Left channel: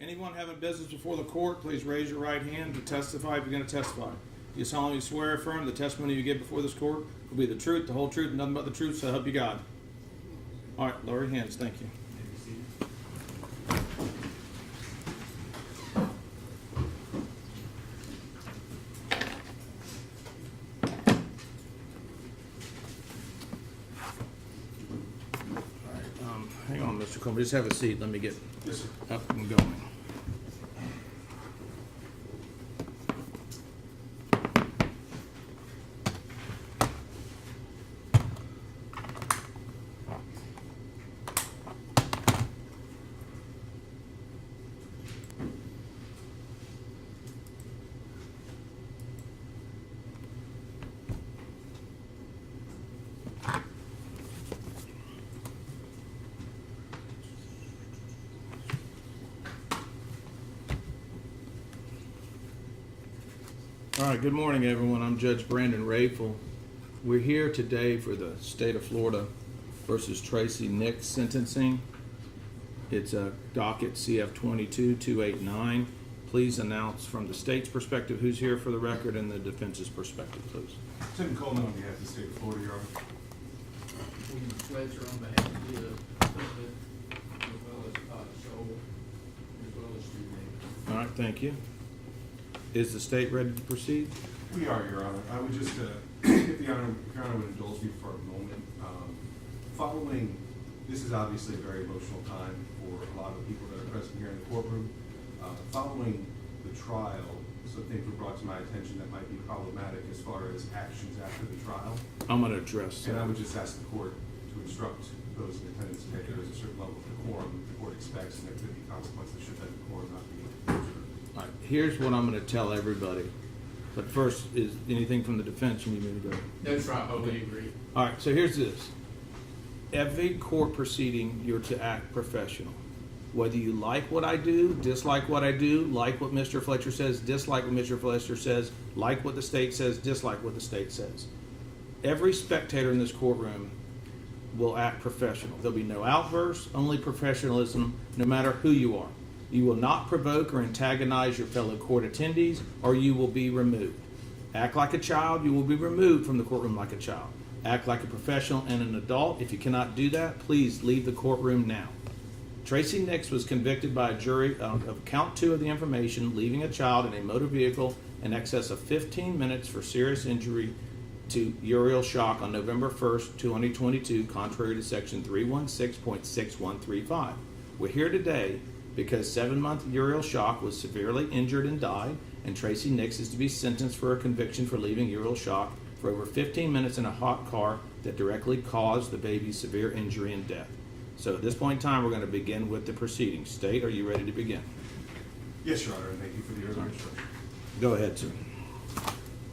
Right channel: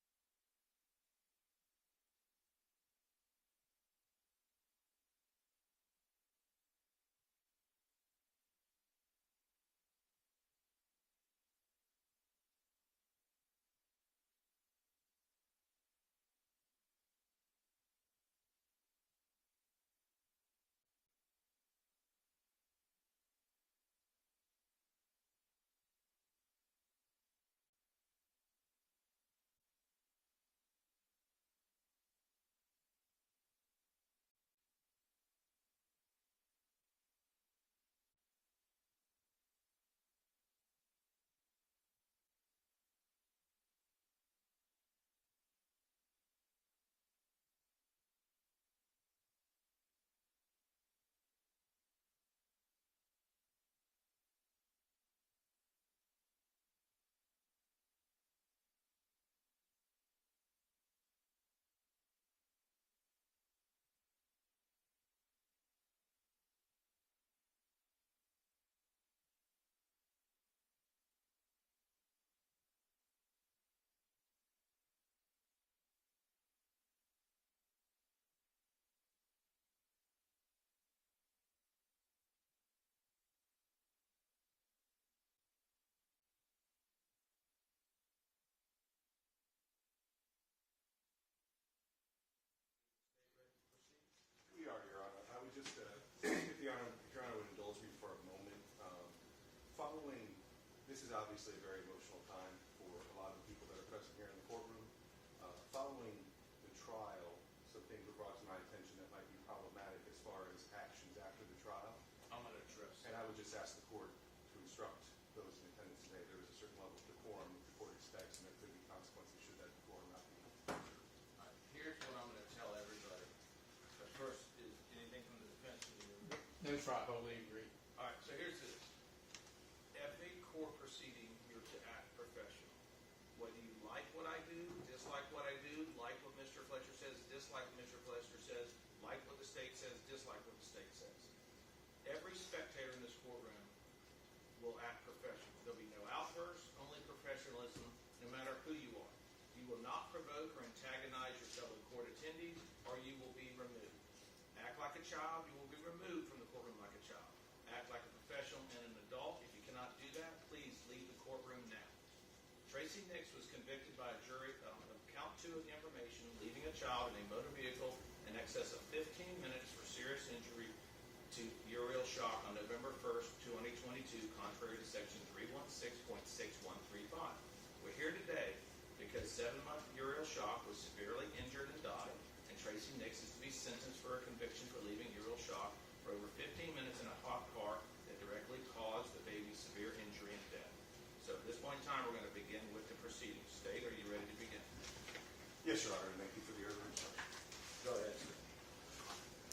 Anyone having business before the court, please raise your right hand to testify if you're going to testify. You solemnly swear or affirm the testimony you give before this court will be the truth, the whole truth, and nothing but the truth, so help you God. All right, lower your hands. Thank you. Hang on, Mr. Coleman. Just have a seat. Let me get up and going. All right, good morning, everyone. I'm Judge Brandon Rayful. We're here today for the state of Florida versus Tracey Nix sentencing. It's a docket CF 22-289. Please announce from the state's perspective who's here for the record and the defense's perspective, please. Tim Coleman on behalf of the state of Florida, Your Honor. William Fletcher on behalf of the defendant, as well as Joel, as well as Steve Nix. All right, thank you. Is the state ready to proceed? We are, Your Honor. I would just, if Your Honor would indulge me for a moment. Following, this is obviously a very emotional time for a lot of people that are present here in the courtroom. Following the trial, some things were brought to my attention that might be problematic as far as actions after the trial. I'm going to address And that. I would just ask the court to instruct those in attendance that there is a certain level of decorum that the court expects, and there could be consequences should that decorum not be observed. All right, here's what I'm going to tell everybody. But first, is anything from the defense you need me to go? That's right, we agree. All right, so here's this. Every court proceeding, you're to act professional. Whether you like what I do, dislike what I do, like what Mr. Fletcher says, dislike what Mr. Fletcher says, like what the state says, dislike what the state says. Every spectator in this courtroom will act professional. There'll be no outbursts, only professionalism, no matter who you are. You will not provoke or antagonize your fellow court attendees, or you will be removed. Act like a child, you will be removed from the courtroom like a child. Act like a professional and an adult. If you cannot do that, please leave the courtroom now. Tracey Nix was convicted by a jury of count 2 of the information, leaving a child in a motor vehicle in excess of 15 minutes for serious injury to urial shock on November 1st, 2022, contrary to section 316.6135. We're here today because 7-month urial shock was severely injured and died, and Tracey Nix is to be sentenced for a conviction for leaving urial shock for over 15 minutes in a hot car that directly caused the baby's severe injury and death. So at this point in time, we're going to begin with the proceedings. State, are you ready to begin? Yes, Your Honor, and thank you for the earlier instruction. Go ahead, sir.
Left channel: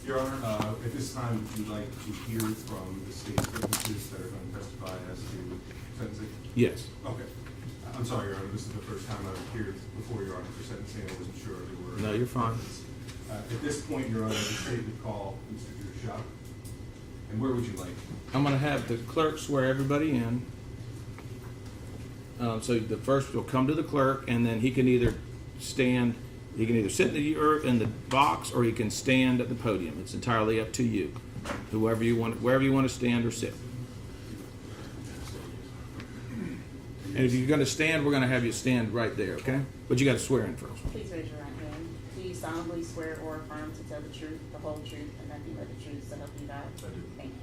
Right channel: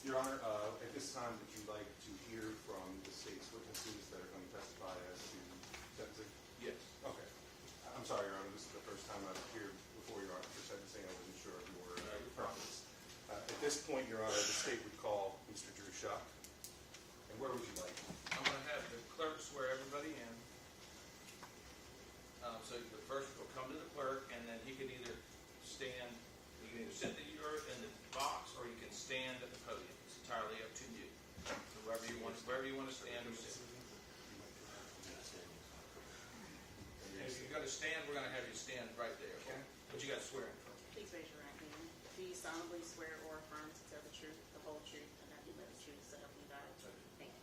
Your Honor, at this time, would you like to hear from the state's witnesses that are going to testify as to sentencing? Yes. Okay. I'm sorry, Your Honor, this is the first time I've appeared before Your Honor for sentencing. I wasn't sure there were. No, you're fine. At this point, Your Honor, the state would call Mr. Drew Shock. And where would you like? I'm going to have the clerk swear everybody in. So the first will come to the clerk, and then he can either stand, he can either sit in the box, or he can stand at the podium. It's entirely up to you. Wherever you want to stand or sit. And if you're going to stand, we're going to have you stand right there, okay? But you got to swear in first. Please raise your right hand. Do you solemnly swear or affirm to tell the truth, the whole truth, and nothing but the truth, so help you God? I do. Thank you.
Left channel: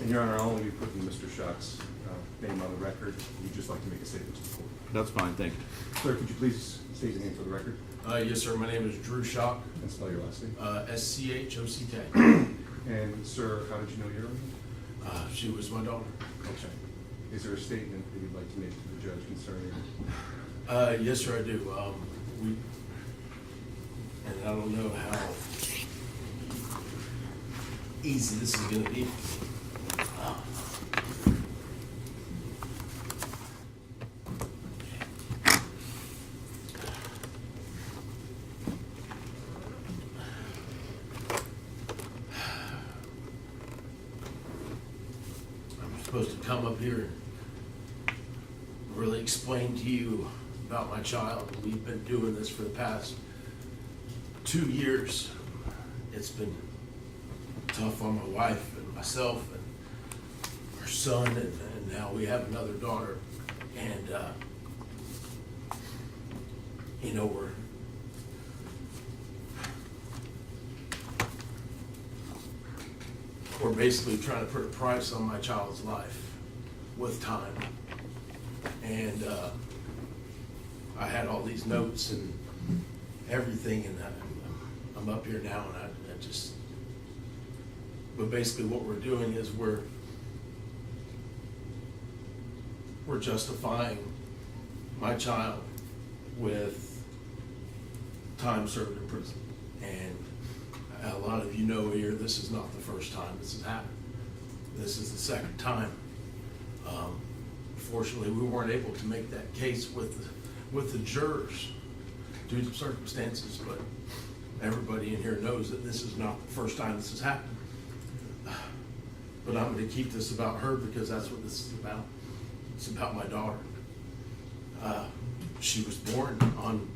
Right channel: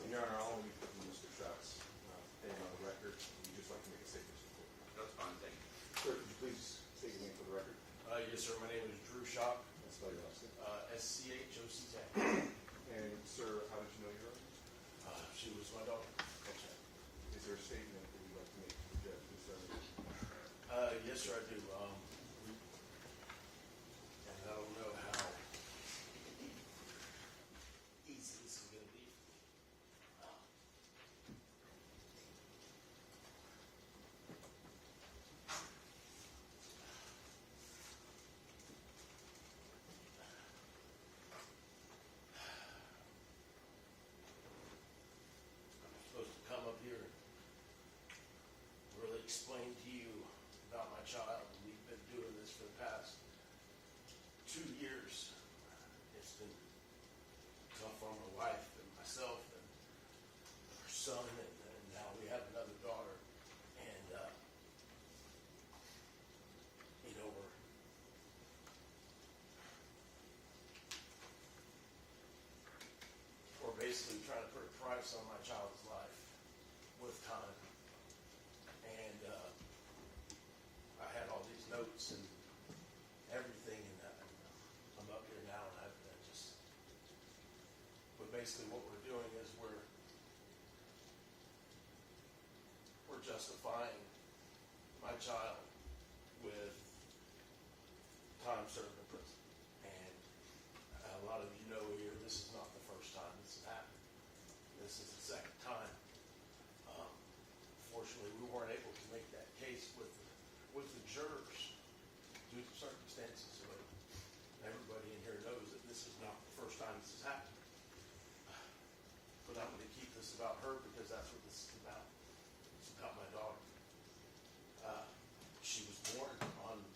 And Your Honor, I'll only be putting Mr. Shock's name on the record. Would you just like to make a statement to the court? That's fine, thank you. Sir, could you please state your name for the record Yes, sir, my name is Drew Shock, and spell your last name? SCHOCK. And sir, how did you know your name? She was my daughter. Okay. Is there a statement that you'd like to make to the judge concerning? Yes, sir, I do. And I don't know how easy this is gonna be. I'm supposed to come up here and really explain to you about my child. We've been doing this for the past 2 years. It's been tough on my wife and myself and our son, and now we have another daughter. And, you know, we're basically trying to put a price on my child's life with time. And I had all these notes and everything, and I'm up here now, and I just, but basically what we're doing is we're justifying my child with time served in prison. And a lot of you know here, this is not the first time this has happened. This is the second time. Fortunately, we weren't able to make that case with the jurors due to circumstances, but everybody in here knows that this is not the first time this has happened. But I'm going to keep this about her because that's what this is about. It's about my daughter. She was born on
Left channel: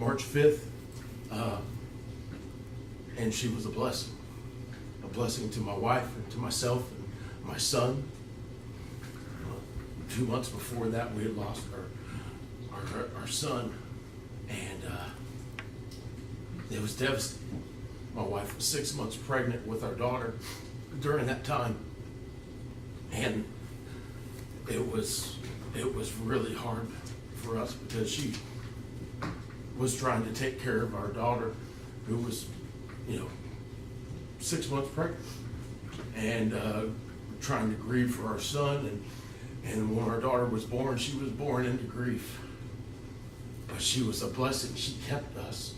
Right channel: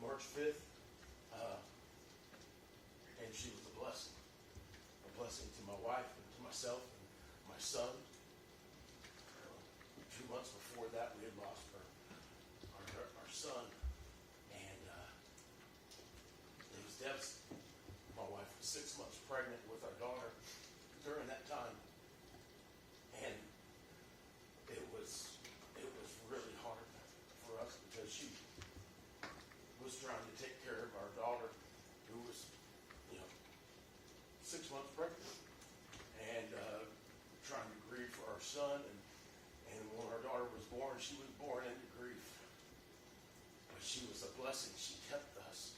March 5th, and she was a blessing to my wife and to myself and my son. 2 months before that, we had lost our son, and it was devastating. My wife was 6 months pregnant with our daughter during that time, and it was really hard for us because she was trying to take care of our daughter, who was, 6 months pregnant, and trying to grieve for our son. And when our daughter was born, she was born into grief. But she was a blessing. She kept us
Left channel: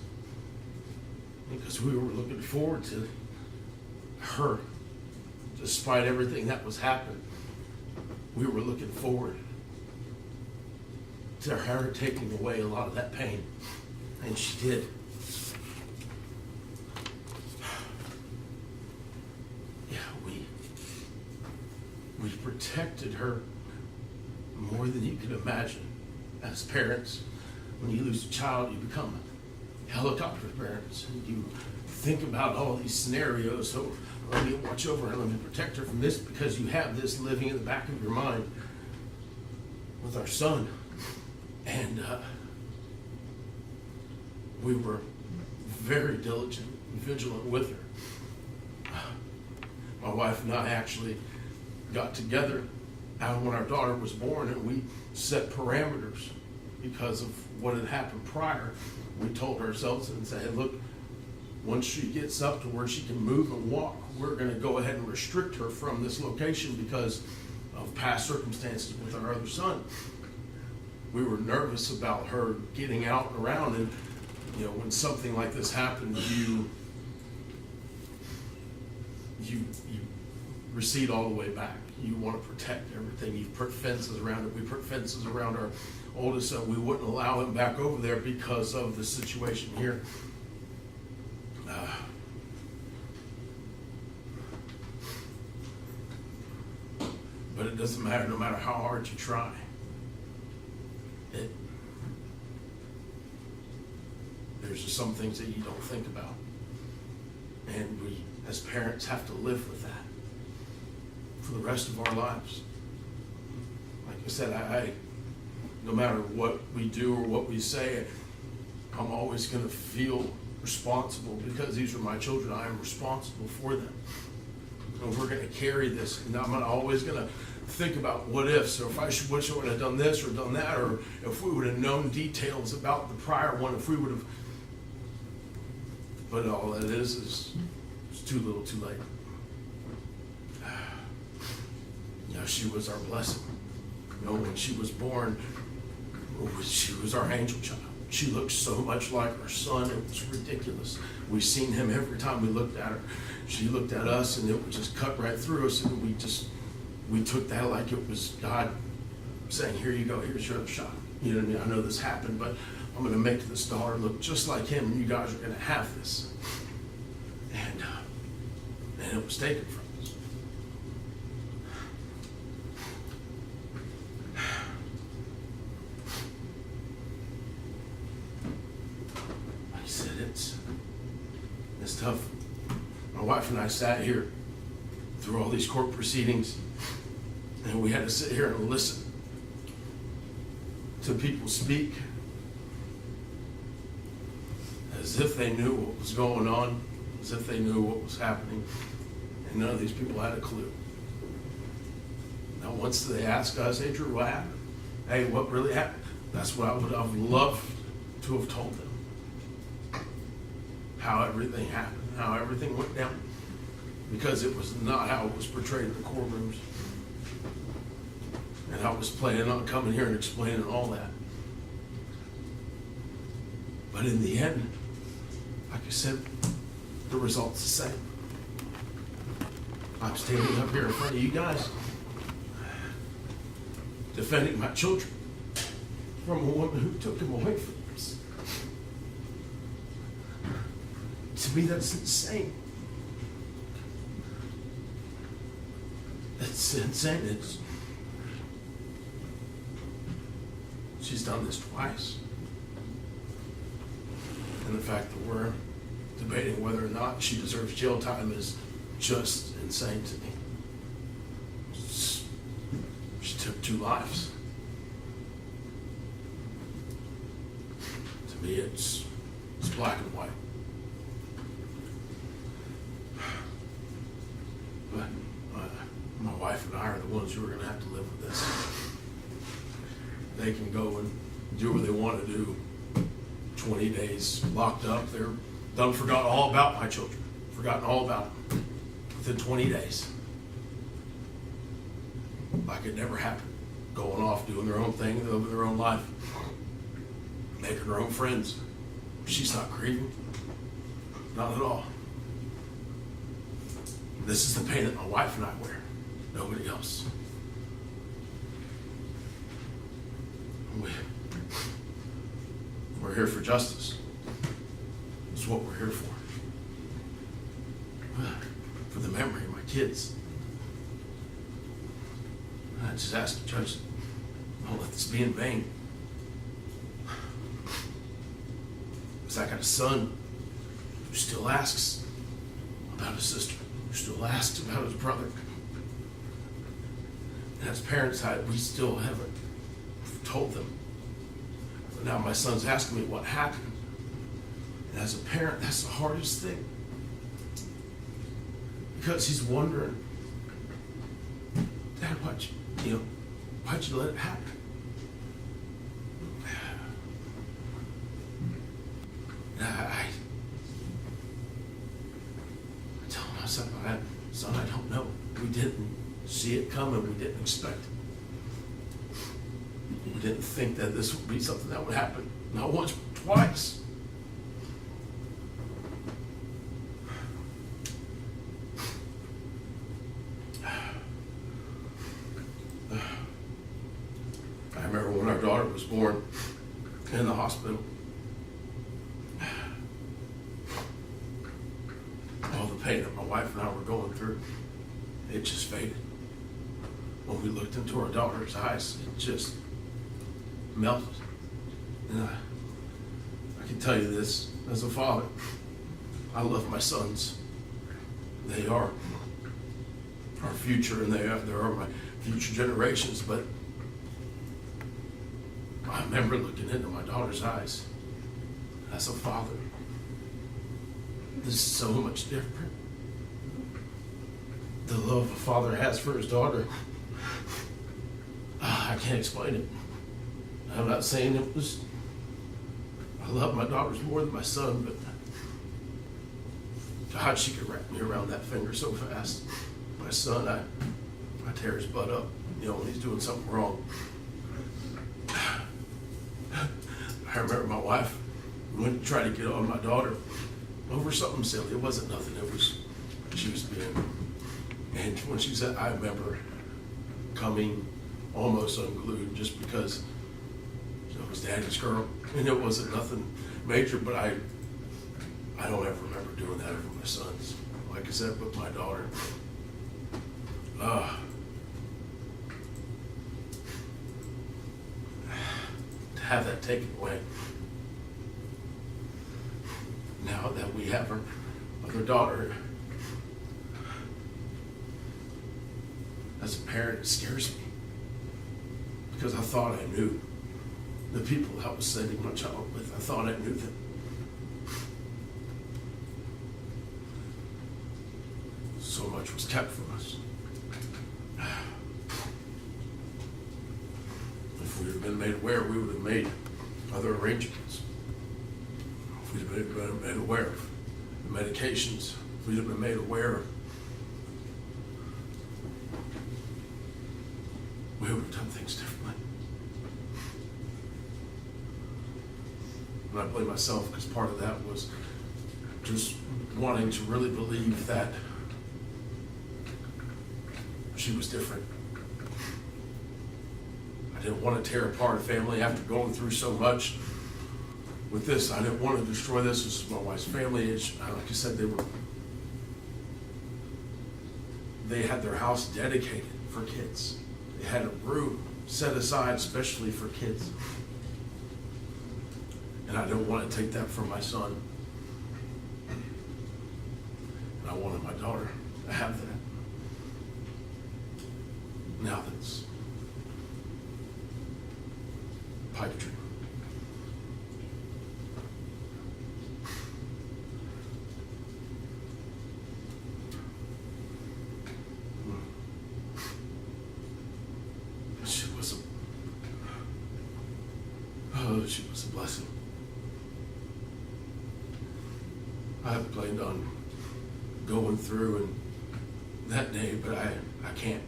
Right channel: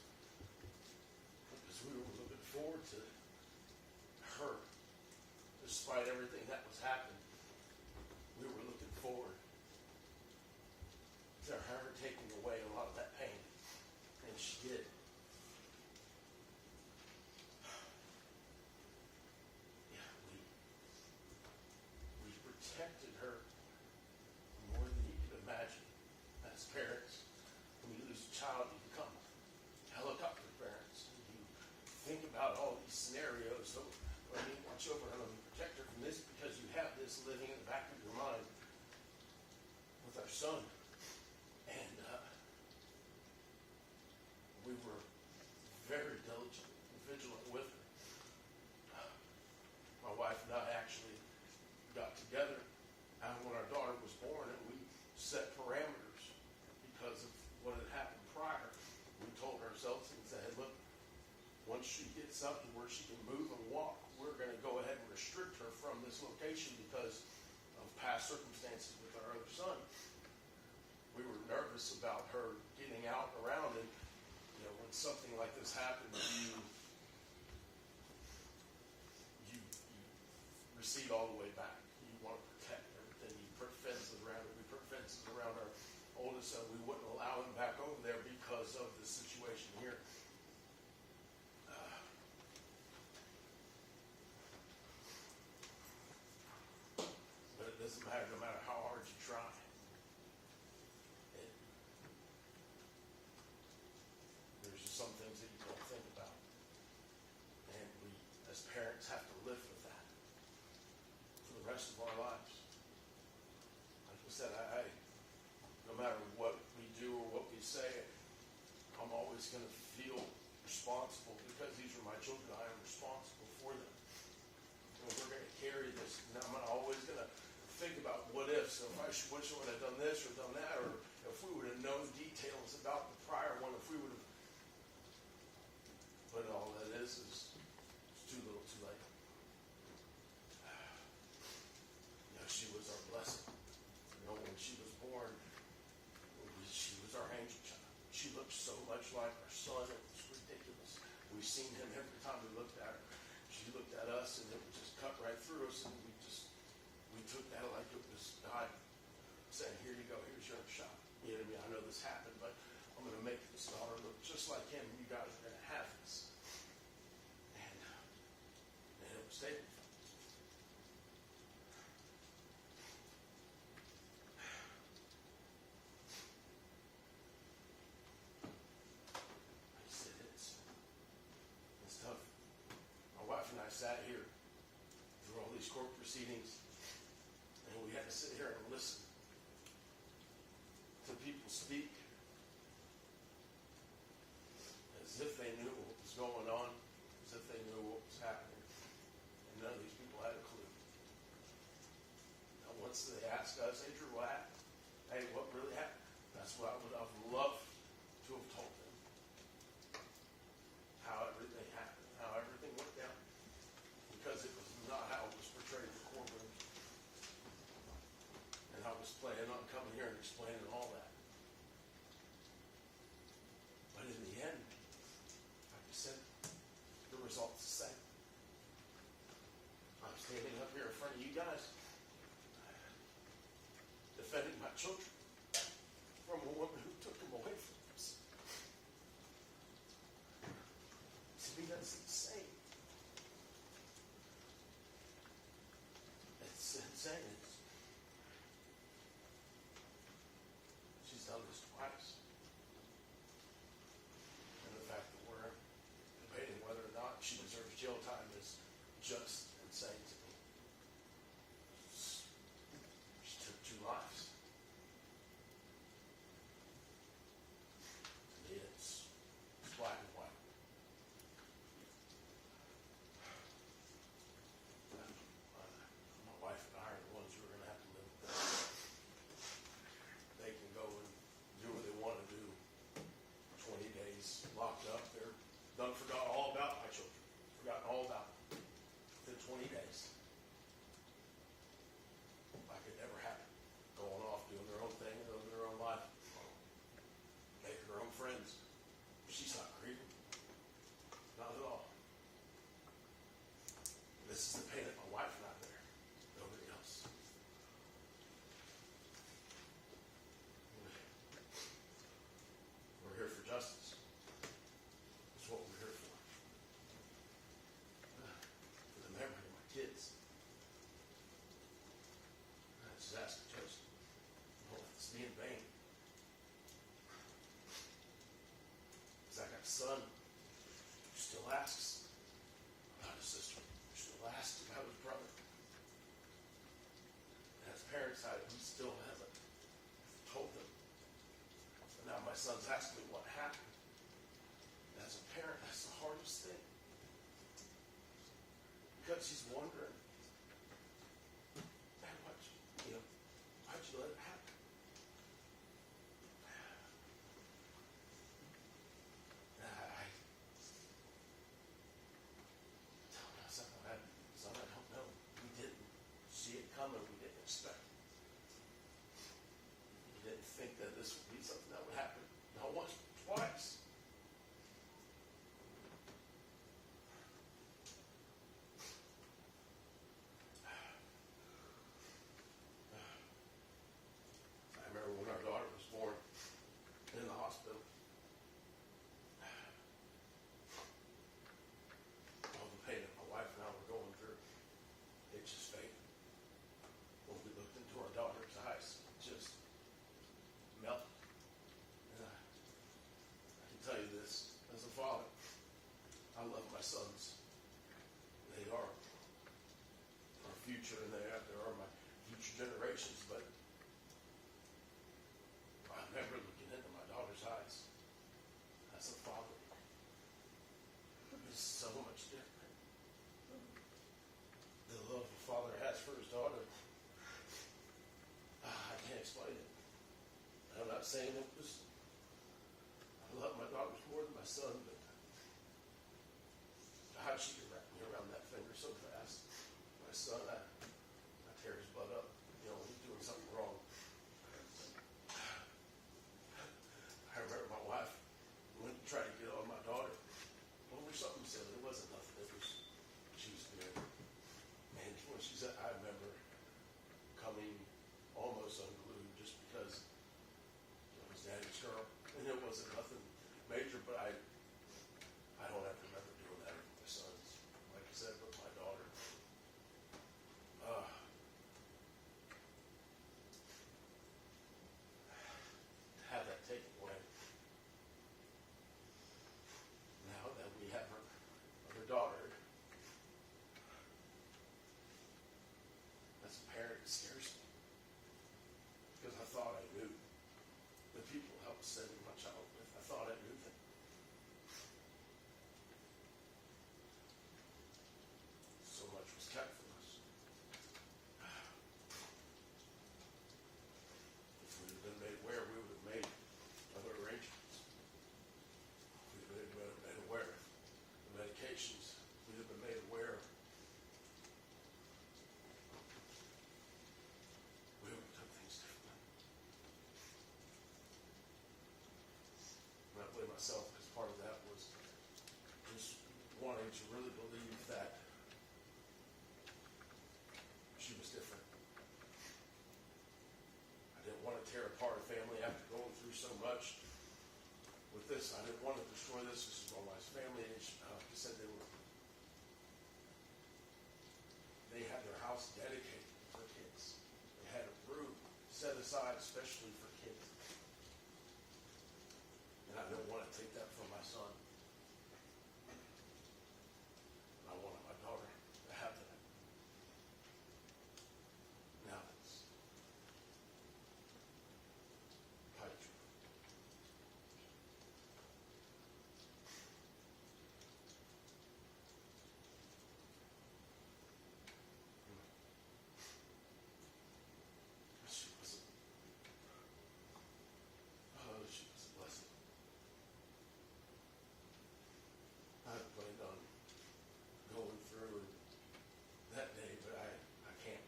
because we were looking forward to her. Despite everything that was happening, we were looking forward to her taking away a lot of that pain. And she did. Yeah, we protected her more than you could imagine. As parents, when you lose a child, you become helicopter parents. And you think about all these scenarios. So let me watch over her, let me protect her from this, because you have this living in the back of your mind with our son. And we were very diligent and vigilant with her. My wife and I actually got together when our daughter was born, and we set parameters because of what had happened prior. We told ourselves and said, hey, look, once she gets up to where she can move and walk, we're going to go ahead and restrict her from this location because of past circumstances with our other son. We were nervous about her getting out and around, and when something like this happens, you recede all the way back. You want to protect everything. You put fences around it. We put fences around our oldest son. We wouldn't allow him back over there because of the situation here. But it doesn't matter, no matter how hard you try. There's just some things that you don't think about. And we, as parents, have to live with that for the rest of our lives. Like I said, I no matter what we do or what we say, I'm always going to feel responsible because these are my children. I am responsible for them. And we're going to carry this. And I'm always going to think about what ifs, or if I wish I would have done this or done that, or if we would have known details about the prior one, if we would have. But all that is it's too little, too late. She was our blessing. When she was born, she was our angel child. She looked so much like our son, it was ridiculous. We seen him every time we looked at her. She looked at us, and it would just cut right through us, and we took that like it was God saying, here you go, here's your other shot. You know what I mean? I know this happened, but I'm going to make this daughter look just like him, and you guys are going to have this. And it was taken from us. wife and I sat here through all these court proceedings, and we had to sit here and listen to people speak as if they knew what was going on, as if they knew what was happening, and none of these people had a clue. Now, once they asked us, hey, Drew, what happened? Hey, what really happened? That's what I would have loved to have told them. How everything happened, how everything went down. Because it was not how it was portrayed in the courtrooms. And I was planning on coming here and explaining all that. But in the end, like I said, the result's the same. I'm standing up here in front of you guys, defending my children from a woman who took them away from us. To me, that's insane. It's insane. She's done this twice. And the fact that we're debating whether or not she deserves jail time is just insane to me. She took 2 lives. To me, it's black and white. But my wife and I are the ones who are going to have to live with this. They can go and do what they want to do. 20 days locked up. They're done, forgot all about my children. Forgotten all about them within 20 days. Like it never happened. Going off, doing their own thing, living their own life. Making her own friends. She's not grieving. Not at all. This is the pain that my wife and I wear. Nobody else. We're here for justice. That's what we're here for. For the memory of my kids. I just ask the judge, don't let this be in vain. Because I got a son who still asks about his sister, who still asks about his brother. And as parents, we still haven't told them. But now my son's asking me what happened. And as a parent, that's the hardest thing. Because he's wondering, Dad, why'd you let it happen? And I tell him, son, I don't know. We didn't see it coming. We didn't expect it. We didn't think that this would be something that would happen. Not once, but twice. I remember when our daughter was born in the hospital. All the pain that my wife and I were going through, it just faded. When we looked into our daughter's eyes, it just melted. And I can tell you this, as a father, I love my sons. They are our future, and they are my future generations, but I remember looking into my daughter's eyes as a father. This is so much different. The love a father has for his daughter, I can't explain it. I'm not saying it was, I love my daughters more than my son, but God, she could wrap me around that finger so fast. My son, I tear his butt up, when he's doing something wrong. I remember my wife went to try to get on my daughter over something silly. It wasn't nothing. It was, she was being, and when she said, I remember coming almost unglued just because it was Daddy's girl. And it wasn't nothing major, but I don't ever remember doing that over my sons. Like I said, with my daughter. To have that taken away. Now that we have our other daughter, as a parent, it scares me. Because I thought I knew the people that I was sending my child with. I thought I knew them. So much was kept from us. If we had been made aware, we would have made other arrangements. If we'd have been made aware of the medications, if we'd have been made aware of, we would have done things differently. And I blame myself because part of that was just wanting to really believe that she was different. I didn't want to tear apart a family after going through so much with this. I didn't want to destroy this. This is my wife's family. Like I said, they had their house dedicated for kids. They had a room set aside especially for kids. And I didn't want to take that from my son. And I wanted my daughter to have that. Now that's pipe dream. She was a blessing. I have planned on going through and that day, but I can't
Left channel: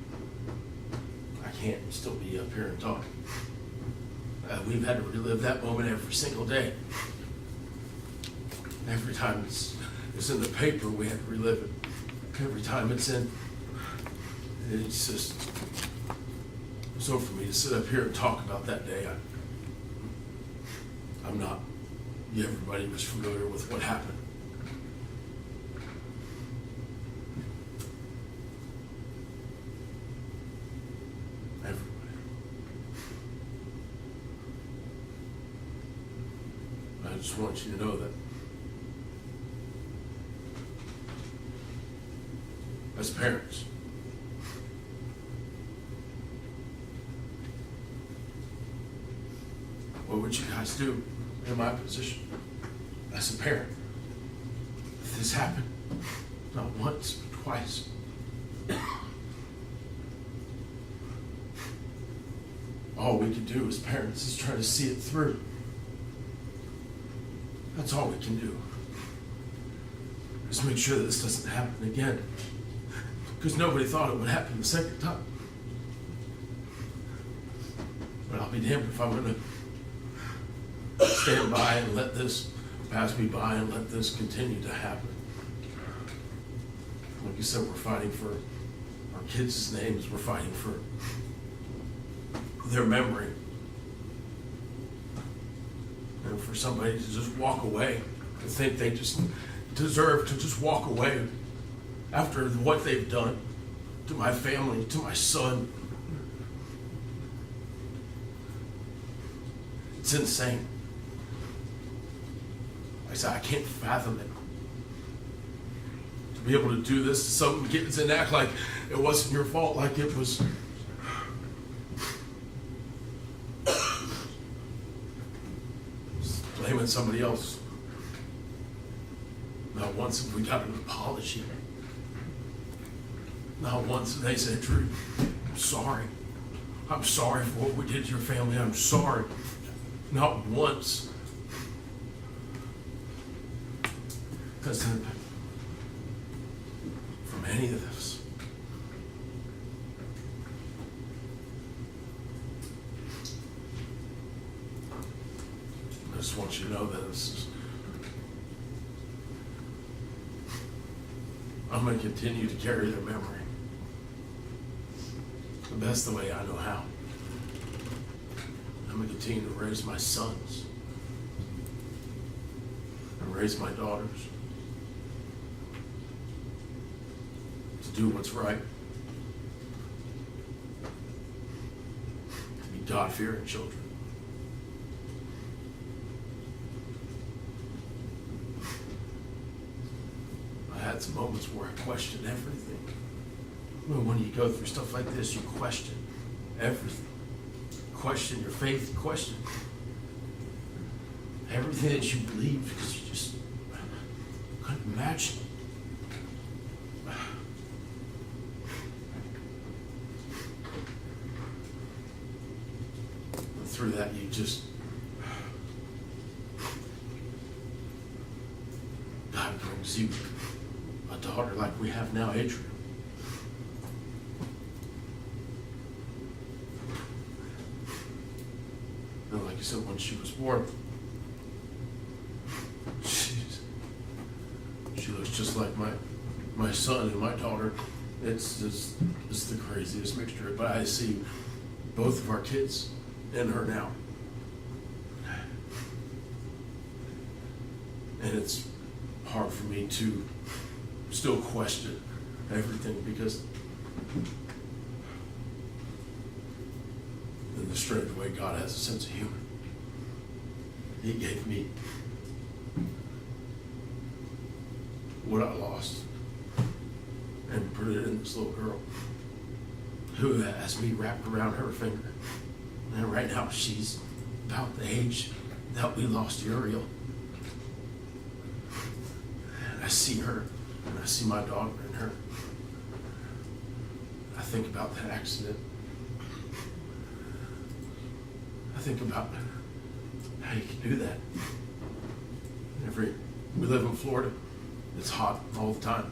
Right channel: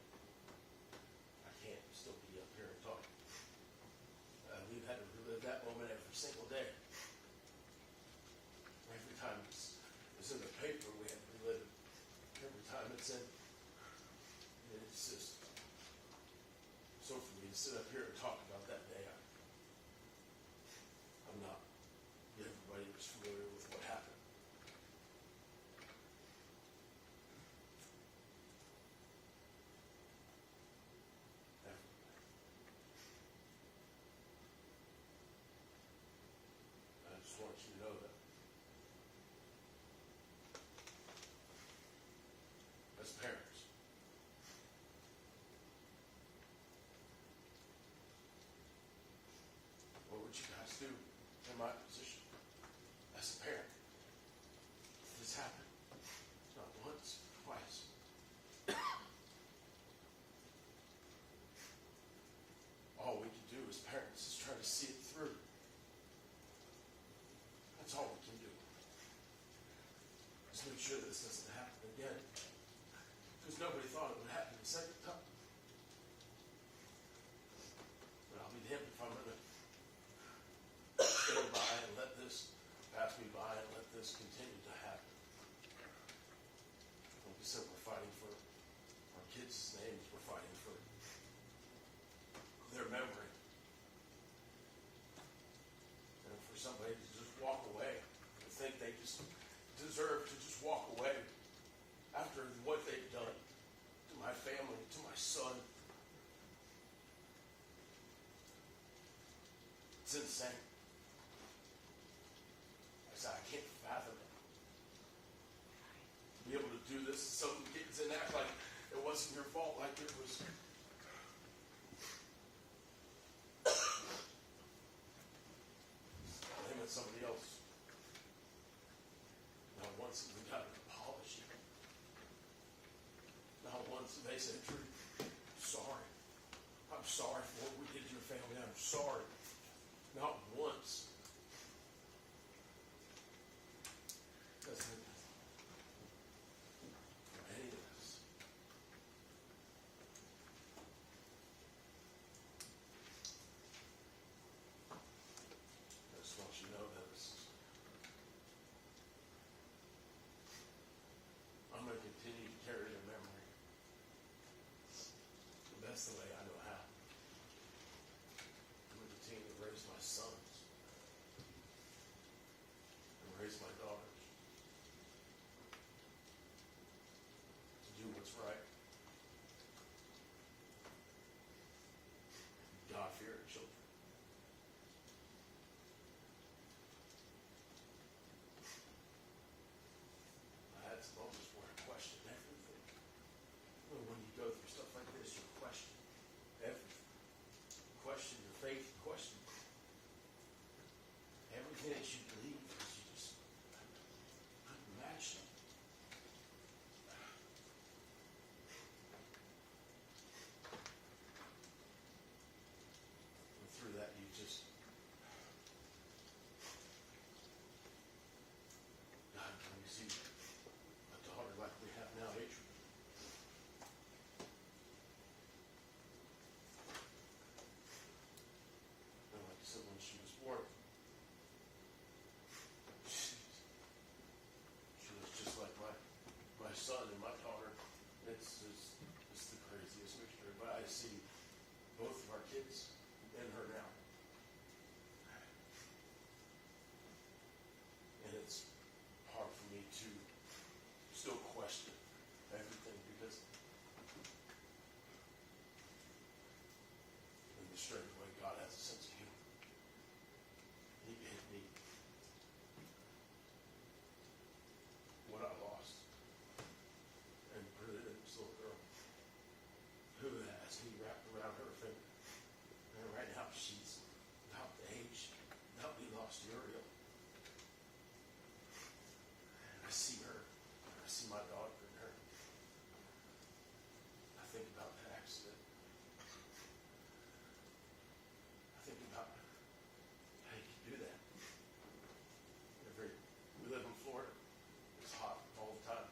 still be up here and talk. We've had to relive that moment every single day. Every time it's in the paper, we have to relive it. Every time it's just so for me to sit up here and talk about that day. I'm not. Everybody was familiar with what happened. Everybody. I just want you to know that as parents, what would you guys do in my position as a parent if this happened? Not once, but twice. All we can do as parents is try to see it through. That's all we can do. Just make sure that this doesn't happen again. Because nobody thought it would happen the second time. But I'll be damned if I'm going to stand by and let this pass me by and let this continue to happen. Like you said, we're fighting for our kids' names. We're fighting for their memory. And for somebody to just walk away, to think they just deserve to just walk away after what they've done to my family, to my son. It's insane. Like I said, I can't fathom it. To be able to do this to some kids and act like it wasn't your fault, like it was. Blaming somebody else. Not once have we got an apology. Not once have they said, Drew, I'm sorry. I'm sorry for what we did to your family. I'm sorry. Not once. Because from any of this. I just want you to know that this is, I'm going to continue to carry their memory the best the way I know how. I'm going to continue to raise my sons and raise my daughters to do what's right, to be God-fearing children. I had some moments where I questioned everything. Well, when you go through stuff like this, you question everything. Question your faith, question everything that you believe, because you just couldn't imagine. And through that, you just, God brings you a daughter like we have now, Adrian. And like you said, when she was born, she looks just like my son and my daughter. It's the craziest mixture. But I see both of our kids in her now. And it's hard for me to still question everything, because in the strange way God has a sense of humor. He gave me what I lost and put it in this little girl who has me wrapped around her finger. And right now she's about the age that we lost Uriel. And I see her, and I see my daughter in her. I think about that accident. I think about how you can do that. We live in Florida. It's hot all the time.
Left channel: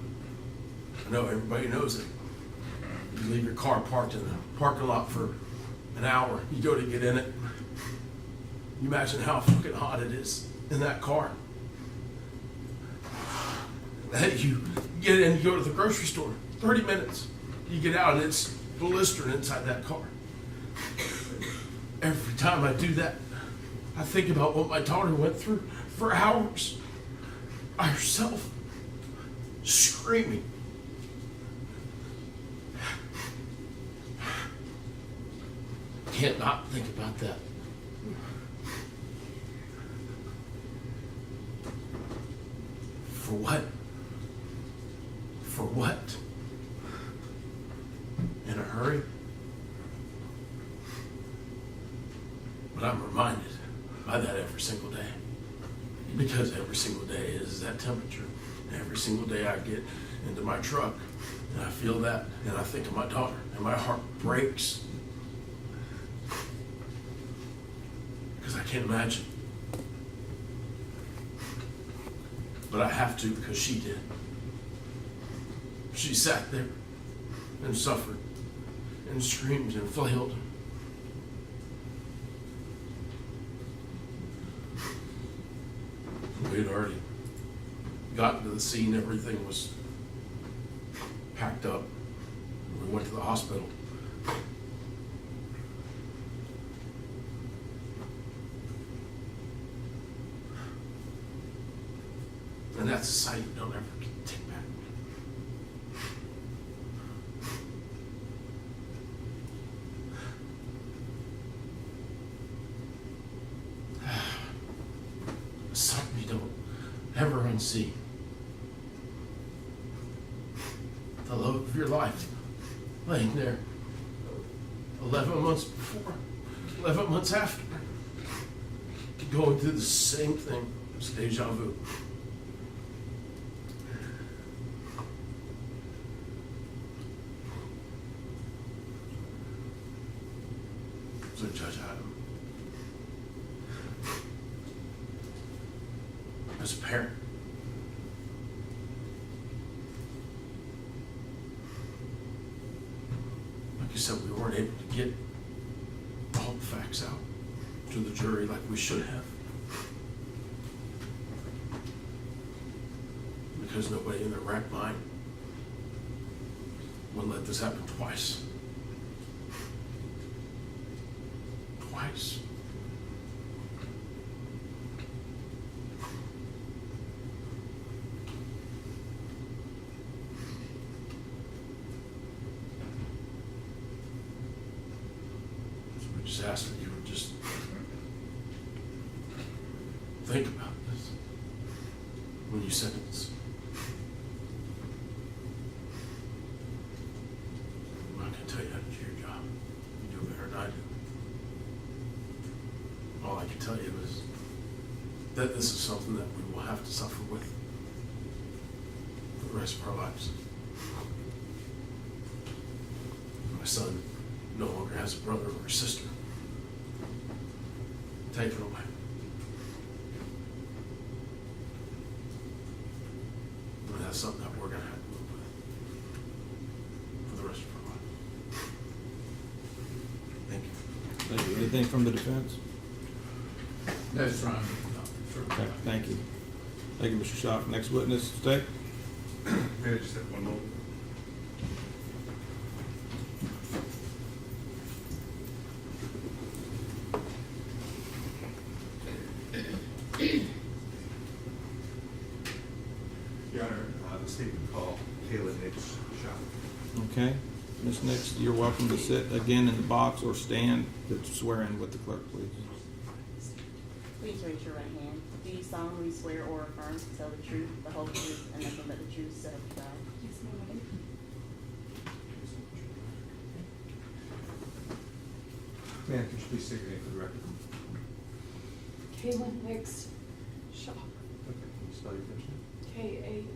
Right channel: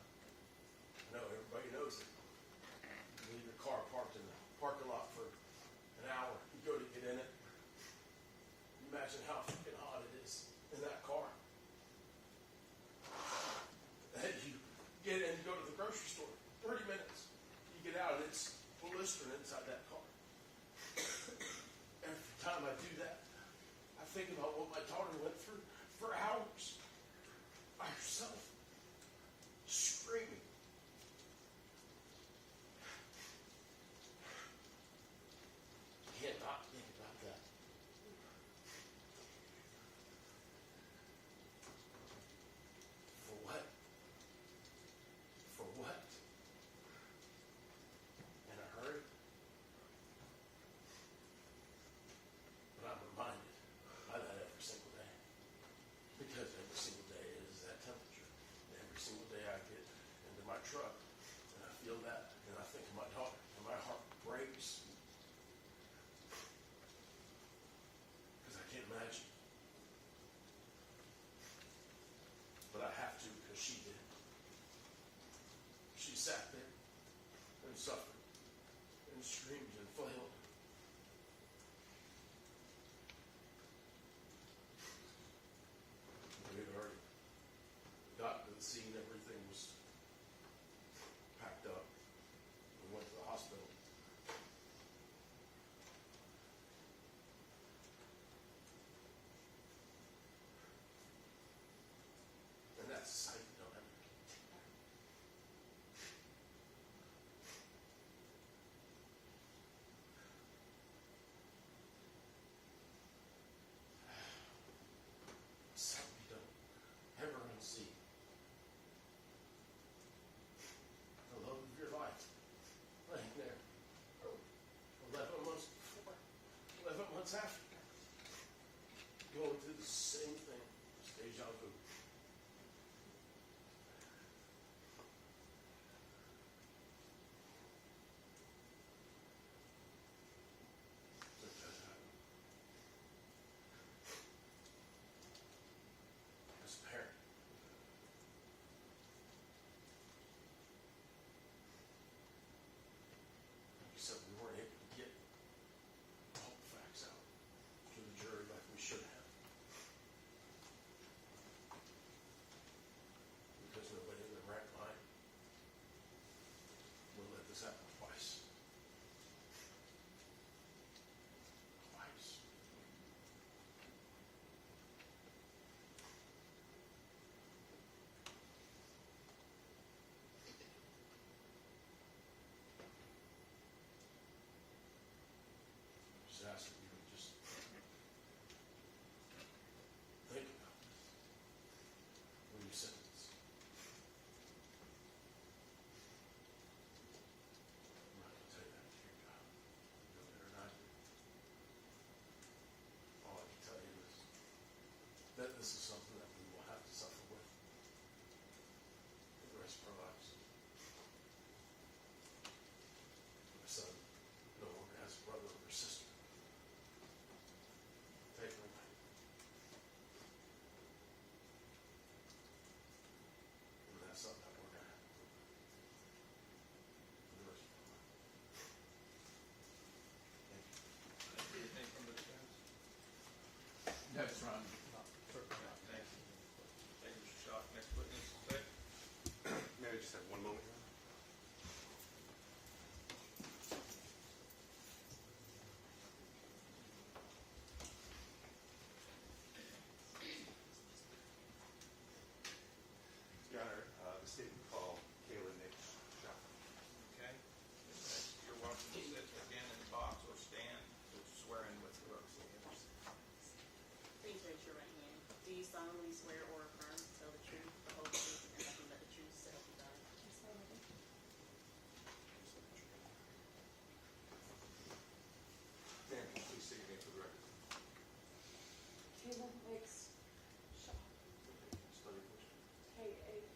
I know everybody knows it. You leave your car parked in a parking lot for an hour. You go to get in it. You imagine how fucking hot it is in that car. Hey, you get in, you go to the grocery store, 30 minutes. You get out and it's blistering inside that car. Every time I do that, I think about what my daughter went through for hours by herself, screaming. Can't not think about that. For what? For what? In a hurry? But I'm reminded by that every single day. Because every single day is that temperature. Every single day I get into my truck and I feel that and I think of my daughter and my heart breaks. Because I can't imagine. But I have to, because she did. She sat there and suffered and screamed and flailed. We had already gotten to the scene. Everything was packed up. We went to the hospital. And that's a sight you don't ever take back. Something you don't ever unsee. The love of your life laying there 11 months before, 11 months after, going through the same thing. It's deja vu. So Judge Adam, as a parent, like you said, we weren't able to get all the facts out to the jury like we should have. Because nobody in their right mind would let this happen twice. Twice. So we just ask that you would just think about this when you sentence. that this is something that we will have to suffer with for the rest of our lives. My son no longer has a brother or a sister. Take it away. And that's something that we're going to have to live with for the rest of our life. Thank you. Thank you. Anything from the defense? That's right. Sure. Okay, thank you. Thank you, Mr. Schock. Next witness, stay. May I just have one moment? Your Honor, the state would call Tracey Nix shot. Okay. Ms. Nix, you're welcome to sit again in the box or stand to swear in with the clerk, please. Please raise your right hand. Do you solemnly swear or affirm to tell the truth, the whole truth, and nothing but the truth, so help you God? Ma'am, could you please state your name for the record? Kaylin Nix, Shock, Okay, can you spell your first name? K-A-I-L-A-N-I-X,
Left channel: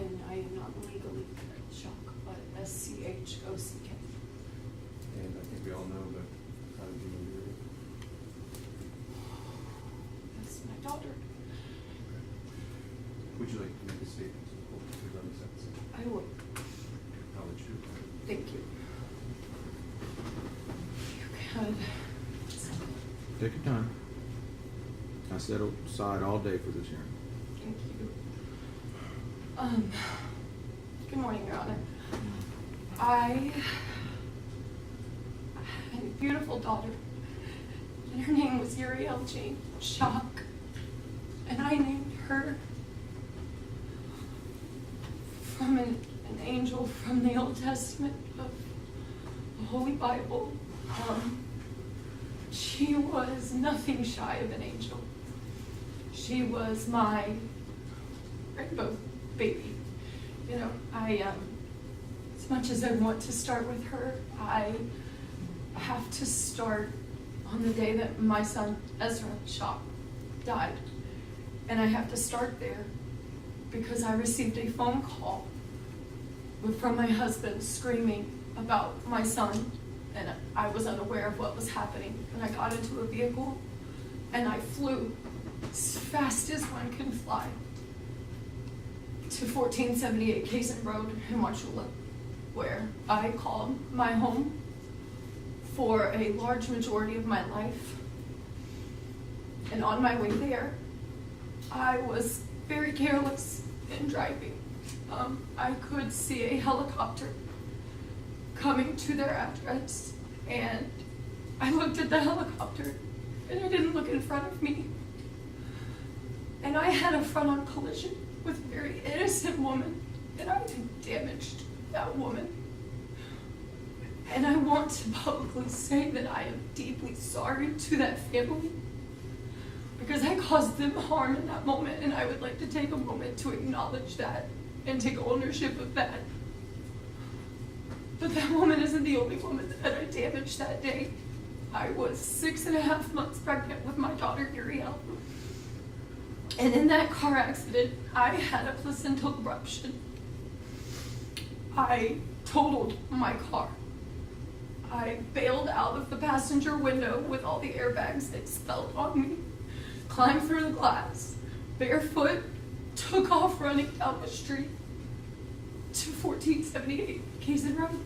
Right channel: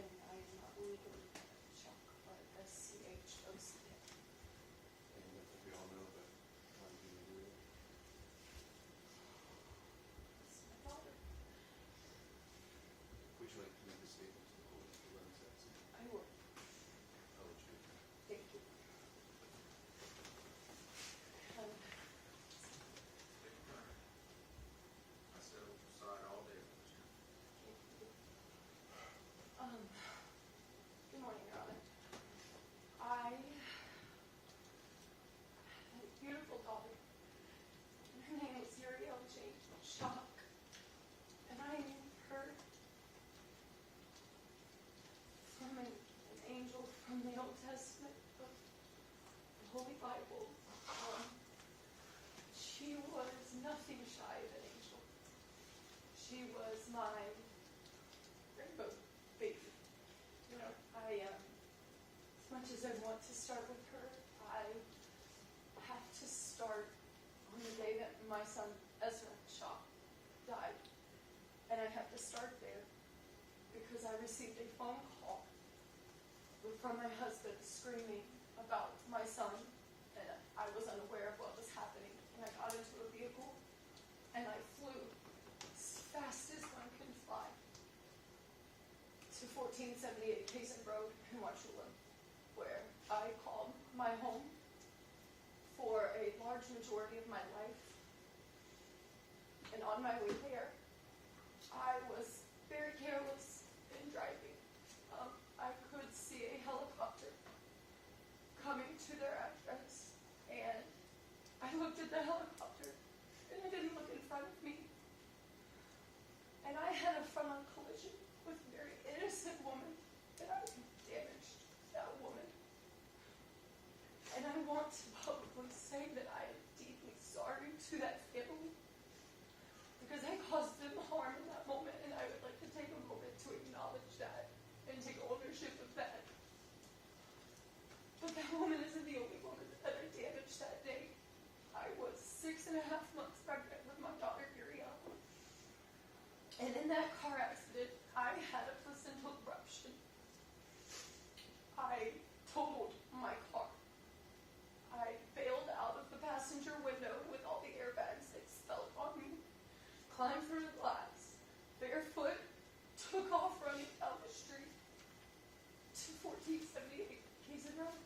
and I am not legally Shock, but S-C-H-O-C-K. And I think we all know that, how do you know your? That's my daughter. Would you like to make a statement to the court regarding sentencing? I would, How would you? thank you. You can, Take your time. I set aside all day for this hearing. thank you. Good morning, Your Honor. I had a beautiful daughter, and her name was Uriel Jane Shock, and I named her from an angel from the Old Testament of the Holy Bible. She was nothing shy of an angel. She was my rainbow baby. You know, as much as I want to start with her, I have to start on the day that my son, Ezra Shock, died. And I have to start there because I received a phone call from my husband screaming about my son, and I was unaware of what was happening. And I got into a vehicle and I flew as fast as one can fly to 1478 Kaysen Road in Wauchula, where I called my home for a large majority of my life. And on my way there, I was very careless in driving. I could see a helicopter coming to their address, and I looked at the helicopter and I didn't look in front of me. And I had a front-on collision with a very innocent woman, and I damaged that woman. And I want to publicly say that I am deeply sorry to that family because I caused them harm in that moment, and I would like to take a moment to acknowledge that and take ownership of that. But that woman isn't the only woman that I damaged that day. I was 6.5 months pregnant with my daughter, Uriel. And in that car accident, I had a placental rupture. I totaled my car. I bailed out of the passenger window with all the airbags expelled on me, climbed through the glass, barefoot, took off running down the street to 1478 Kaysen Road.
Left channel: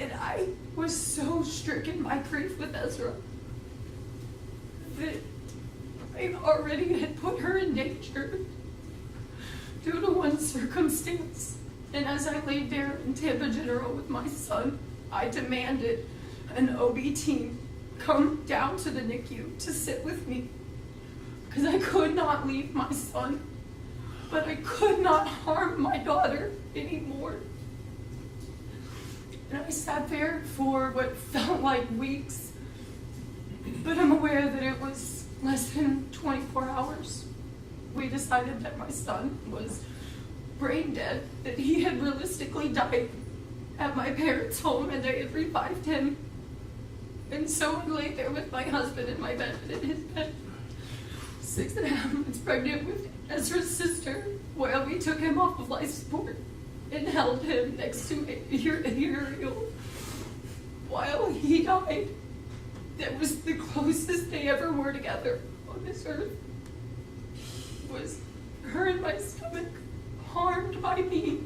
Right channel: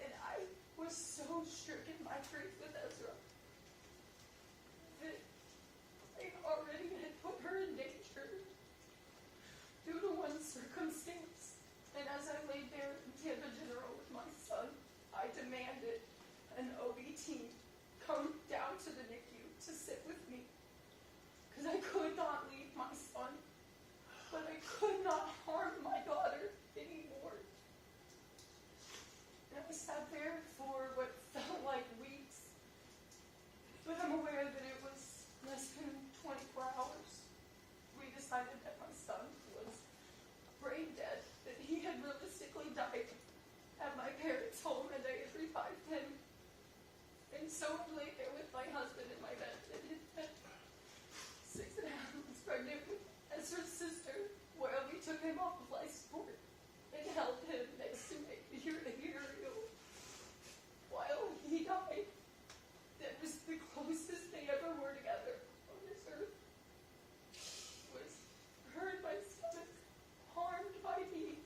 And I was so stricken by grief with Ezra that I already had put her in danger due to one circumstance. And as I laid there in Tampa General with my son, I demanded an OB team come down to the NICU to sit with me because I could not leave my son, but I could not harm my daughter anymore. And I sat there for what felt like weeks, but I'm aware that it was less than 24 hours. We decided that my son was brain dead, that he had realistically died at my parents' home, and they had revived him. And so I lay there with my husband in my bed, in his bed, 6.5 months pregnant with Ezra's sister, while we took him off of life support and held him next to Uriel while he died. That was the closest they ever were together on this earth. Was her in my stomach, harmed by me.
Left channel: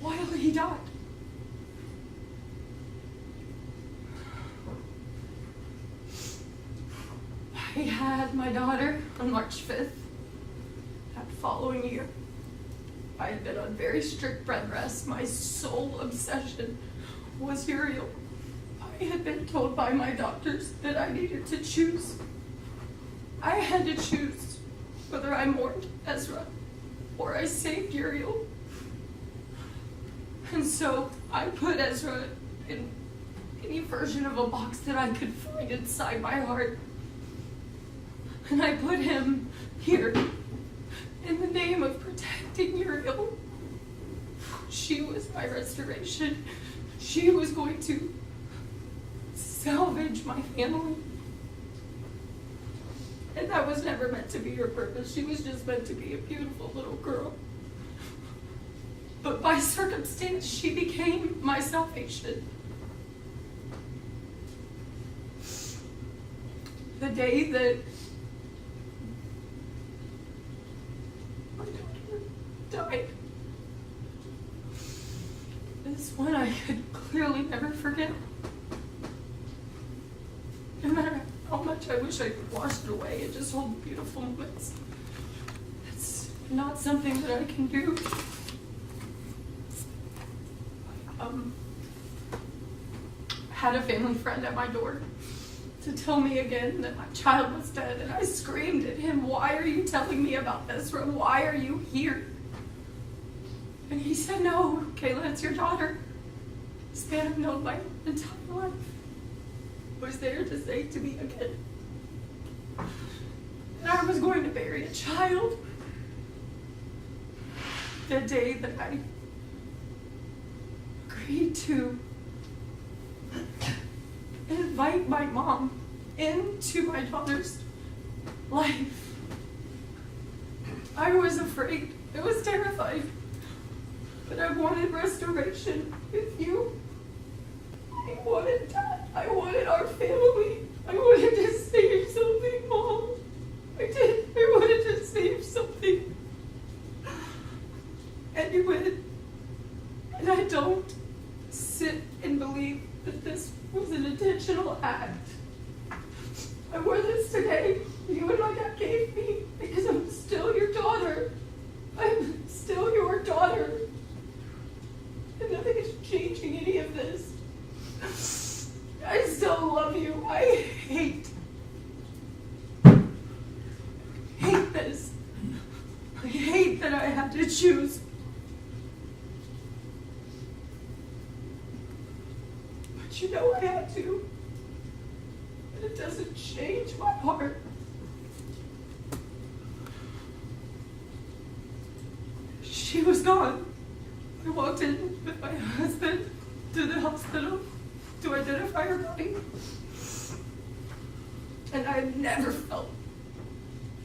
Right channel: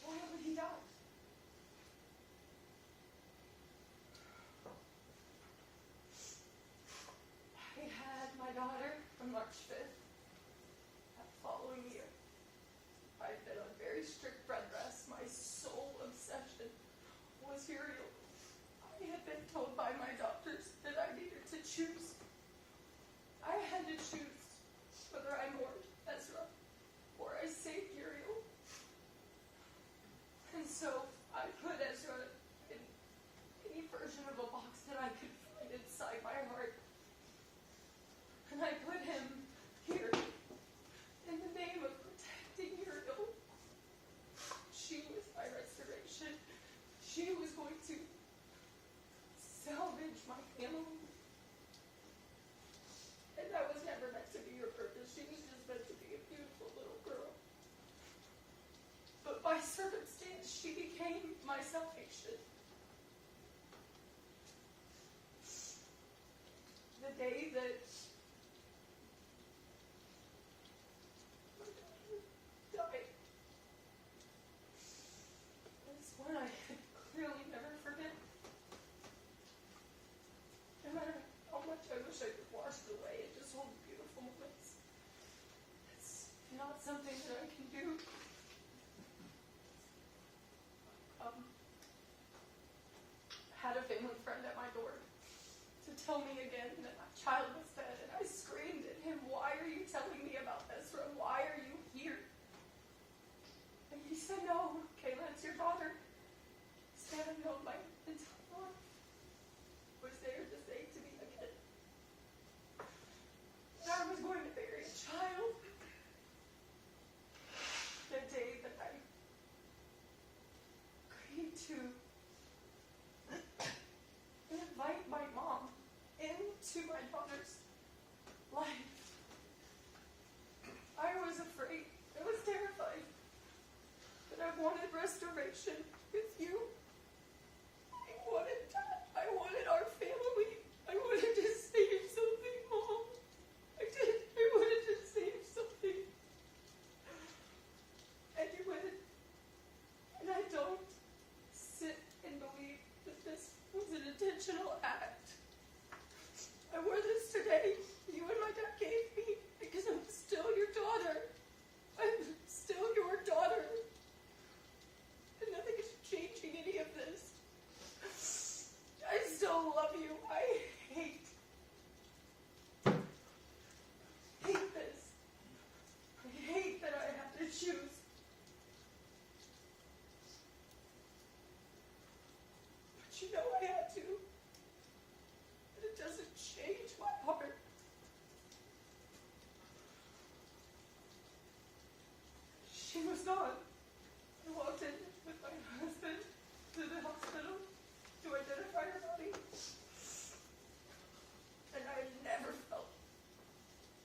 While he died. I had my daughter on March 5th. That following year, I had been on very strict bed rest. My sole obsession was Uriel. I had been told by my doctors that I needed to choose. I had to choose whether I mourned Ezra or I saved Uriel. And so I put Ezra in any version of a box that I could find inside my heart. And I put him here in the name of protecting Uriel. She was my restoration. She was going to salvage my family. And that was never meant to be her purpose. She was just meant to be a beautiful little girl. But by circumstance, she became my salvation. The day that my daughter died is one I could clearly never forget. No matter how much I wish I could wash it away and just hold the beautiful moments, it's not something that I can do. Had a family friend at my door to tell me again that my child was dead, and I screamed at him, "Why are you telling me about this? Why are you here?" And he said, "No, Kayla, it's your daughter. This man I've known my entire life was there to say to me again that I was going to bury a child." The day that I agreed to invite my mom into my daughter's life, I was afraid. It was terrifying. But I wanted restoration with you. I wanted that. I wanted our family. I wanted to save something, Mom. I did. I wanted to save something. And you went. And I don't sit and believe that this was an intentional act. I wore this today. You and my dad gave me because I'm still your daughter. I'm still your daughter. And nothing is changing any of this. I still love you. I hate this. I hate that I had to choose. But you know I had to. And it doesn't change my heart. She was gone. I walked in with my husband to the hospital to identify her body. And I had never felt,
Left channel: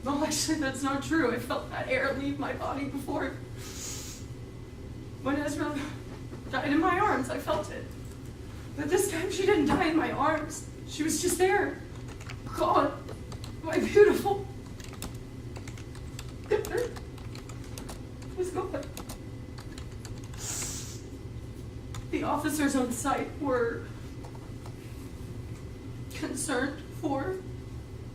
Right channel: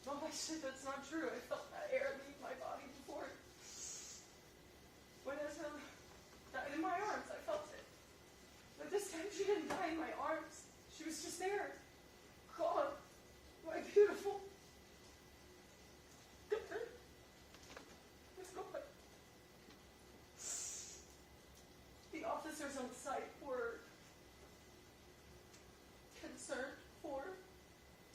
well, actually that's not true. I felt that air leave my body before. When Ezra died in my arms, I felt it. But this time she didn't die in my arms. She was just there, gone. My beautiful daughter was gone. The officers on site were concerned for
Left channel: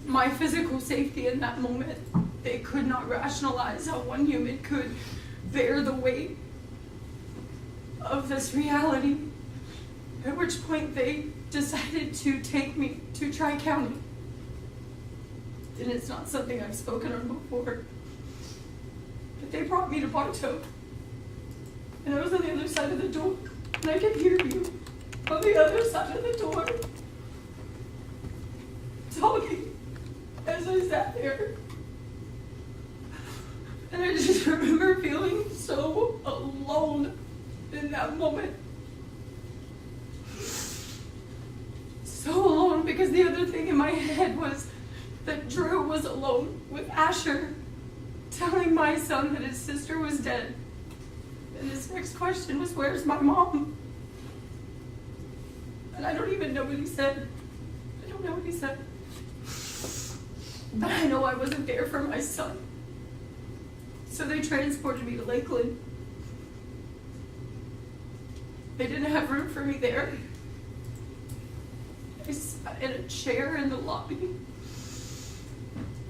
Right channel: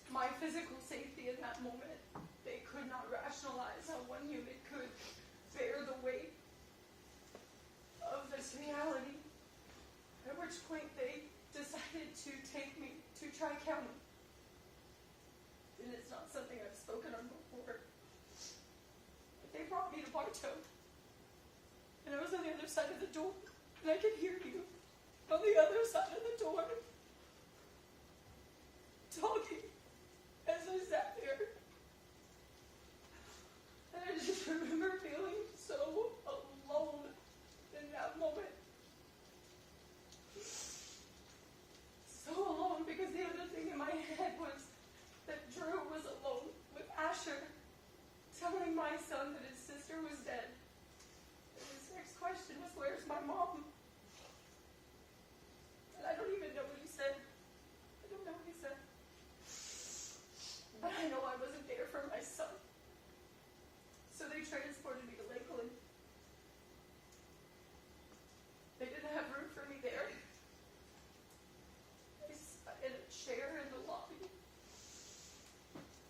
my physical safety in that moment. They could not rationalize how one human could bear the weight of this reality, at which point they decided to take me to Tri-County. And it's not something I've spoken on before, but they brought me to Bartow. And I was on the other side of the door, and I could hear you on the other side of the door talking as I sat there. And I just remember feeling so alone in that moment. alone with Asher, telling my son that his sister was dead. And his next question was, "Where's my mom?" And I don't even know what he said. I don't know what he said. But I know I wasn't there for my son. So they transported me to Lakeland. They didn't have room for me there. I sat in a chair in the lobby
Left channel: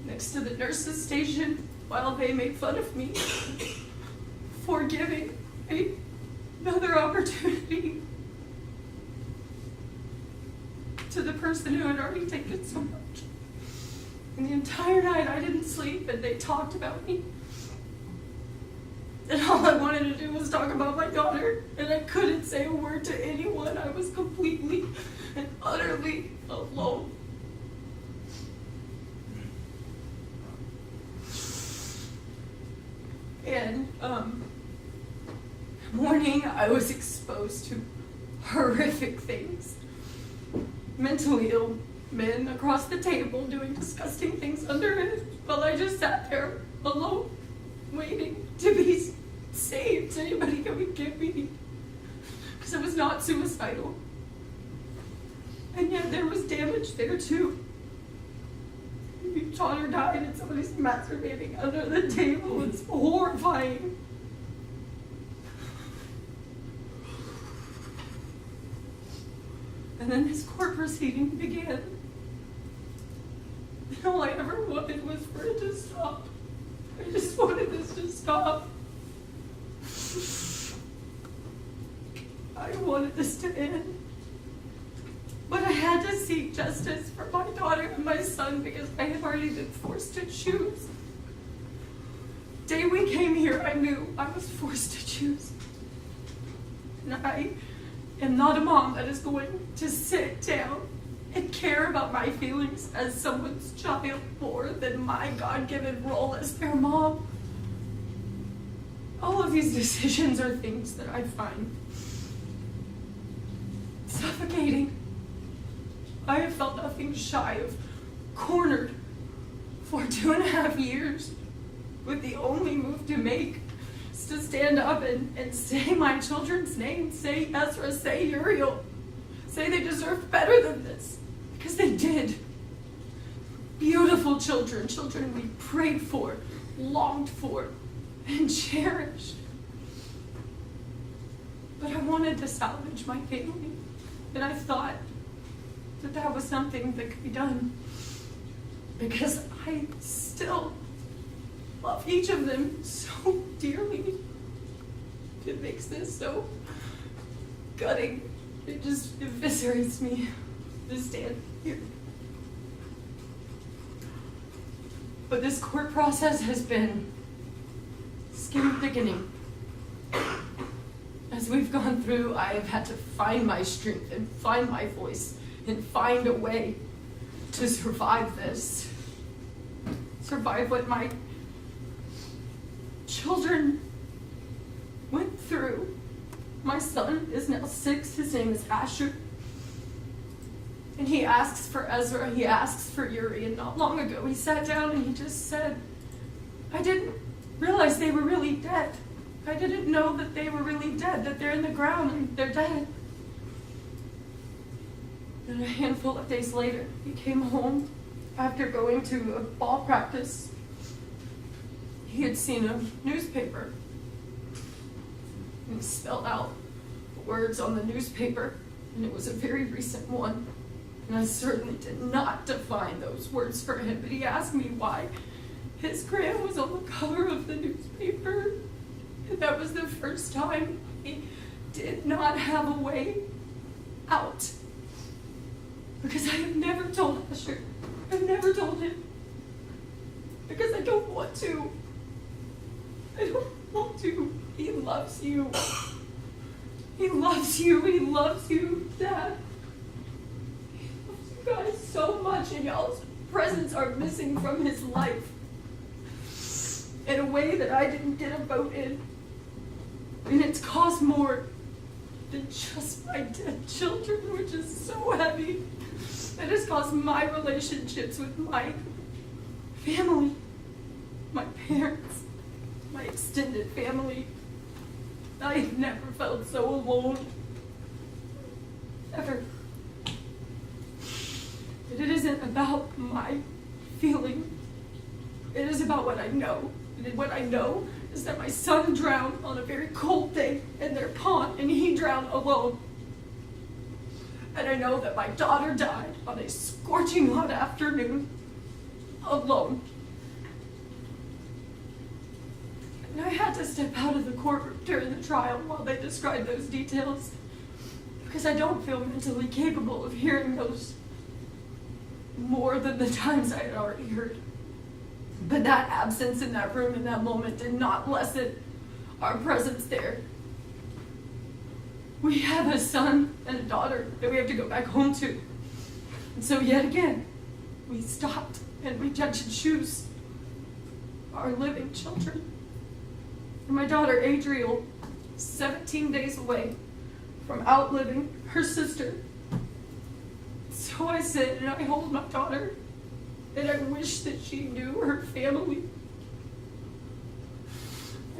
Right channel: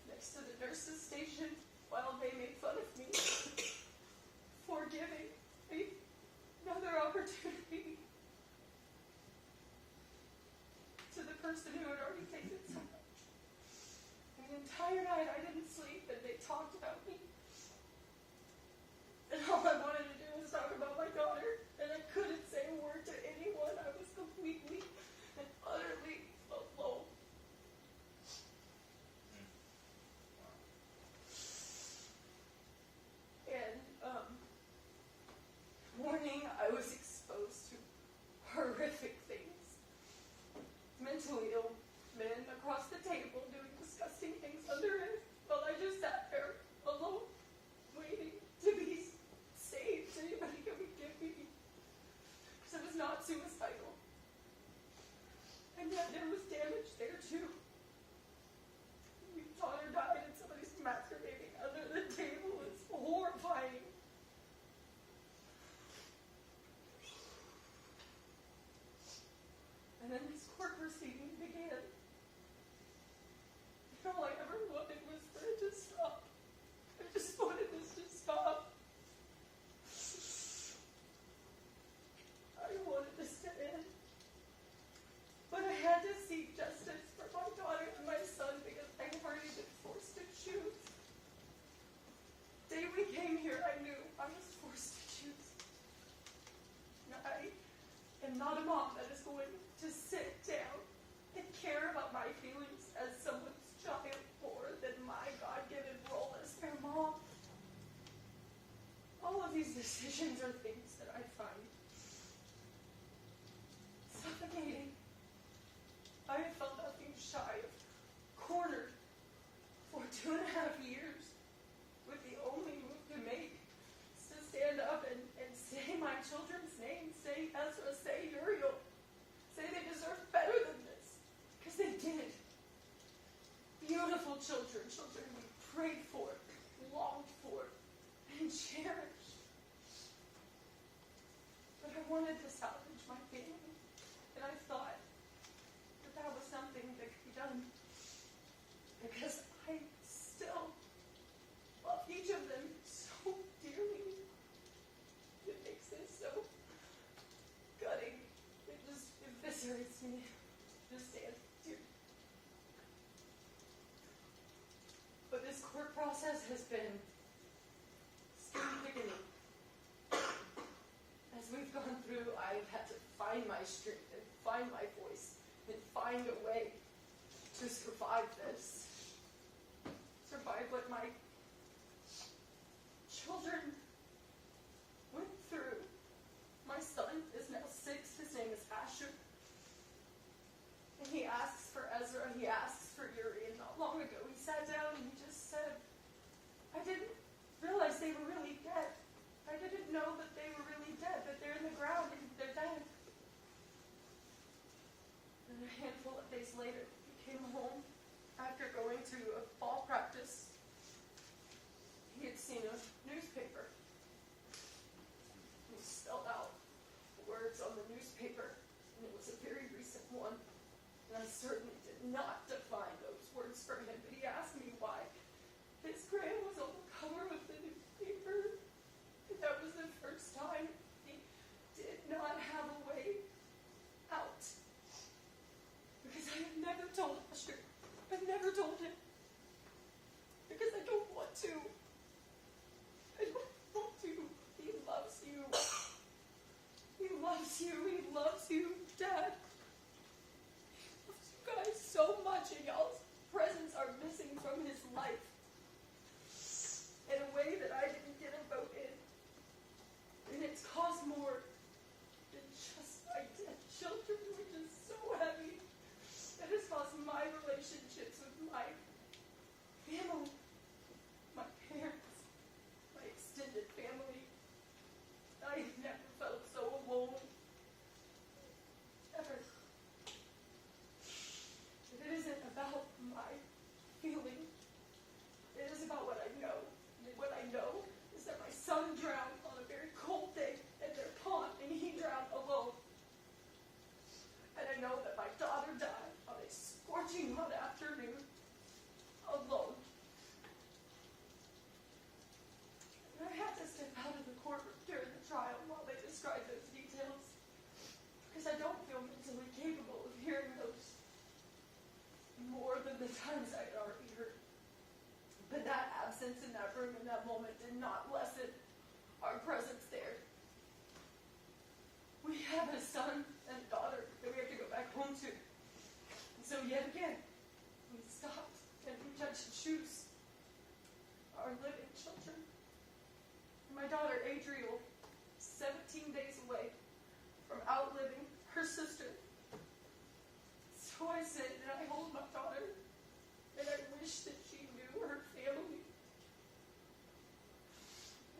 next to the nurse's station while they made fun of me for giving another opportunity to the person who had already taken so much. And the entire night I didn't sleep, and they talked about me. And all I wanted to do was talk about my daughter, and I couldn't say a word to anyone. I was completely and utterly alone. And morning I was exposed to horrific things. Mentally ill men across the table doing disgusting things under it, while I just sat there alone, waiting to be saved. Anybody who would give me, because I was not suicidal. And yet there was damage there too. Your daughter died and somebody's masturbating under the table. It's horrifying. And then this court proceeding began. And all I ever wanted was for it to stop. I just wanted this to stop. I wanted this to end. But I had to seek justice for my daughter and my son because I had already been forced to choose. The day we came here, I knew I was forced to choose. And I am not a mom that is going to sit down and care about my feelings as someone's child more than my God-given role as their mom. All of these decisions are things that I find suffocating. I have felt nothing shy of cornered for 2.5 years, with the only move to make is to stand up and say my children's names, say Ezra, say Uriel, say they deserve better than this, because they did. Beautiful children, children we prayed for, longed for, and cherished. But I wanted to salvage my family, and I thought that that was something that could be done, because I still love each of them so dearly. It makes this so gutting. It just eviscerates me to stand here. But this court process has been skin thickening. As we've gone through, I have had to find my strength and find my voice and find a way to survive this. Survive what my children went through. My son is now 6, his name is Asher. And he asks for Ezra, he asks for Uri, and not long ago he sat down and he just said, "I didn't realize they were really dead. I didn't know that they were really dead, that they're in the ground and they're dead." And a handful of days later, he came home after going to a ball practice. He had seen a newspaper, and he spelled out the words on the newspaper, and it was a very recent one. And I certainly did not define those words for him, but he asked me why his gram was on the cover of the newspaper. And that was the first time he did not have a way out. Because I have never told Asher. I've never told him. Because I don't want to. I don't want to. He loves you. He loves you. He loves you, Dad. He loves you guys so much, and y'all's presence are missing from his life in a way that I didn't get a vote in. And it's caused more than just my dead children, which is so heavy. It has caused my relationships with my family, my parents, my extended family. I have never felt so alone. Ever. It isn't about my feeling. It is about what I know. And what I know is that my son drowned on a very cold day in their pond, and he drowned alone. And I know that my daughter died on a scorching hot afternoon, alone. And I had to step out of the courtroom during the trial while they described those details, because I don't feel mentally capable of hearing those more than the times I had already heard. But that absence in that room in that moment did not lessen our presence there. We have a son and a daughter that we have to go back home to. And so yet again, we stopped and we judged and choose our living children. And my daughter Adriel, 17 days away from outliving her sister. So I sit and I hold my daughter, and I wish that she knew her family.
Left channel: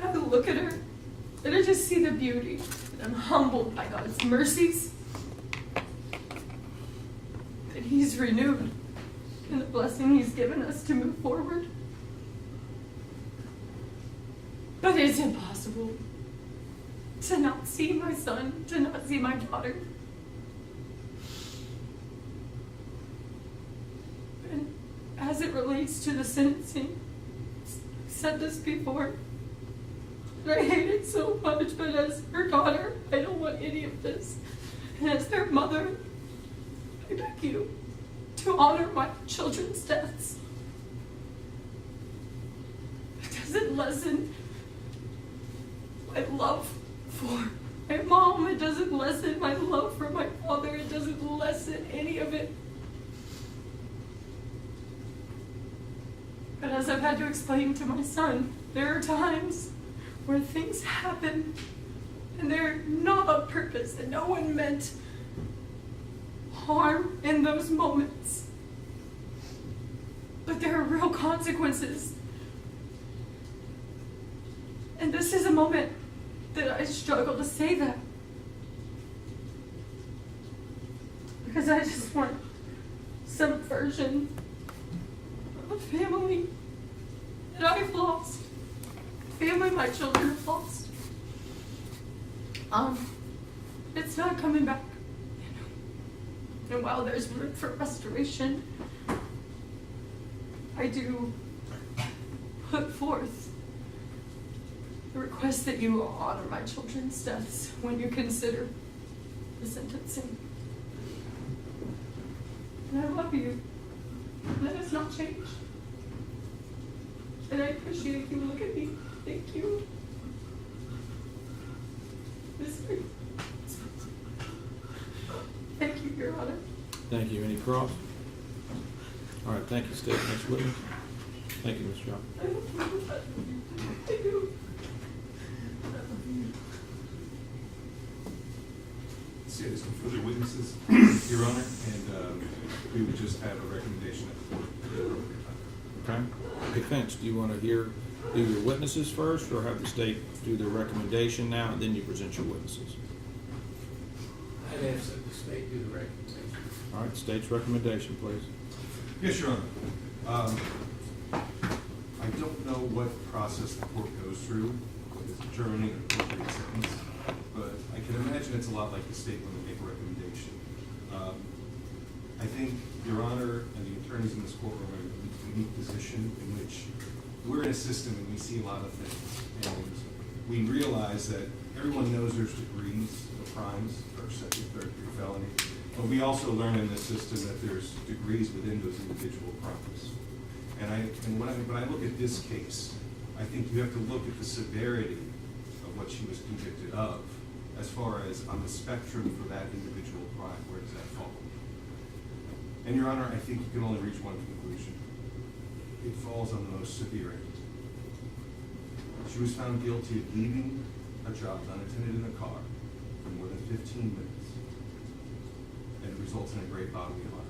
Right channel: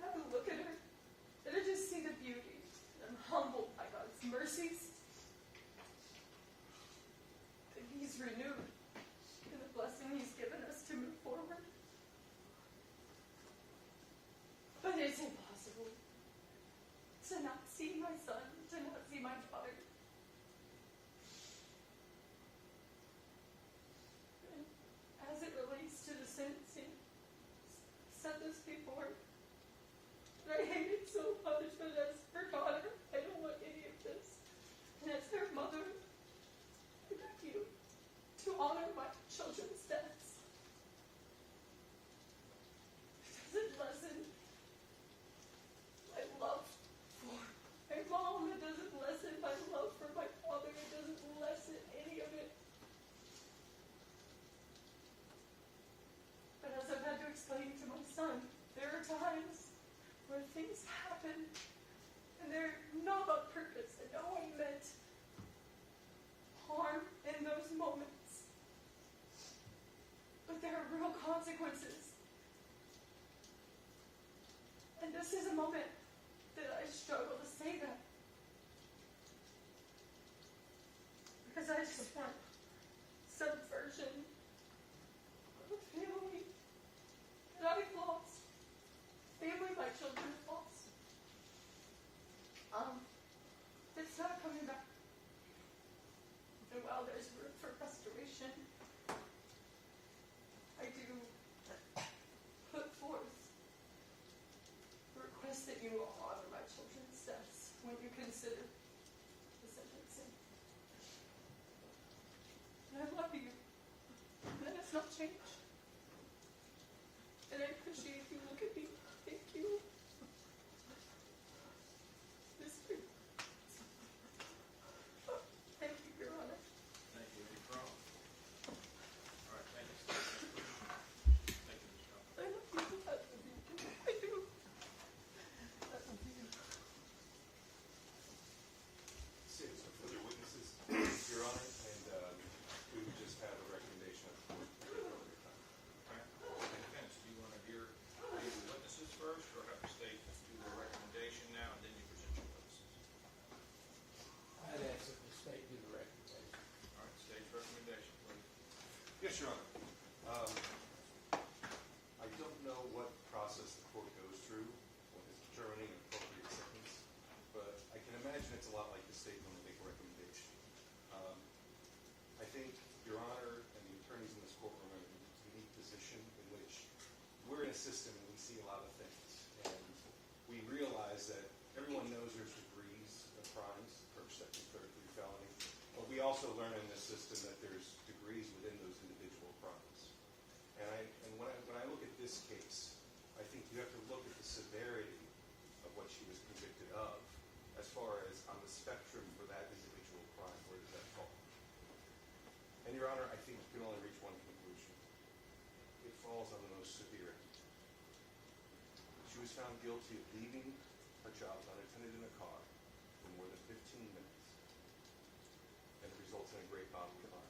And I look at her, and I just see the beauty. And I'm humbled by God's mercies. That He's renewed, and the blessing He's given us to move forward. But it's impossible to not see my son, to not see my daughter. And as it relates to the sentencing, I've said this before, and I hate it so much, but as her daughter, I don't want any of this. And as their mother, I beg you to honor my children's deaths. It doesn't lessen my love for my mom. It doesn't lessen my love for my father. It doesn't lessen any of it. But as I've had to explain to my son, there are times where things happen and they're not on purpose and no one meant harm in those moments. But there are real consequences. And this is a moment that I struggle to say that. Because I just want some version of a family that I've lost. Family my children have lost. It's not coming back. You know? And while there's room for restoration, I do put forth the request that you honor my children's deaths when you consider the sentencing. And I love you. That has not changed. And I appreciate you. Look at me. Thank you. Thank you, Your Honor. Thank you. Any cross? All right, thank you, State. Next witness. Thank you, Mr. John. I do. See, there's no further witnesses, Your Honor, and we would just have a recommendation at the board at the appropriate time. Okay. Defense, do you want to do your witnesses first, or have the state do their recommendation now, and then you present your witnesses? I'd ask that the state do the recommendation. All right, state's recommendation, please. Yes, Your Honor. I don't know what process the court goes through with determining an appropriate sentence, but I can imagine it's a lot like the state when they make a recommendation. I think Your Honor and the attorneys in this courtroom are in a unique position in which we're in a system and we see a lot of things. And we realize that everyone knows there's degrees of crimes, first, second, third degree felony. But we also learn in this system that there's degrees within those individual crimes. And when I look at this case, I think you have to look at the severity of what she was convicted of as far as on the spectrum for that individual crime, where does that fall? And Your Honor, I think you can only reach one conclusion. It falls on the most severe end. She was found guilty of leaving a child unattended in a car for more than 15 minutes. And it results in a great bodily harm.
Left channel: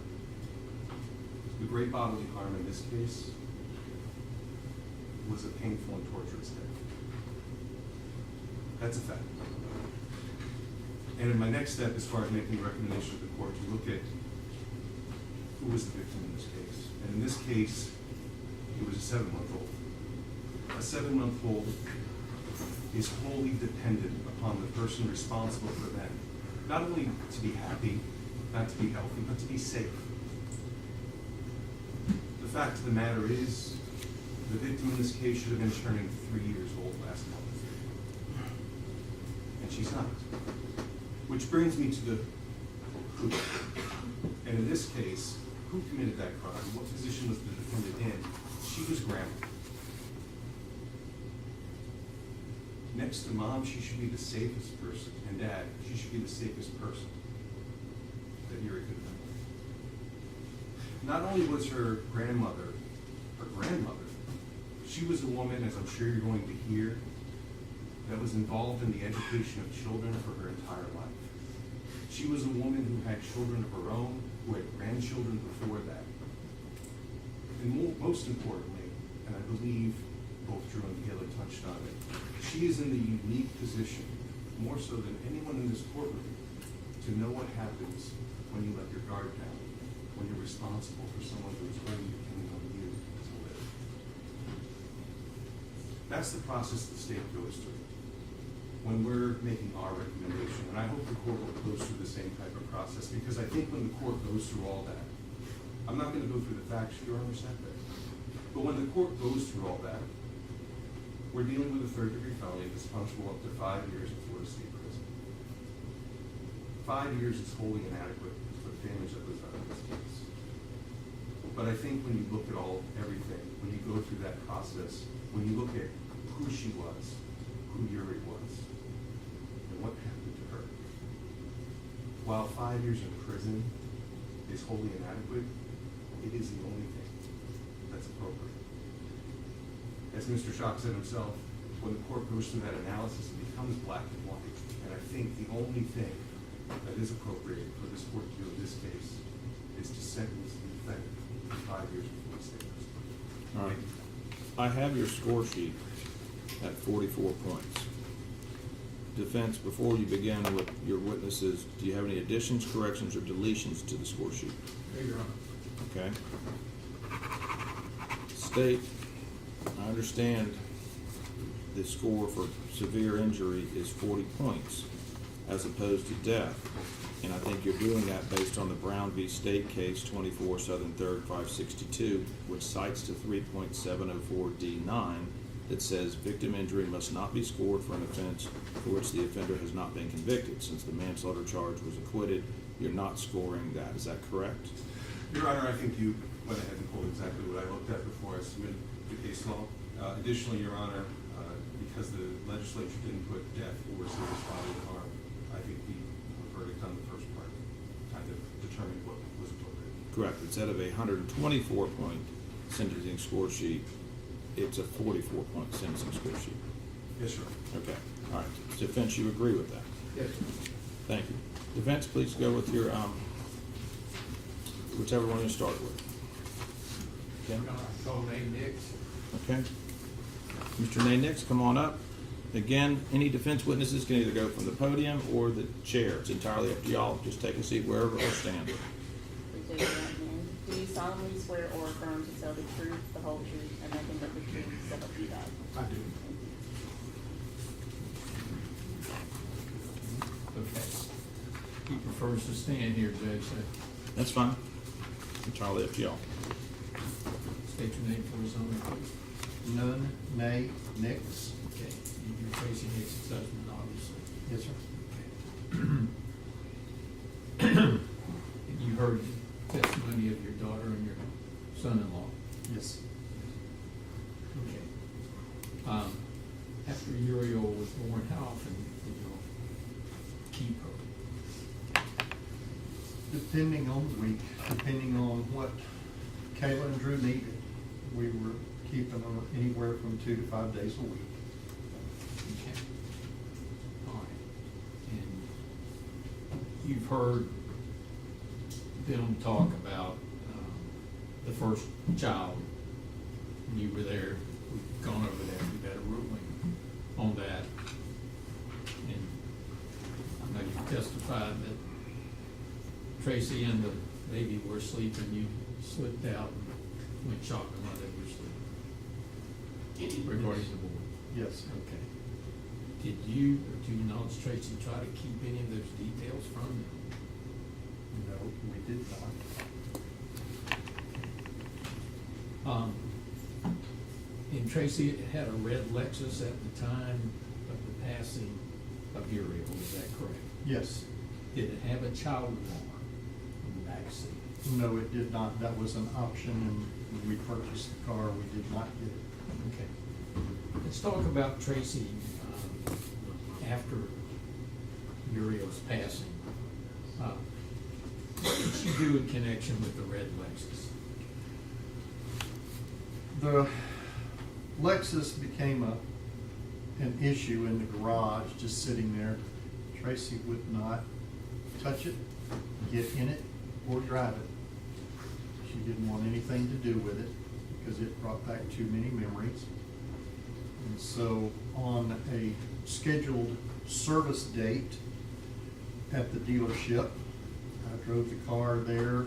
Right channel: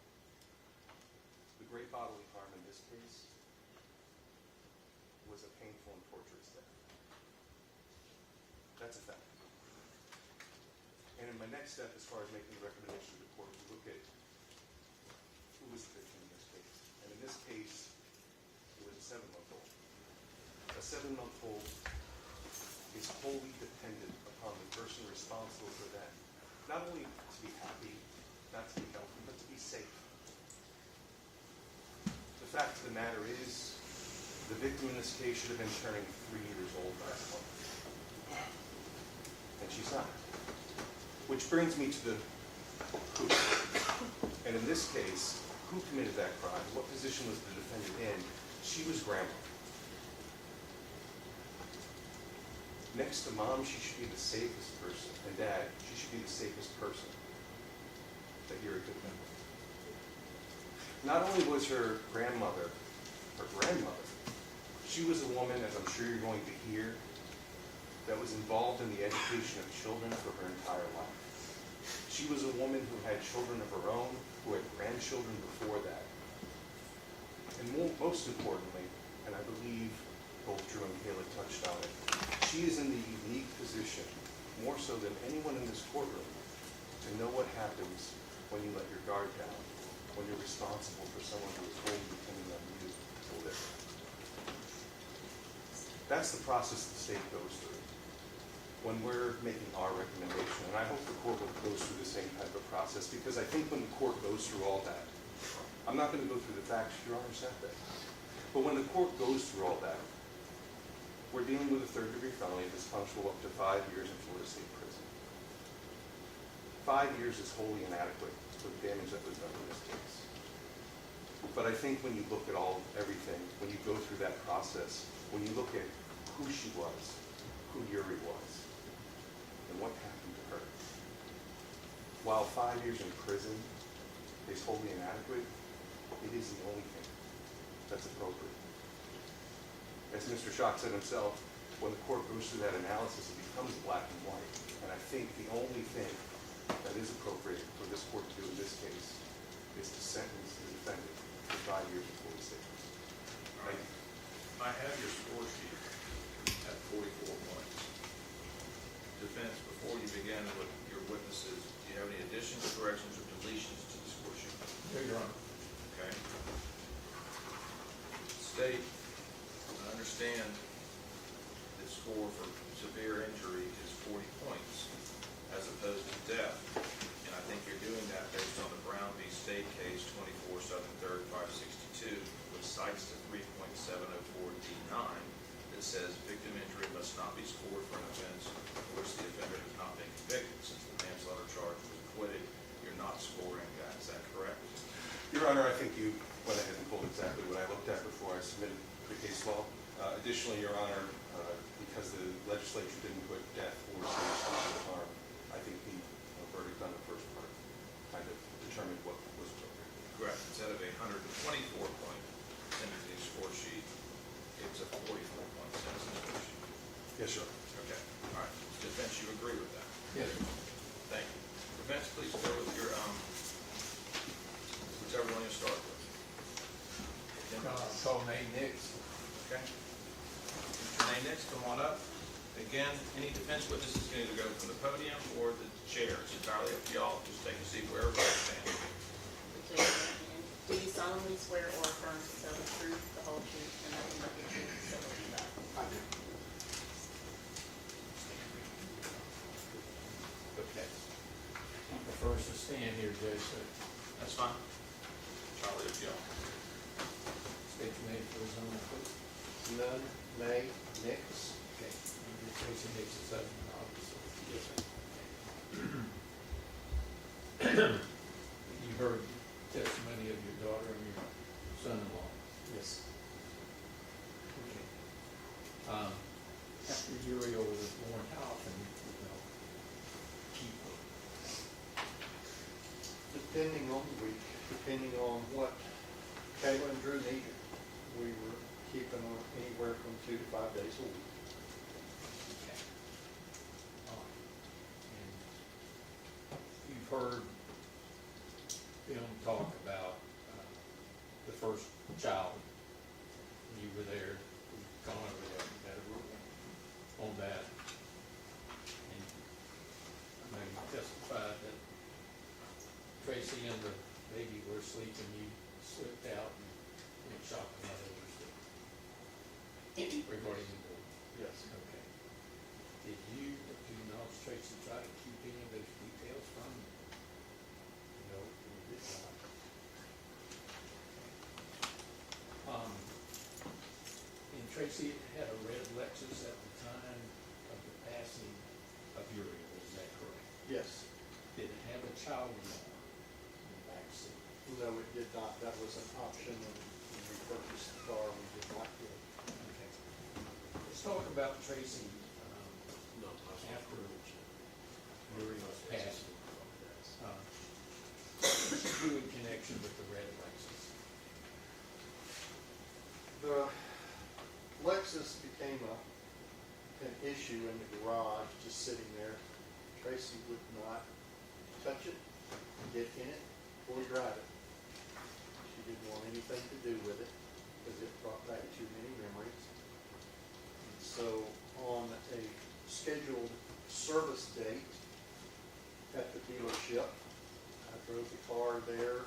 The great bodily harm in this case was a painful and torturous death. That's a fact. And in my next step, as far as making a recommendation to the court, you look at who was the victim in this case. And in this case, it was a 7-month-old. A 7-month-old is wholly dependent upon the person responsible for them, not only to be happy, not to be healthy, but to be safe. The fact of the matter is, the victim in this case should have been turning 3 years old last month. And she's not. Which brings me to the who. And in this case, who committed that crime? What position was the defendant in? She was grandma. Next to mom, she should be the safest person. And dad, she should be the safest person that Yuri could have been with. Not only was her grandmother, she was a woman, as I'm sure you're going to hear, that was involved in the education of children for her entire life. She was a woman who had children of her own, who had grandchildren before that. And most importantly, and I believe both Drew and Haley touched on it, she is in the unique position, more so than anyone in this courtroom, to know what happens when you let your guard down, when you're responsible for someone who is wholly depending on you to live. That's the process the state goes through when we're making our recommendation. And I hope the court will go through the same type of process, because I think when the court goes through all that, I'm not going to go through the facts, you understand that. But when the court goes through all that, we're dealing with a 3rd-degree felony that's punishable up to 5 years in Florida State Prison. 5 years is wholly inadequate for the damage that was done in this case. But I think when you look at everything, when you go through that process, when you look at who she was, who Yuri was, and what happened to her, while 5 years in prison is wholly inadequate, it is the only thing that's appropriate. As Mr. Schock said himself, when the court goes through that analysis, it becomes black and white. And I think the only thing that is appropriate for this court to do in this case is to sentence the defendant to 5 years in Florida State Prison. All right. I have your score sheet at 44 points. Defense, before you begin with your witnesses, do you have any additions, corrections, or deletions to the score sheet? There you are. Okay. State, I understand the score for severe injury is 40 points as opposed to death. And I think you're doing that based on the Brown v. State case 24 Southern 3rd 562, which cites to 3.704D9 that says victim injury must not be scored for an offense for which the offender has not been convicted. Since the manslaughter charge was acquitted, you're not scoring that. Is that correct? Your Honor, I think you went ahead and pulled exactly what I looked at before I submitted the case law. Additionally, Your Honor, because the legislature didn't put death or serious bodily harm, I think the verdict on the first part kind of determined what was appropriate. Correct. Instead of a 124-point sentencing score sheet, it's a 44-point sentencing score sheet. Yes, sir. Okay. All right. Defense, you agree with that? Yes. Thank you. Defense, please go with your, whichever one you start with. Okay. Call name Nix. Okay. Mr. Nix, come on up. Again, any defense witnesses can either go from the podium or the chair. It's entirely up to y'all. Just take a seat wherever you stand. Raise your right hand. Do you solemnly swear or affirm to tell the truth, the whole truth, and nothing but the truth, so help you God? I do. Okay. He prefers to stand here, Judge, so That's fine. Entirely up to y'all. state your name for his own record. None, nay, Nix. Okay, you're Tracey Nix's husband, obviously. Yes, sir. You heard the testimony of your daughter and your son-in-law. Yes. Okay. After Uriel was born, how often did you keep her? Depending on the week, depending on what Kayla and Drew needed, we were keeping them anywhere from 2 to 5 days a week. Okay. All right. And you've heard them talk about the first child when you were there. gone over that, we got a ruling on that. And I know you testified that Tracey and the baby were sleeping, you slipped out and went shopping while they were sleeping. Regarding the board. Yes. Okay. Did you, or do you knowledge, Tracey, try to keep any of those details from them? No, we did not. And Tracey had a red Lexus at the time of the passing of Uriel, is that correct? Yes. Did it have a child on in the back seat? No, it did not. That was an option, and when we purchased the car, we did not get it. Okay. Let's talk about Tracey, after Uriel's passing. What did she do in connection with the red Lexus? The Lexus became an issue in the garage, just sitting there. Tracey would not touch it, get in it, or drive it. She didn't want anything to do with it because it brought back too many memories. And so on a scheduled service date at the dealership, I drove the car there,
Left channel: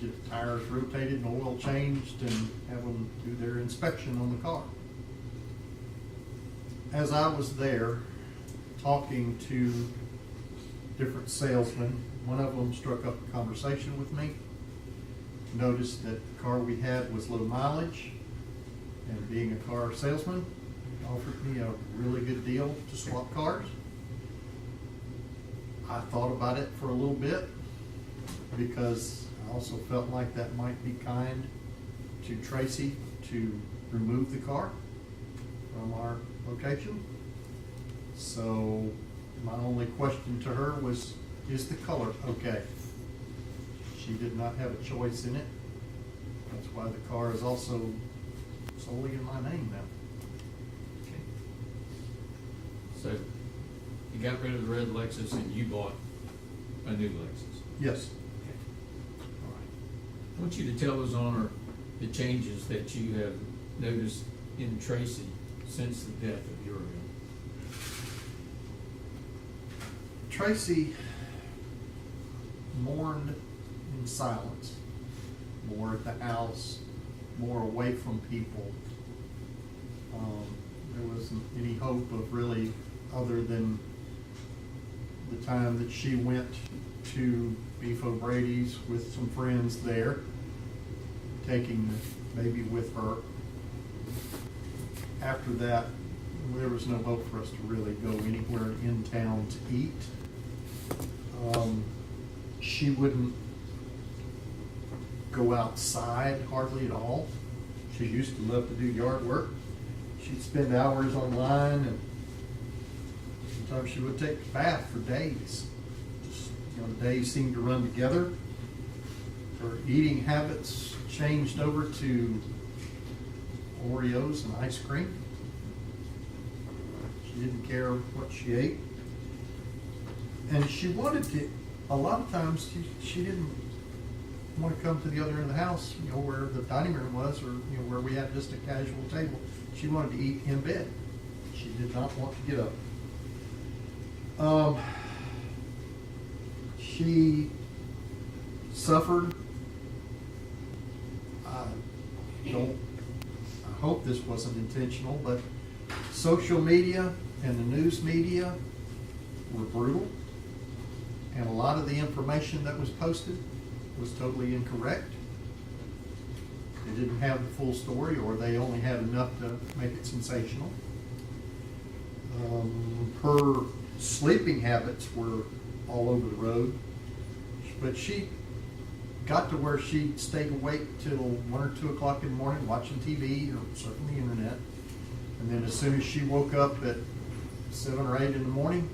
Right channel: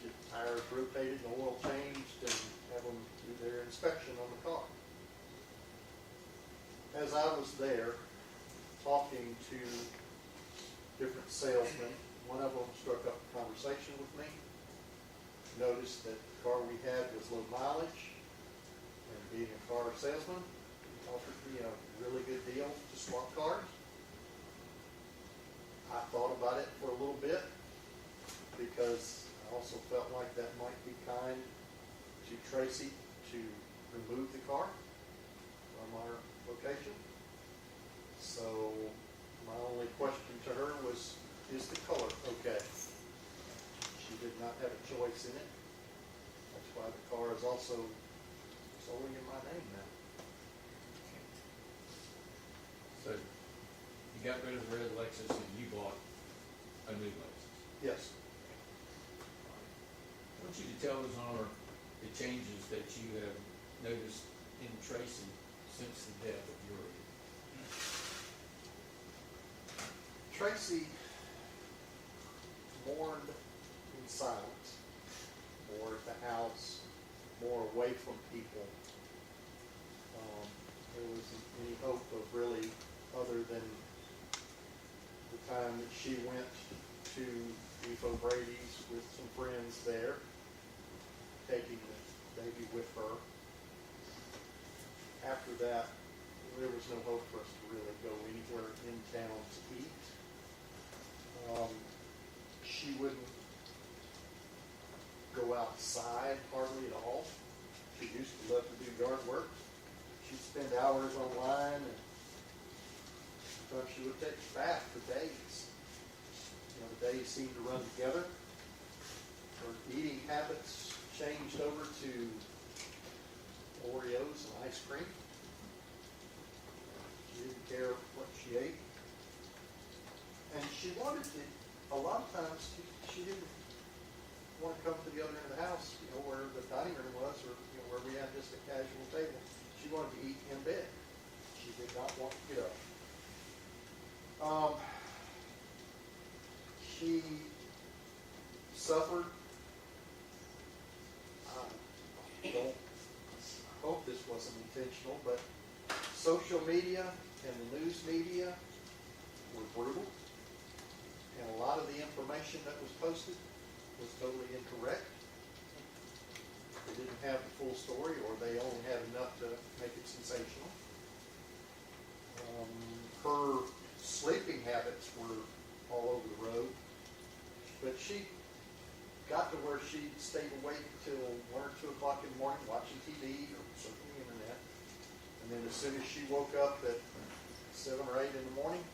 get tires rotated and oil changed, and have them do their inspection on the car. As I was there talking to different salesmen, one of them struck up a conversation with me, noticed that the car we had was low mileage, and being a car salesman, offered me a really good deal to swap cars. I thought about it for a little bit because I also felt like that might be kind to Tracey to remove the car from our location. So my only question to her was, is the color okay? She did not have a choice in it. That's why the car is also solely in my name now. So you got rid of the red Lexus and you bought a new Lexus? Yes. Okay. All right. I want you to tell us, Honor, the changes that you have noticed in Tracey since the death of Uriel. Tracey mourned in silence, more at the house, more away from people. There wasn't any hope of really, other than the time that she went to Beef O'Brady's with some friends there, taking the baby with her. After that, there was no hope for us to really go anywhere in town to eat. She wouldn't go outside hardly at all. She used to love to do yard work. She'd spend hours online, and sometimes she would take a bath for days. Just, the days seemed to run together. Her eating habits changed over to Oreos and ice cream. She didn't care what she ate. And she wanted to, a lot of times, she didn't want to come to the other end of the house, where the dining room was, or, where we had just a casual table. She wanted to eat in bed. She did not want to get up. She suffered. I hope this wasn't intentional, but social media and the news media were brutal, and a lot of the information that was posted was totally incorrect. They didn't have the full story, or they only had enough to make it sensational. Her sleeping habits were all over the road, but she got to where she stayed awake till 1 or 2 o'clock in the morning watching TV or surfing the internet. And then as soon as she woke up at 7 or 8 in the morning,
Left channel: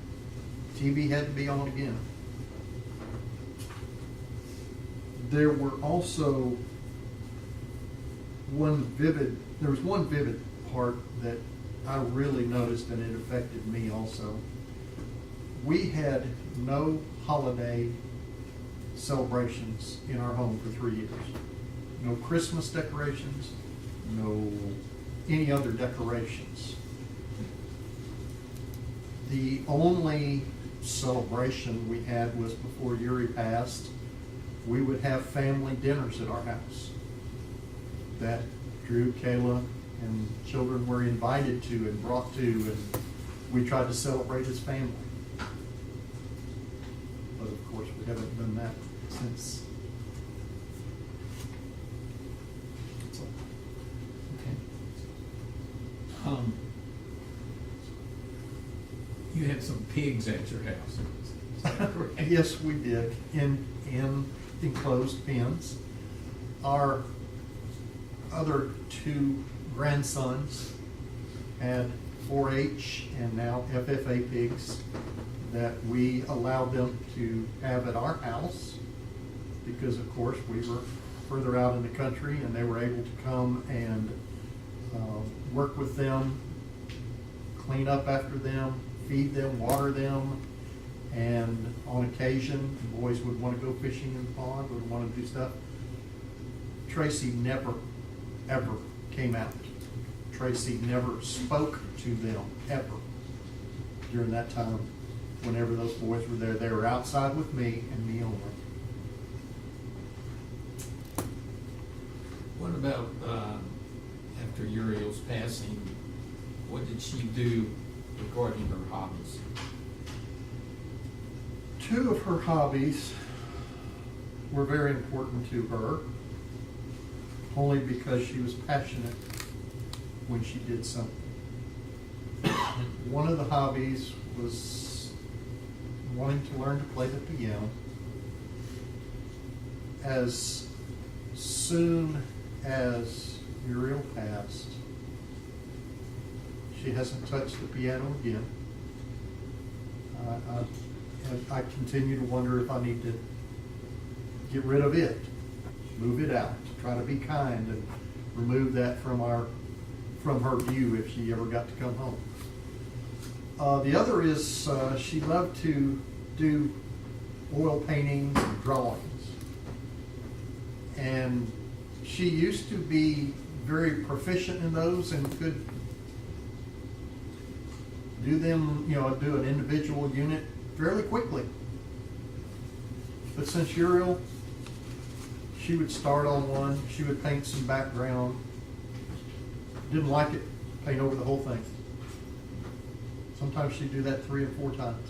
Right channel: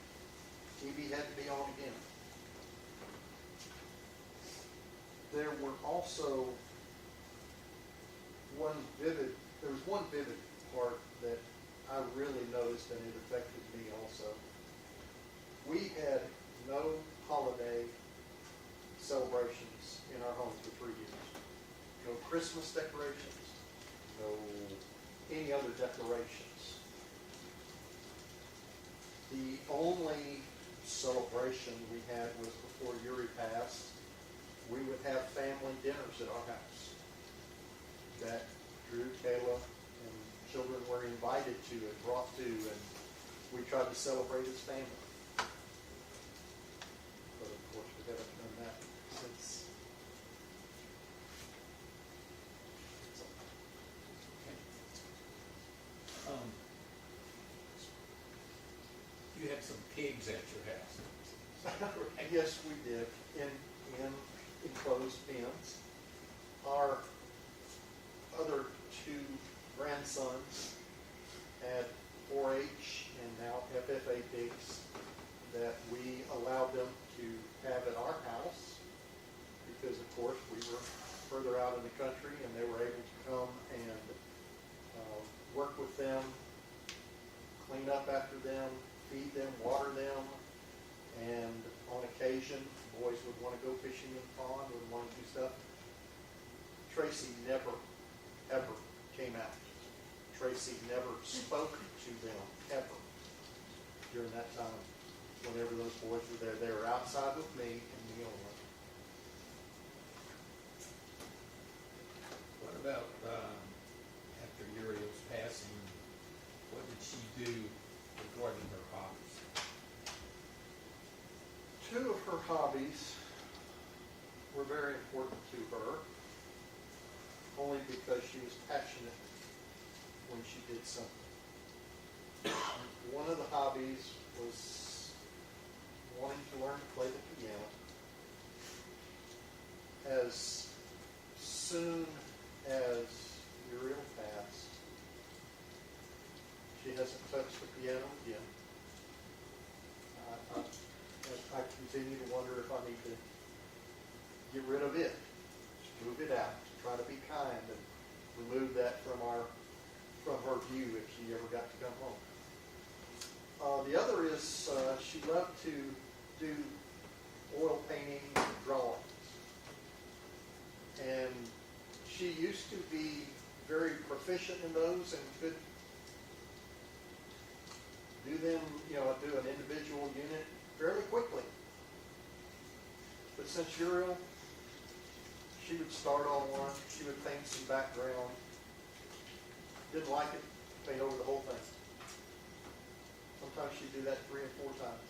TV had to be on again. There were also one vivid part that I really noticed, and it affected me also. We had no holiday celebrations in our home for 3 years. No Christmas decorations, no any other decorations. The only celebration we had was before Yuri passed. We would have family dinners at our house that Drew, Kayla, and children were invited to and brought to, and we tried to celebrate as family. But of course, we haven't done that since. Okay. You had some pigs at your house. Is that correct? Yes, we did, in enclosed pens. Our other two grandsons had 4-H and now FFA pigs that we allowed them to have at our house because, of course, we were further out in the country and they were able to come and work with them, clean up after them, feed them, water them, and on occasion, the boys would want to go fishing in the pond, would want to do stuff. Tracey never, ever came out. Tracey never spoke to them, ever, during that time. Whenever those boys were there, they were outside with me and me only. What about, after Uriel's passing, what did she do regarding her hobbies? Two of her hobbies were very important to her, only because she was passionate when she did something. One of the hobbies was wanting to learn to play the piano. As soon as Muriel passed, she hasn't touched the piano again. I continue to wonder if I need to get rid of it, move it out, try to be kind and remove that from her view if she ever got to come home. The other is she loved to do oil paintings and drawings. And she used to be very proficient in those and could do them, do an individual unit fairly quickly. But since Uriel, she would start on one, she would paint some background, didn't like it, paint over the whole thing. Sometimes she'd do that 3 or 4 times.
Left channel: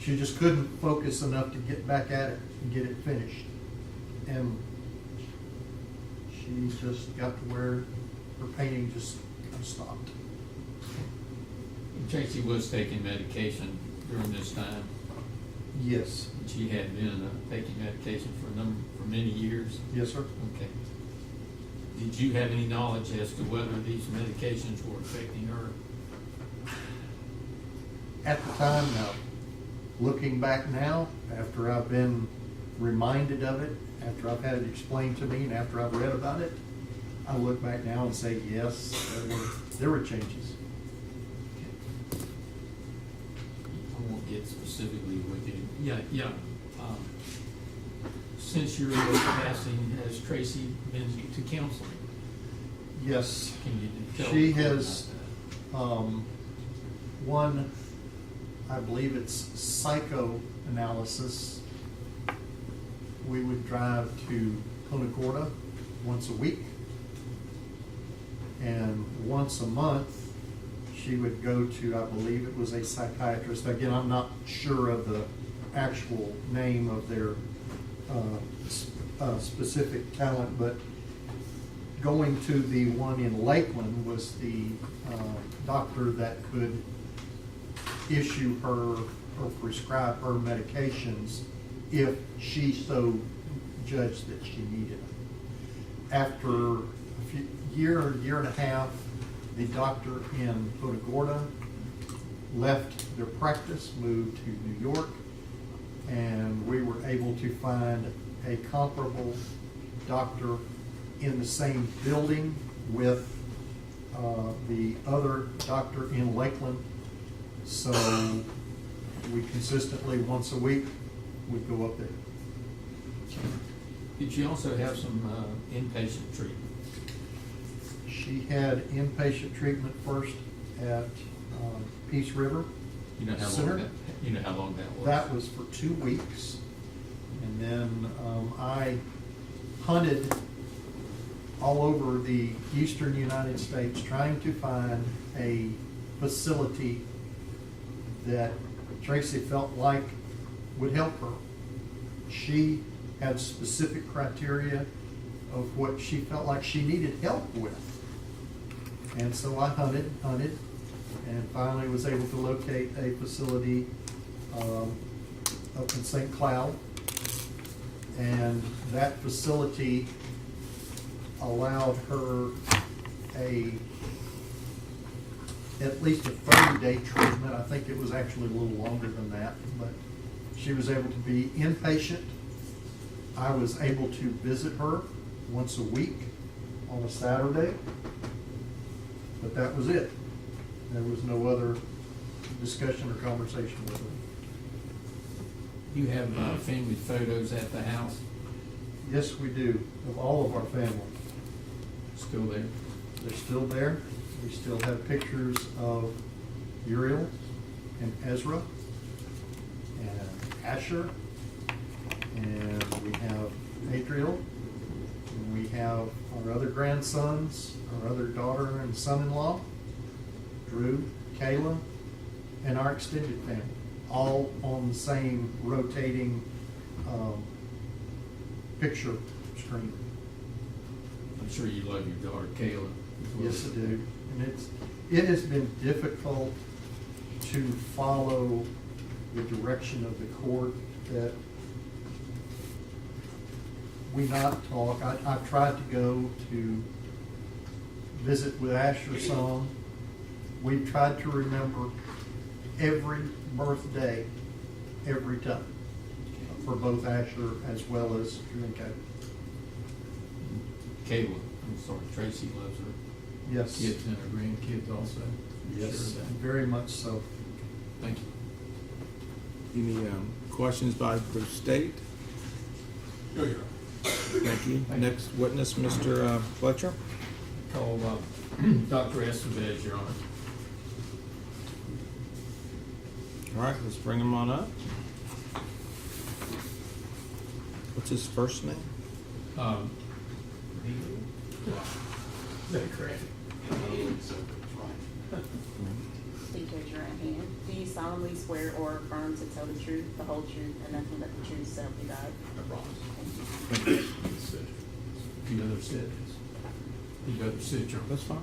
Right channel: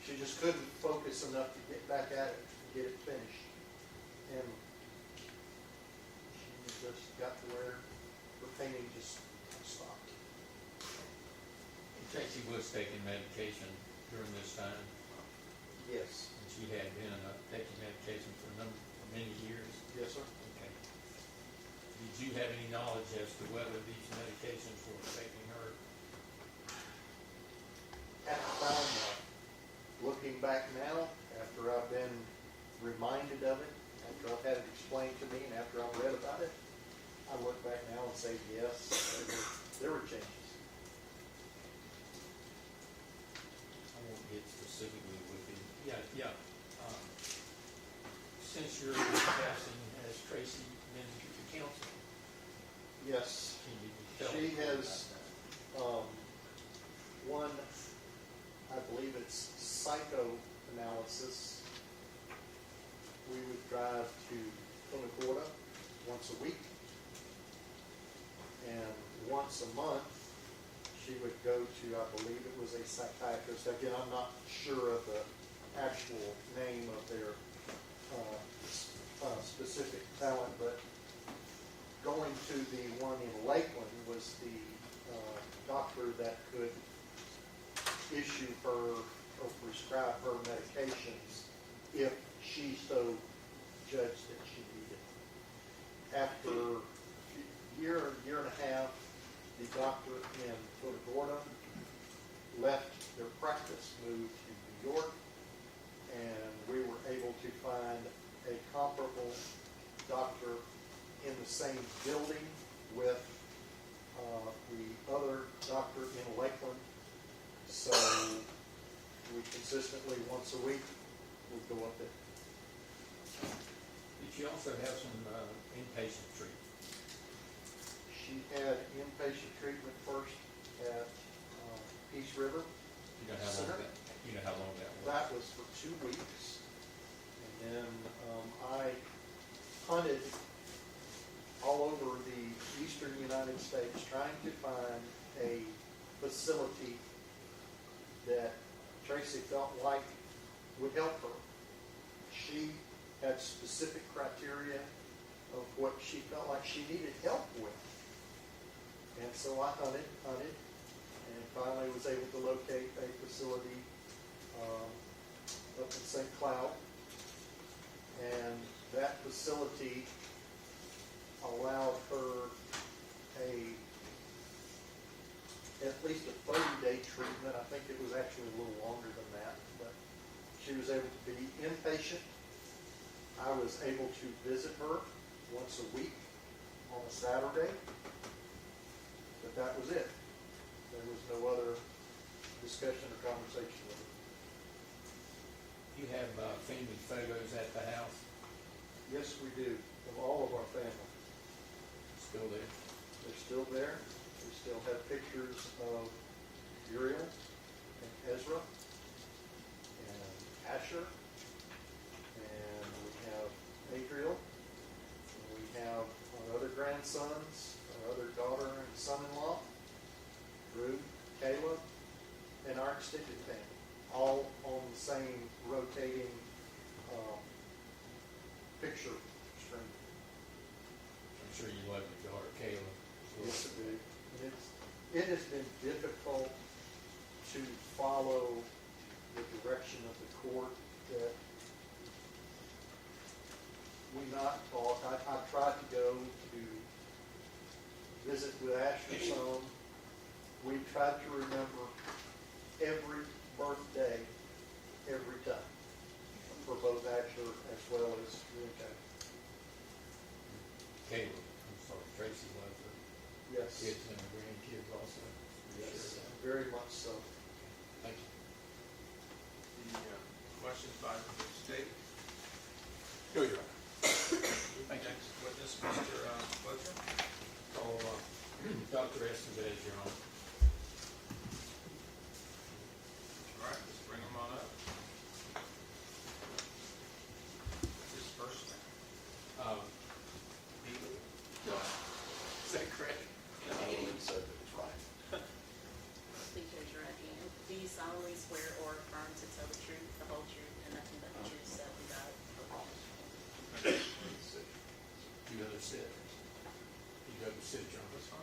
She just couldn't focus enough to get back at it and get it finished. And she just got to where her painting just kind of stopped. And Tracey was taking medication during this time. Yes. She had been taking medication for many years. Yes, sir. Okay. Did you have any knowledge as to whether these medications were affecting her? At the time, no. Looking back now, after I've been reminded of it, after I've had it explained to me, and after I've read about it, I look back now and say, yes, there were changes. I won't get specifically with you. Yeah. Since your passing, has Tracey been to counseling? Yes. Can you tell She me about has, one, I believe it's psychoanalysis. We would drive to Punta Gorda once a week. And once a month, she would go to, I believe it was a psychiatrist. Again, I'm not sure of the actual name of their specific talent, but going to the one in Lakeland was the doctor that could issue her or prescribe her medications if she so judged that she needed them. After a year and a half, the doctor in Punta Gorda left their practice, moved to New York, and we were able to find a comparable doctor in the same building with the other doctor in Lakeland. So we consistently, once a week, would go up there. Did she also have some inpatient treatment? She had inpatient treatment first at Peace River. You know how Center. long that, you know how long that was? That was for 2 weeks. And then I hunted all over the eastern United States trying to find a facility that Tracey felt like would help her. She had specific criteria of what she felt like she needed help with. And so I hunted, and finally was able to locate a facility up in St. Cloud. And that facility allowed her at least a 30-day treatment. I think it was actually a little longer than that, but she was able to be inpatient. I was able to visit her once a week on a Saturday, but that was it. There was no other discussion or conversation with her. You have family photos at the house Yes, we do, of all of our family. still there? They're still there. We still have pictures of Uriel and Ezra and Asher, and we have Adriel, and we have our other grandsons, our other daughter and son-in-law, Drew, Kayla, and our extended family, all on the same rotating picture screen. I'm sure you love your daughter Kayla as well. Yes, I do. And it has been difficult to follow the direction of the court that we not talk. I've tried to go to visit with Asher some. We've tried to remember every birthday, every time, for both Asher as well as Drew and Kayla. Kayla, I'm sorry, Tracey loves her Yes. kids and her grandkids also. I'm sure Yes, of that. very much so. Thank you. Any questions by the state? No, Your Honor. Thank you. Thank you. Next witness, Mr. Fletcher. Call Dr. Estevez, Your Honor. All right, let's bring him on up. What's his first name? Is that correct? Please raise your right hand. Do you solemnly swear or affirm to tell the truth, the whole truth, and nothing but the truth, so help you God? Thank you. You rather sit? You rather sit, Your Honor? That's fine.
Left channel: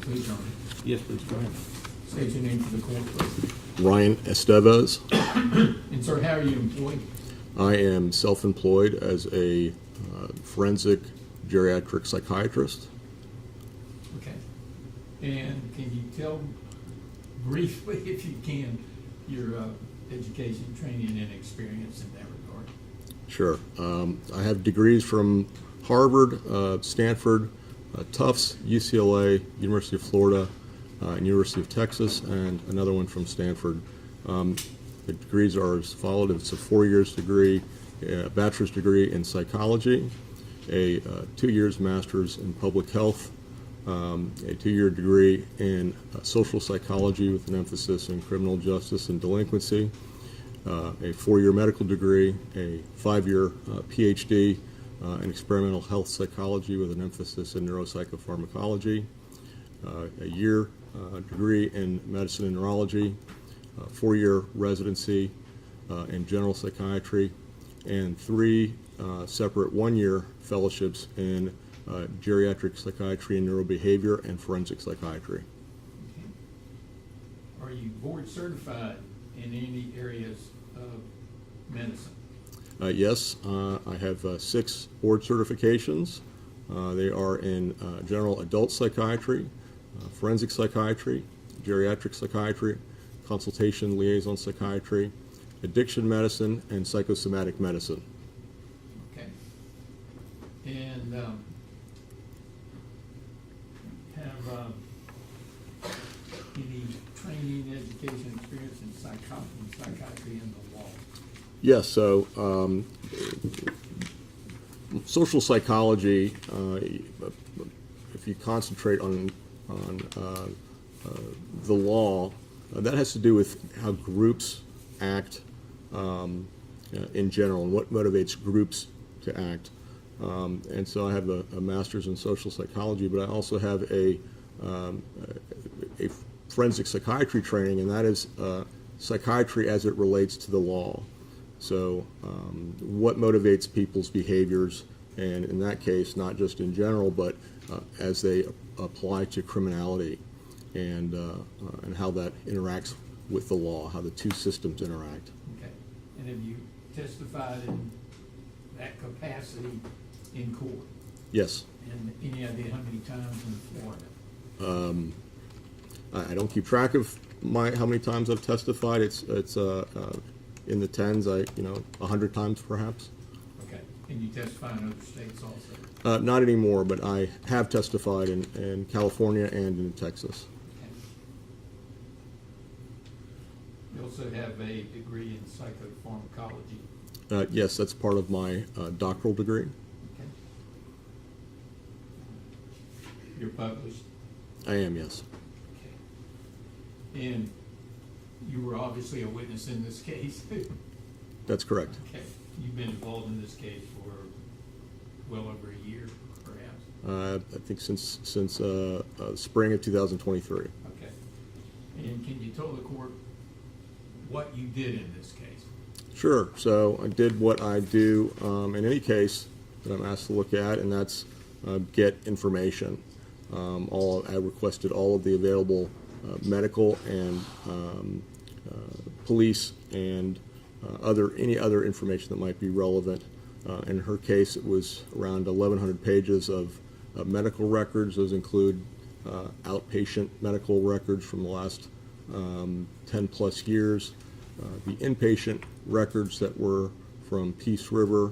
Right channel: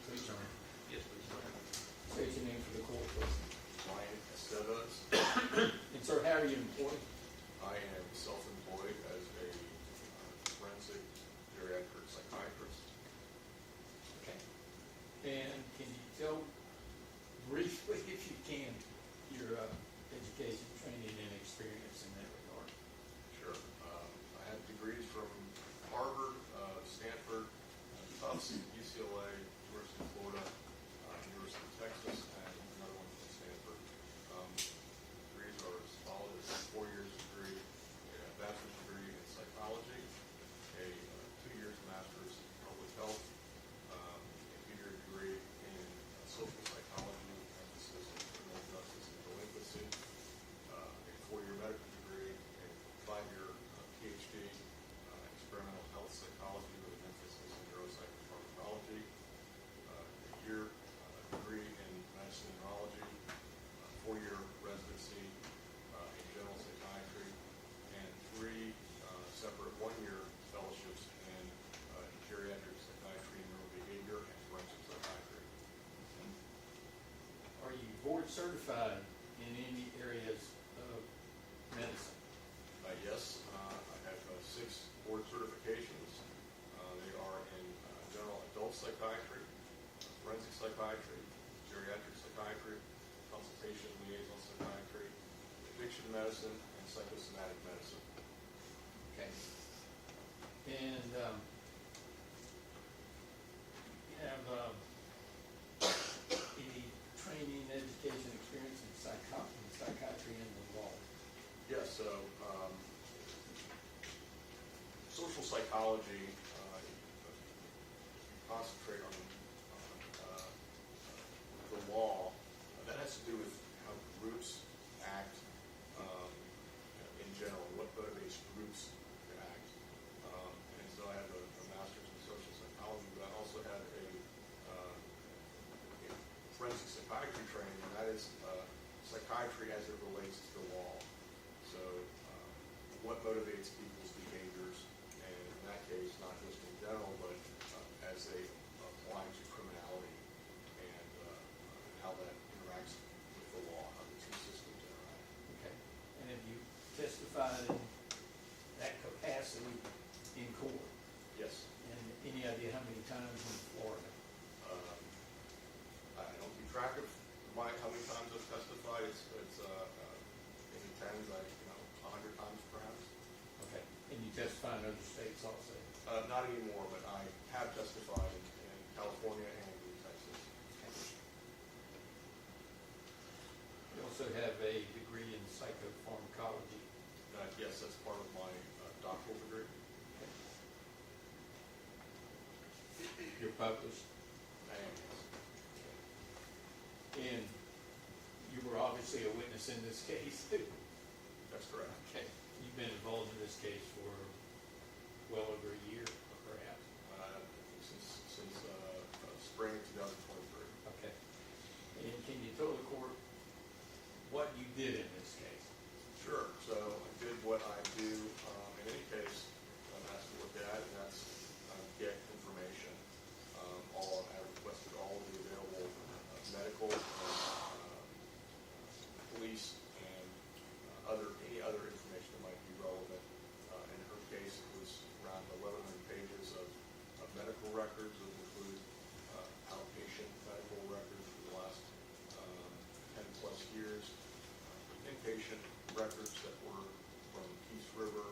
Please, Your Honor. Yes, please, go ahead. State your name for the court, please. Ryan Estevez. And sir, how are you employed? I am self-employed as a forensic geriatric psychiatrist. Okay. And can you tell briefly, if you can, your education, training, and experience in that regard? Sure. I have degrees from Harvard, Stanford, Tufts, UCLA, University of Florida, and University of Texas, and another one from Stanford. The degrees are as followed. It's a 4 years degree, a bachelor's degree in psychology, a 2 years master's in public health, a 2-year degree in social psychology with an emphasis in criminal justice and delinquency, a 4-year medical degree, a 5-year PhD in experimental health psychology with an emphasis in neuropsychopharmacology, a year degree in medicine and neurology, a 4-year residency in general psychiatry, and 3 separate 1-year fellowships in geriatric psychiatry and neurobehavior and forensic psychiatry. Okay. Are you board certified in any areas of medicine? Yes, I have 6 board certifications. They are in general adult psychiatry, forensic psychiatry, geriatric psychiatry, consultation liaison psychiatry, addiction medicine, and psychosomatic medicine. Okay. And and have any training, education, experience in psychiatry and the law? Yes, so social psychology, if you concentrate on the law, that has to do with how groups act in general and what motivates groups to act. And so I have a master's in social psychology, but I also have a forensic psychiatry training, and that is psychiatry as it relates to the law. So what motivates people's behaviors, and in that case, not just in general, but as they apply to criminality, and how that interacts with the law, how the two systems interact. Okay. And have you testified in that capacity in court? Yes. And any idea how many times in Florida? I don't keep track of how many times I've testified. It's in the tens, 100 times perhaps. Okay. And you testify in other states also? Not anymore, but I have testified in California and in Texas. Okay. You also have a degree in psychopharmacology. Yes, that's part of my doctoral degree. Okay. You're published? I am, yes. Okay. And you were obviously a witness in this case? That's correct. Okay. You've been involved in this case for well over a year, perhaps? I think since spring of 2023. Okay. And can you tell the court what you did in this case? Sure. So I did what I do in any case that I'm asked to look at, and that's get information. I requested all of the available medical and police and any other information that might be relevant. In her case, it was around 1,100 pages of medical records. Those include outpatient medical records from the last 10 plus years, the inpatient records that were from Peace River,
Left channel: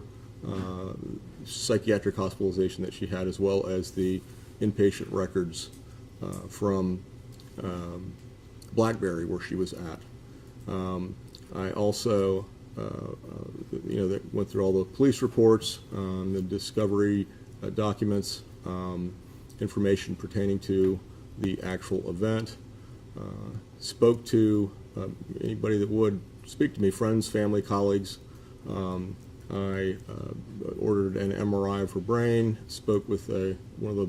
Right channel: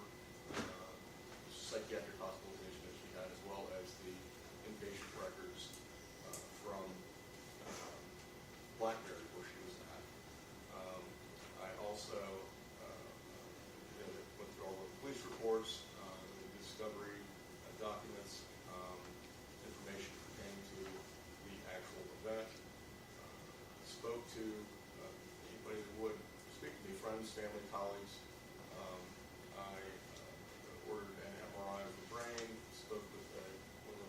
psychiatric hospitalization that she had, as well as the inpatient records from Blackberry, where she was at. I also, that went through all the police reports, the discovery documents, information pertaining to the actual event. Spoke to anybody that would speak to me, friends, family, colleagues. I ordered an MRI of her brain, spoke with one of the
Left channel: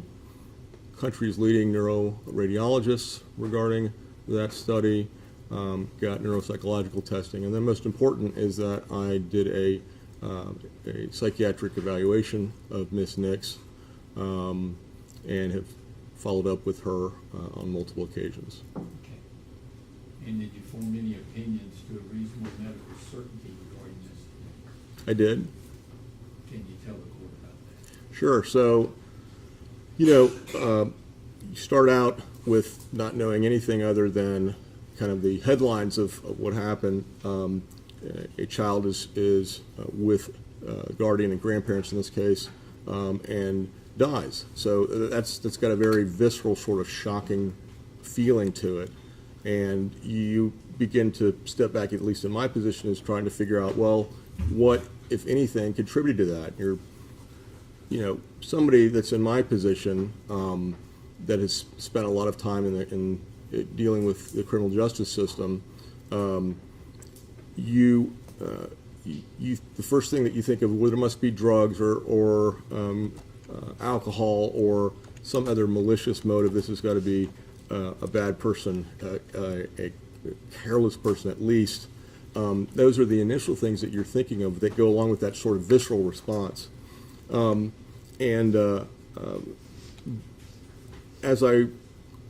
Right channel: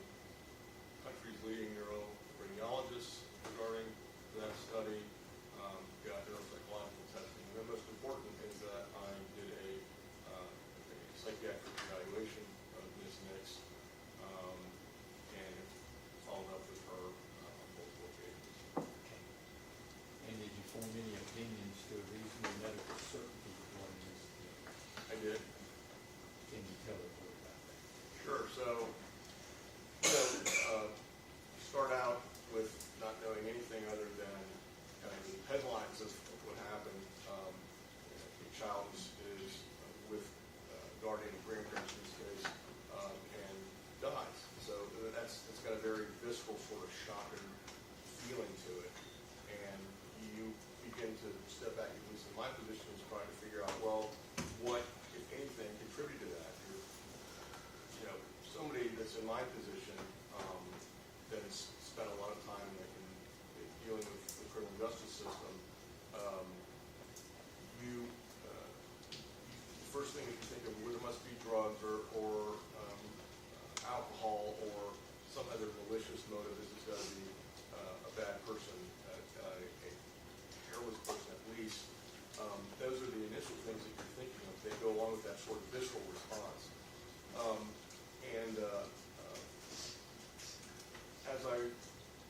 country's leading neuroradiologists regarding that study, got neuropsychological testing, and then most important is that I did a psychiatric evaluation of Miss Nix, and have followed up with her on multiple occasions. Okay. And did you form any opinions to a reasonable medical certainty regarding this? I did. Can you tell the court about that? Sure. So, you start out with not knowing anything other than kind of the headlines of what happened. A child is with guardian and grandparents in this case, and dies. So that's got a very visceral, sort of shocking feeling to it. And you begin to step back, at least in my position, is trying to figure out, well, what, if anything, contributed to that? You're, somebody that's in my position, that has spent a lot of time in dealing with the criminal justice system, the first thing that you think of, well, there must be drugs or alcohol or some other malicious motive. This has got to be a bad person, a careless person at least. Those are the initial things that you're thinking of that go along with that sort of visceral response. As I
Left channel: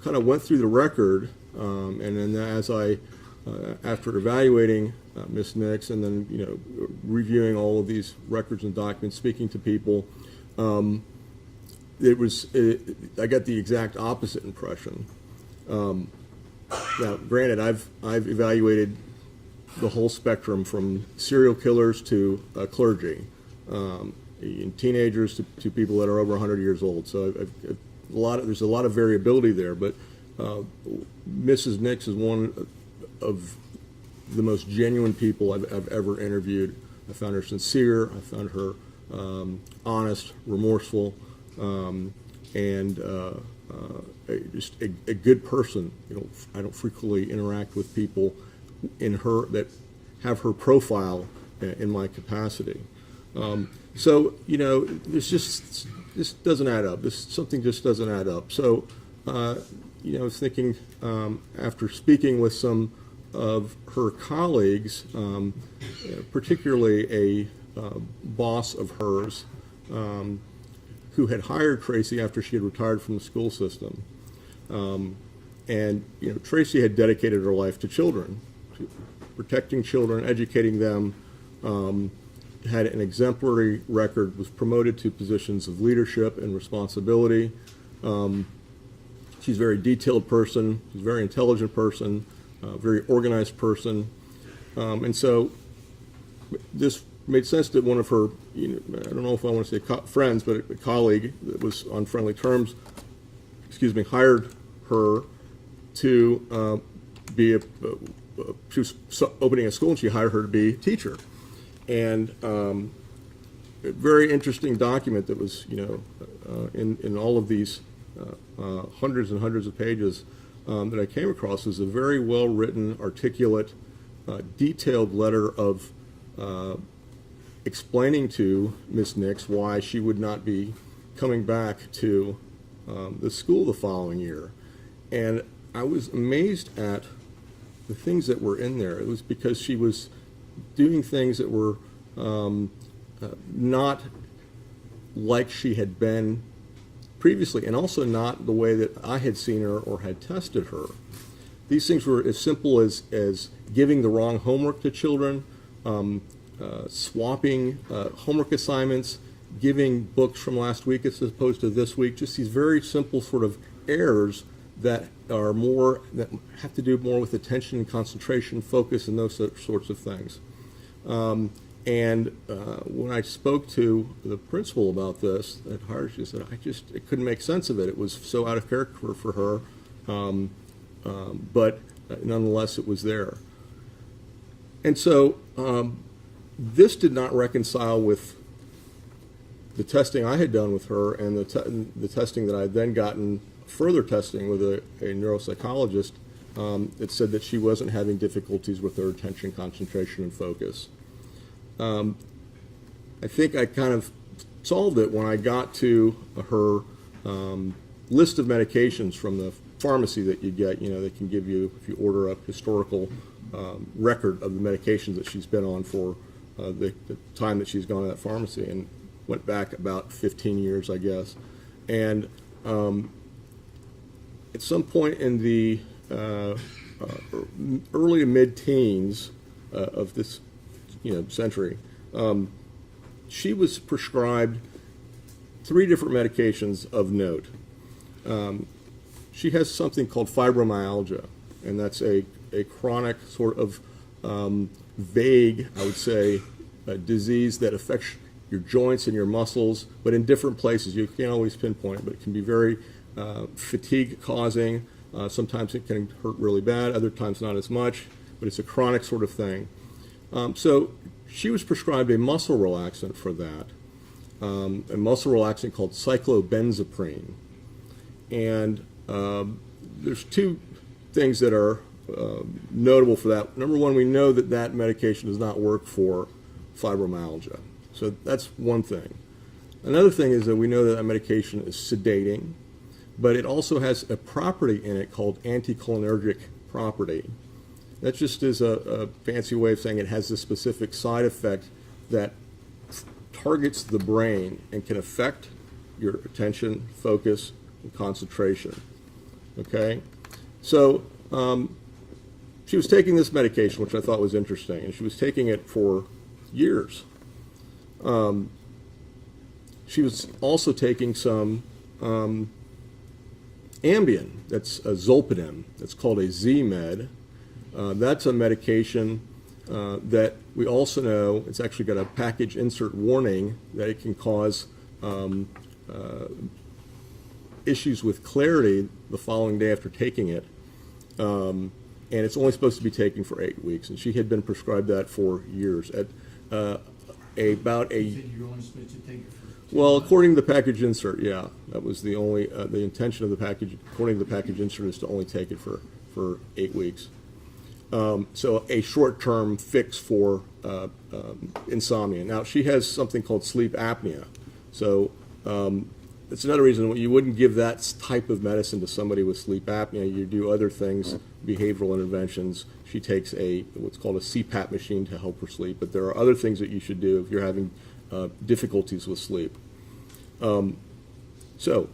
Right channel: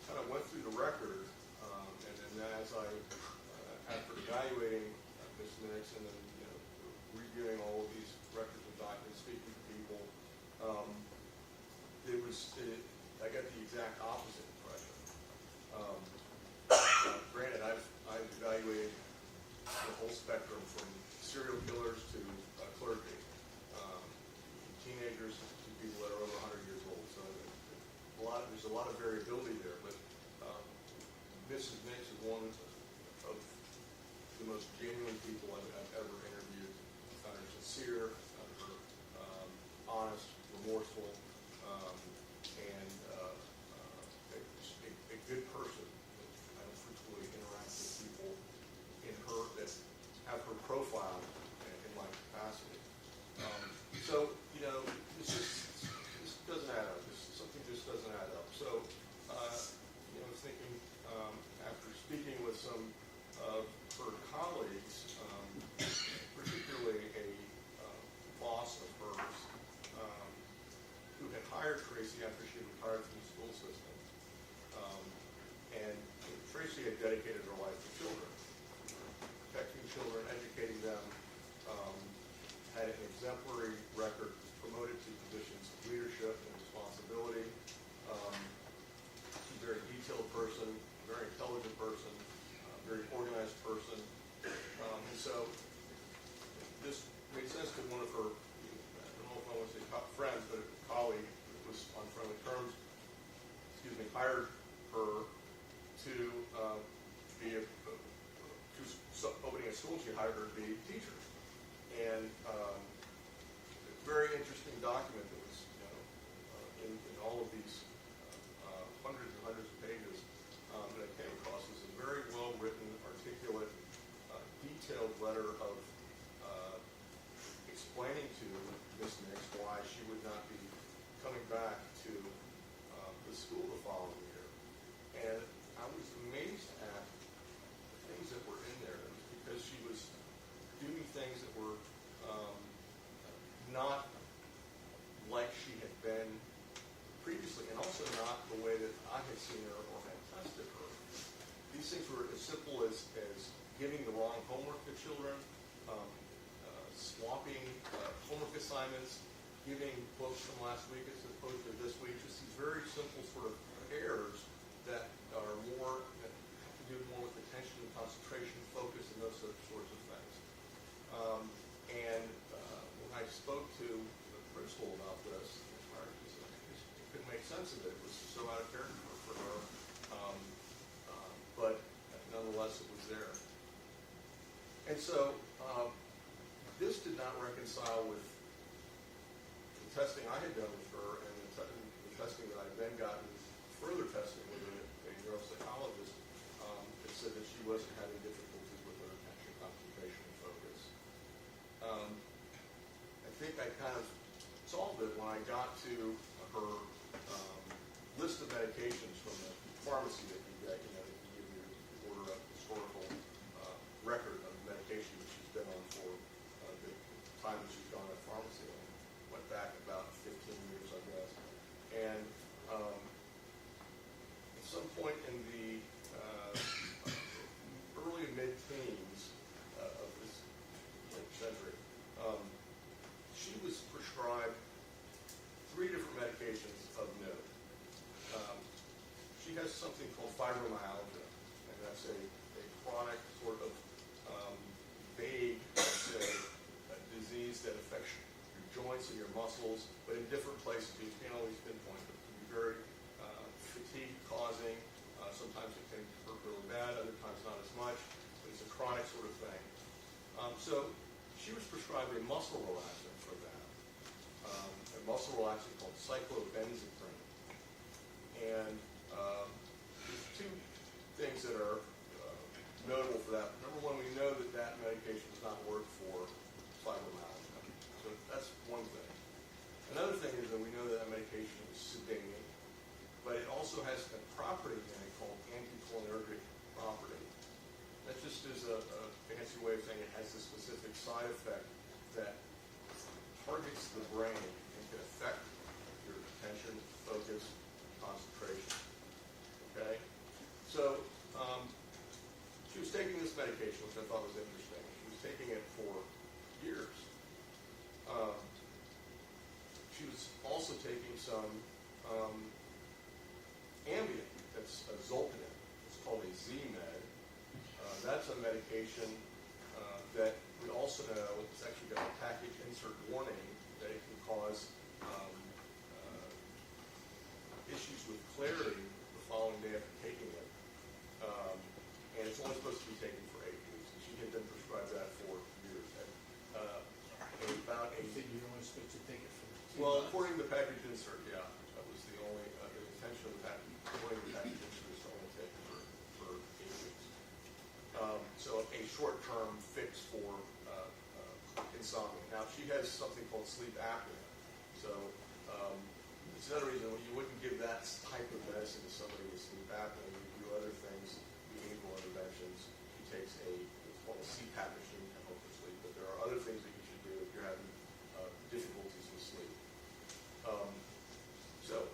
kind of went through the record, and then as I, after evaluating Ms. Nix, and then reviewing all of these records and documents, speaking to people, I got the exact opposite impression. Now, granted, I've evaluated the whole spectrum from serial killers to clergy, teenagers to people that are over 100 years old. So there's a lot of variability there. But Mrs. Nix is one of the most genuine people I've ever interviewed. I found her sincere. I found her honest, remorseful, and just a good person. I don't frequently interact with people that have her profile in my capacity. So this doesn't add up. Something just doesn't add up. So I was thinking after speaking with some of her colleagues, particularly a boss of hers who had hired Tracey after she had retired from the school system. And Tracey had dedicated her life to children, to protecting children, educating them, had an exemplary record, was promoted to positions of leadership and responsibility. She's a very detailed person, she's a very intelligent person, very organized person. And so this made sense that one of her, I don't know if I want to say friends, but a colleague that was on friendly terms, hired her to be she was opening a school, and she hired her to be a teacher. And a very interesting document that was, in all of these hundreds and hundreds of pages that I came across was a very well-written, articulate, detailed letter of explaining to Miss Nix why she would not be coming back to the school the following year. And I was amazed at the things that were in there. It was because she was doing things that were not like she had been previously, and also not the way that I had seen her or had tested her. These things were as simple as giving the wrong homework to children, swapping homework assignments, giving books from last week as opposed to this week, just these very simple sort of errors that have to do more with attention, concentration, focus, and those sorts of things. And when I spoke to the principal about this at Hart, she said, I couldn't make sense of it. It was so out of character for her, but nonetheless, it was there. And so this did not reconcile with the testing I had done with her and the testing that I had then gotten, further testing with a neuropsychologist. It said that she wasn't having difficulties with her attention, concentration, and focus. I think I kind of solved it when I got to her list of medications from the pharmacy that you get. They can give you, if you order a historical record of the medications that she's been on for the time that she's gone to that pharmacy, and went back about 15 years, I guess. And at some point in the early to mid-teens of this century, she was prescribed 3 different medications of note. She has something called fibromyalgia, and that's a chronic sort of vague, I would say, disease that affects your joints and your muscles, but in different places. You can't always pinpoint it, but it can be very fatigue-causing. Sometimes it can hurt really bad, other times not as much, but it's a chronic sort of thing. So she was prescribed a muscle relaxant for that, a muscle relaxant called cyclobenzaprine. And there's 2 things that are notable for that. Number one, we know that medication does not work for fibromyalgia. So that's one thing. Another thing is that we know that medication is sedating, but it also has a property in it called anticholinergic property. That just is a fancy way of saying it has a specific side effect that targets the brain and can affect your attention, focus, and concentration. Okay? So she was taking this medication, which I thought was interesting, and she was taking it for years. She was also taking some Ambien, that's a Zolpidem, that's called a Z-Med. That's a medication that We also know it's actually got a package insert warning that it can cause issues with clarity the following day after taking it. And it's only supposed to be taken for 8 weeks. And she had been prescribed that for years. At about a You said you're only supposed to take it for 2 well, months. according to the package insert, yeah, that was the only the intention of the package. According to the package insert, is to only take it for 8 weeks. So a short-term fix for insomnia. Now she has something called sleep apnea, so it's another reason you wouldn't give that type of medicine to somebody with sleep apnea. You do other things, behavioral interventions. She takes what's called a CPAP machine to help her sleep, but there are other things that you should do if you're having difficulties with sleep. So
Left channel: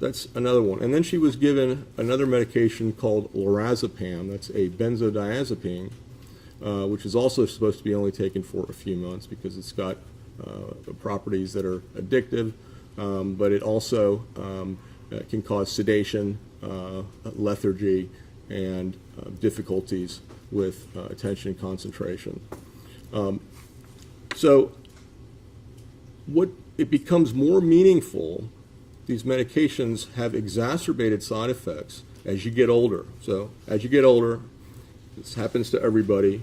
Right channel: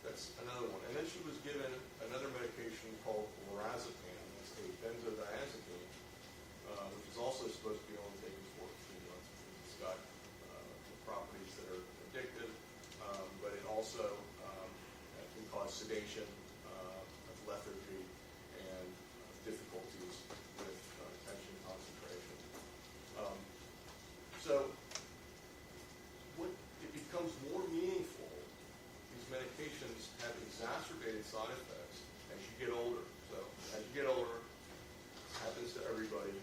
that's another one. And then she was given another medication called lorazepam. That's a benzodiazepine, which is also supposed to be only taken for a few months because it's got properties that are addictive, but it also can cause sedation, lethargy, and difficulties with attention and concentration. So what it becomes more meaningful, these medications have exacerbated side effects as you get older. So as you get older, this happens to everybody,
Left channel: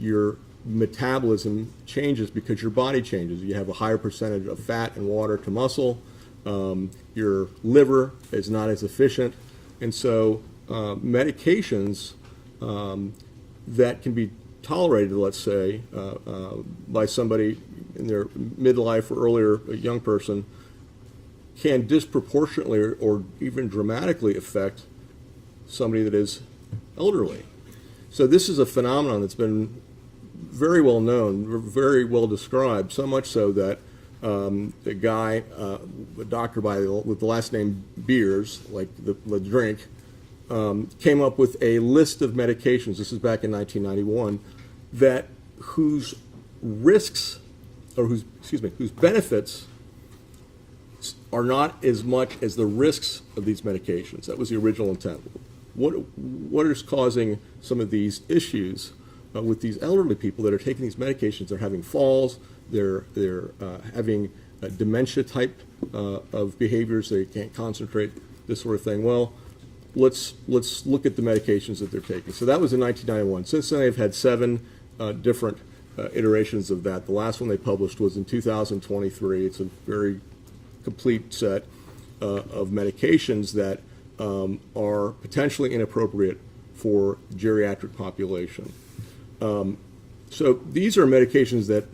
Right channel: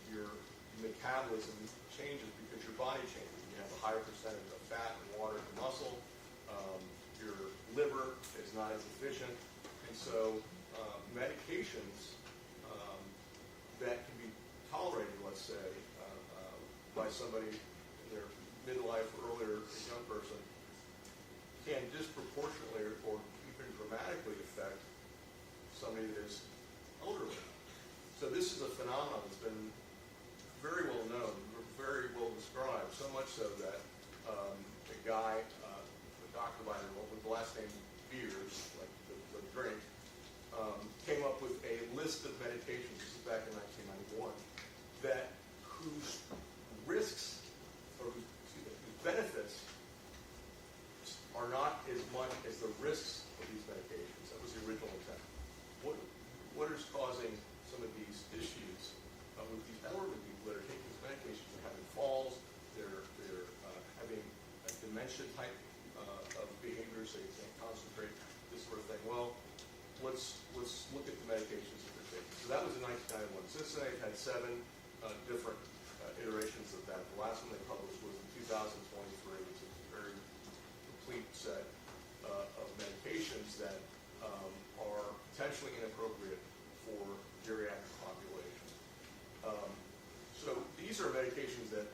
your metabolism changes because your body changes. You have a higher percentage of fat and water to muscle. Your liver is not as efficient. And so medications that can be tolerated, let's say, by somebody in their midlife or earlier, a young person, can disproportionately or even dramatically affect somebody that is elderly. So this is a phenomenon that's been very well known, very well described, so much so that a guy, a doctor with the last name Beers, like the drink, came up with a list of medications, this is back in 1991, whose risks, or whose benefits are not as much as the risks of these medications. That was the original intent. What is causing some of these issues with these elderly people that are taking these medications? They're having falls, they're having dementia type of behaviors, they can't concentrate, this sort of thing. Well, let's look at the medications that they're taking. So that was in 1991. Since then, they've had 7 different iterations of that. The last one they published was in 2023. It's a very complete set of medications that are potentially inappropriate for geriatric population. So these are medications that,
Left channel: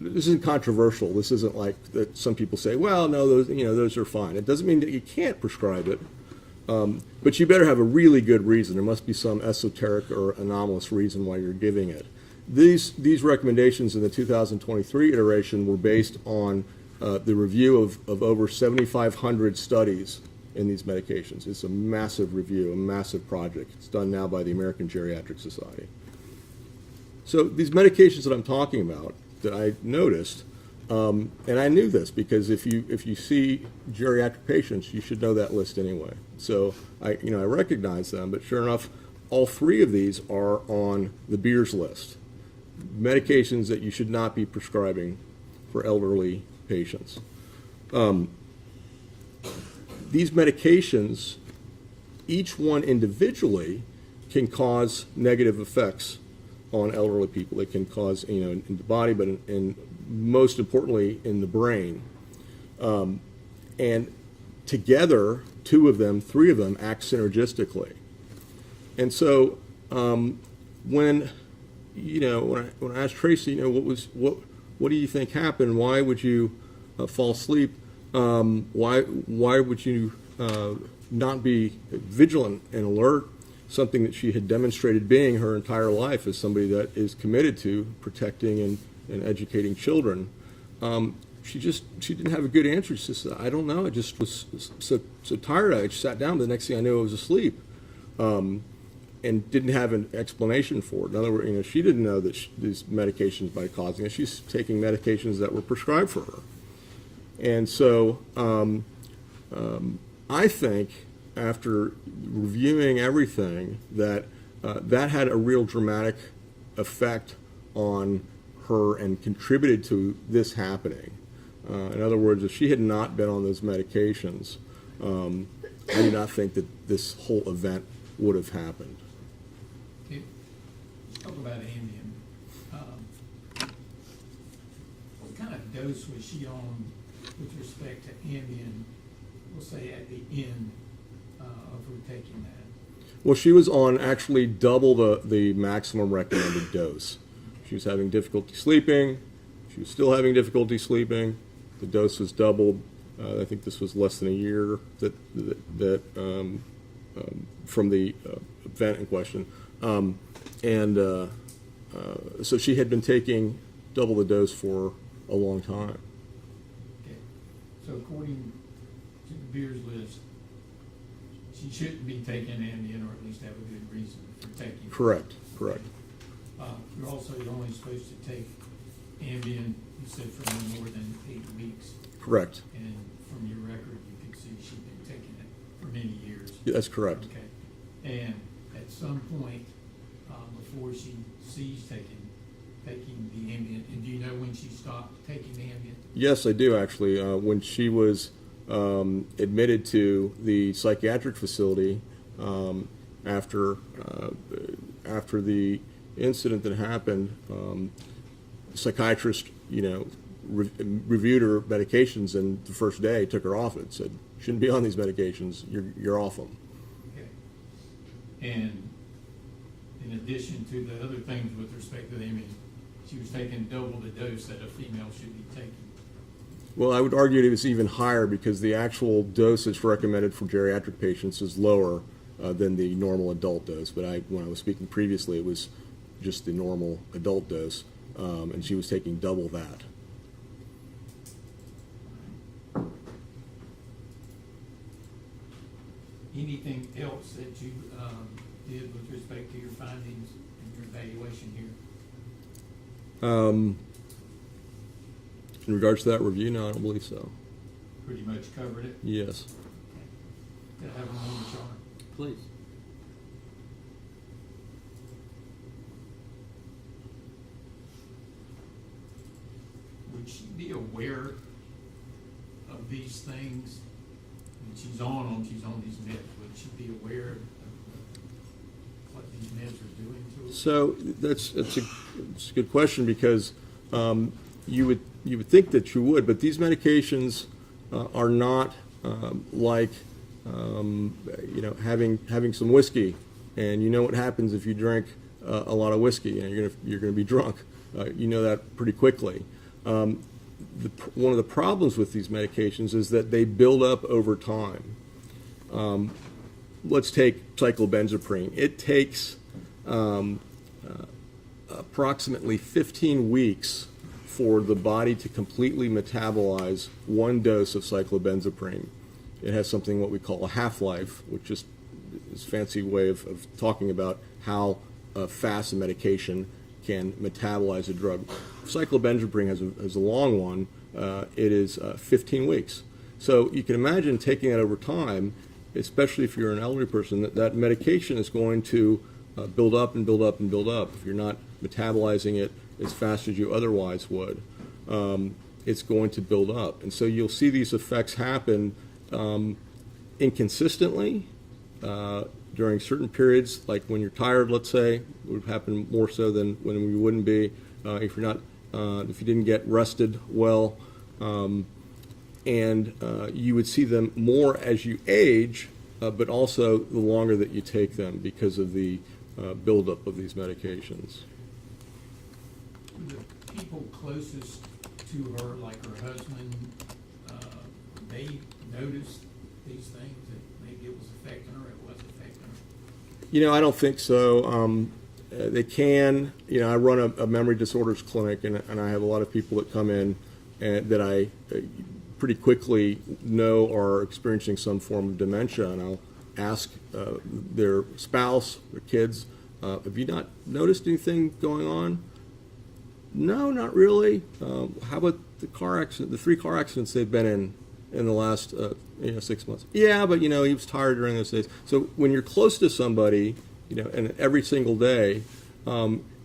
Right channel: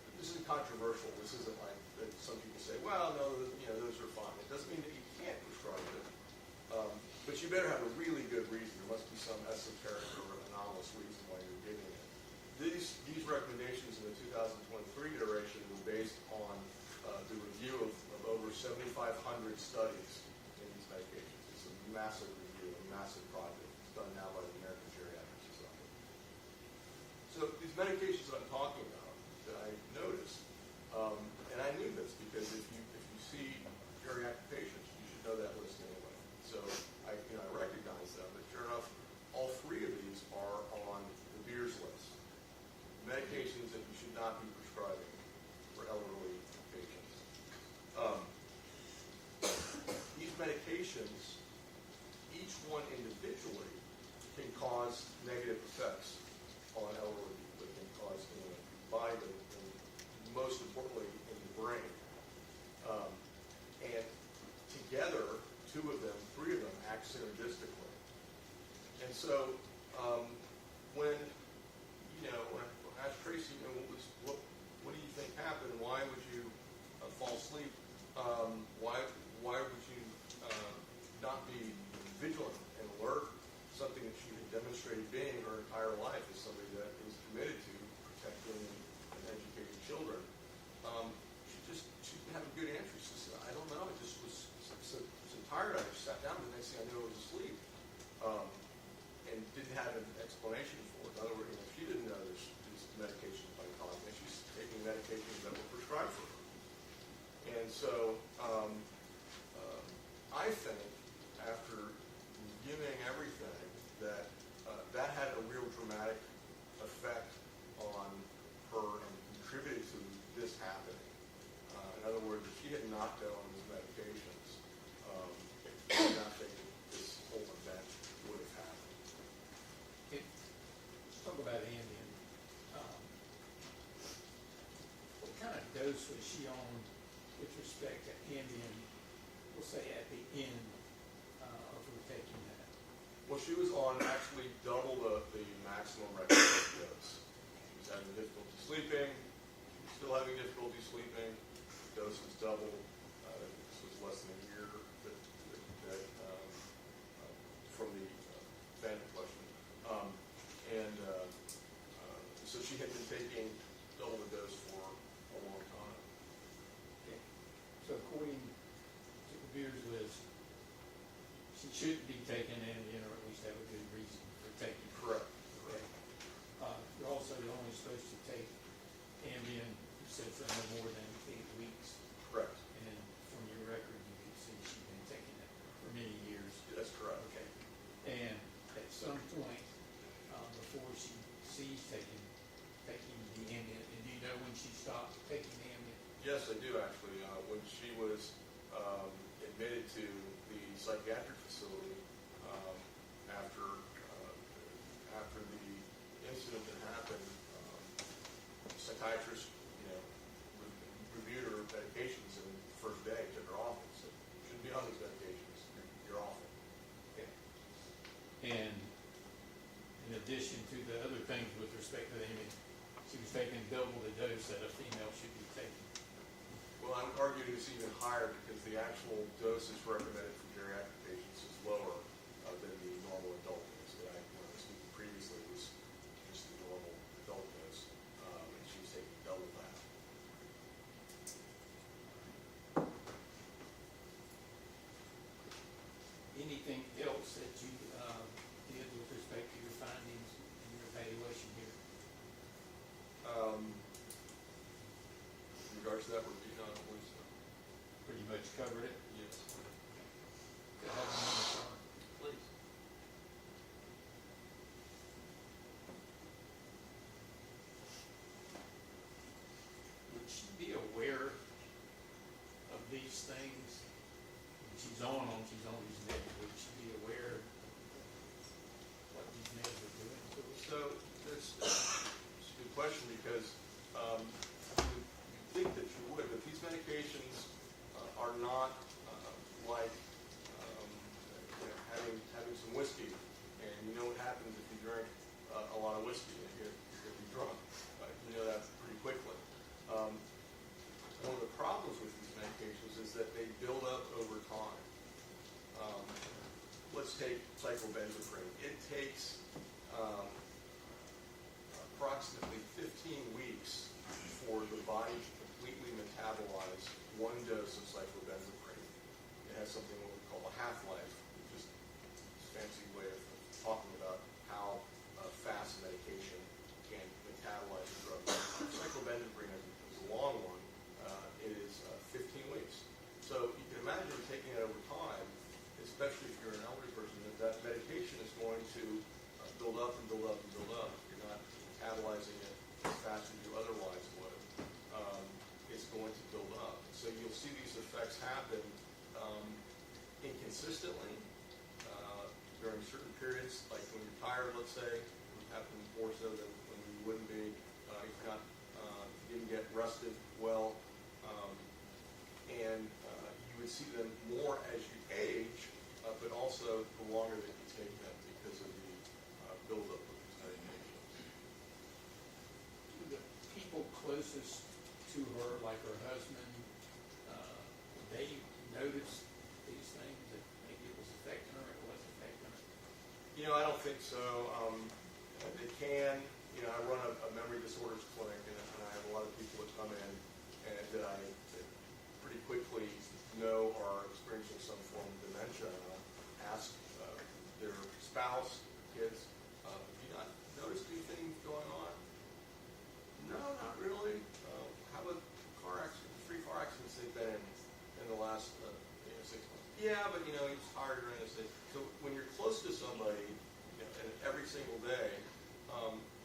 this isn't controversial. This isn't like that some people say, well, no, those are fine. It doesn't mean that you can't prescribe it, but you better have a really good reason. There must be some esoteric or anomalous reason why you're giving it. These recommendations in the 2023 iteration were based on the review of over 7,500 studies in these medications. It's a massive review, a massive project. It's done now by the American Geriatric Society. So these medications that I'm talking about that I noticed, and I knew this because if you see geriatric patients, you should know that list anyway. So I recognize them, but sure enough, all 3 of these are on the Beers list. Medications that you should not be prescribing for elderly patients. These medications, each one individually, can cause negative effects on elderly people. They can cause, in the body, but in most importantly in the brain. And together, 2 of them, 3 of them act synergistically. And so when I asked Tracey, what do you think happened? Why would you fall asleep? Why would you not be vigilant and alert? Something that she had demonstrated being her entire life as somebody that is committed to protecting and educating children. She didn't have a good answer. She said, I don't know. I just was so tired. I just sat down. The next thing I knew, I was asleep. And didn't have an explanation for it. In other words, she didn't know that these medications might be causing it. She's taking medications that were prescribed for her. And so I think after reviewing everything that that had a real dramatic effect on her and contributed to this happening. In other words, if she had not been on those medications, I do not think that this whole event would have happened. Okay. Talk about Ambien. What kind of dose was she on with respect to Ambien, we'll say at the end of her taking that? Well, she was on actually double the maximum recommended dose. She was having difficulty sleeping. She was still having difficulty sleeping. The dose was doubled. I think this was less than a year from the event in question. So she had been taking double the dose for a long time. Okay. So according to Beer's list, she shouldn't be taking Ambien, or at least have a good reason for taking it. Correct. You're also only supposed to take Ambien, you said, for no more than 8 weeks. Correct. And from your record, you can see she's been taking it for many years. That's correct. Okay. And at some point, before she ceased taking the Ambien, and do you know when she stopped taking the Ambien? Yes, I do actually. When she was admitted to the psychiatric facility after the incident that happened, the psychiatrist, reviewed her medications, and the first day took her off it. Said, "Shouldn't be on these medications. You're off them." Okay. And in addition to the other things with respect to the Ambien, she was taking double the dose that a female should be taking. Well, I would argue it was even higher because the actual dosage recommended for geriatric patients is lower than the normal adult dose. But when I was speaking previously, it was just the normal adult dose, and she was taking double that. Anything else that you did with respect to your findings and your evaluation here? In regards to that review, no, I don't believe so. Pretty much covered it. Yes. Could I have one more, Sean? Please. Would she be aware of these things? When she's on these meds, would she be aware of what these meds are doing to her? So it's a good question because you would think that you would, but these medications are not like having some whiskey, and you know what happens if you drink a lot of whiskey. You're going to be drunk. You know that pretty quickly. One of the problems with these medications is that they build up over time. Let's take cyclobenzaprine. It takes approximately 15 weeks for the body to completely metabolize one dose of cyclobenzaprine. It has something what we call a half-life, which is a fancy way of talking about how fast a medication can metabolize a drug. Cyclobenzaprine has a long one. It is 15 weeks. So you can imagine taking that over time, especially if you're an elderly person, that medication is going to build up and build up and build up. If you're not metabolizing it as fast as you otherwise would, it's going to build up. And so you'll see these effects happen inconsistently during certain periods, like when you're tired, let's say, it would happen more so than when we wouldn't be, if you didn't get rested well, and you would see them more as you age, but also the longer that you take them because of the buildup of these medications. The people closest to her, like her husband, they noticed these things, that maybe it was affecting her, it wasn't affecting her? I don't think so. They can. I run a memory disorders clinic, and I have a lot of people that come in and that I pretty quickly know are experiencing some form of dementia, and I'll ask their spouse, their kids, have you not noticed anything going on? No, not really. How about the car accident, the 3 car accidents they've been in the last 6 months? Yeah, but he was tired during those days. So when you're close to somebody, and every single day,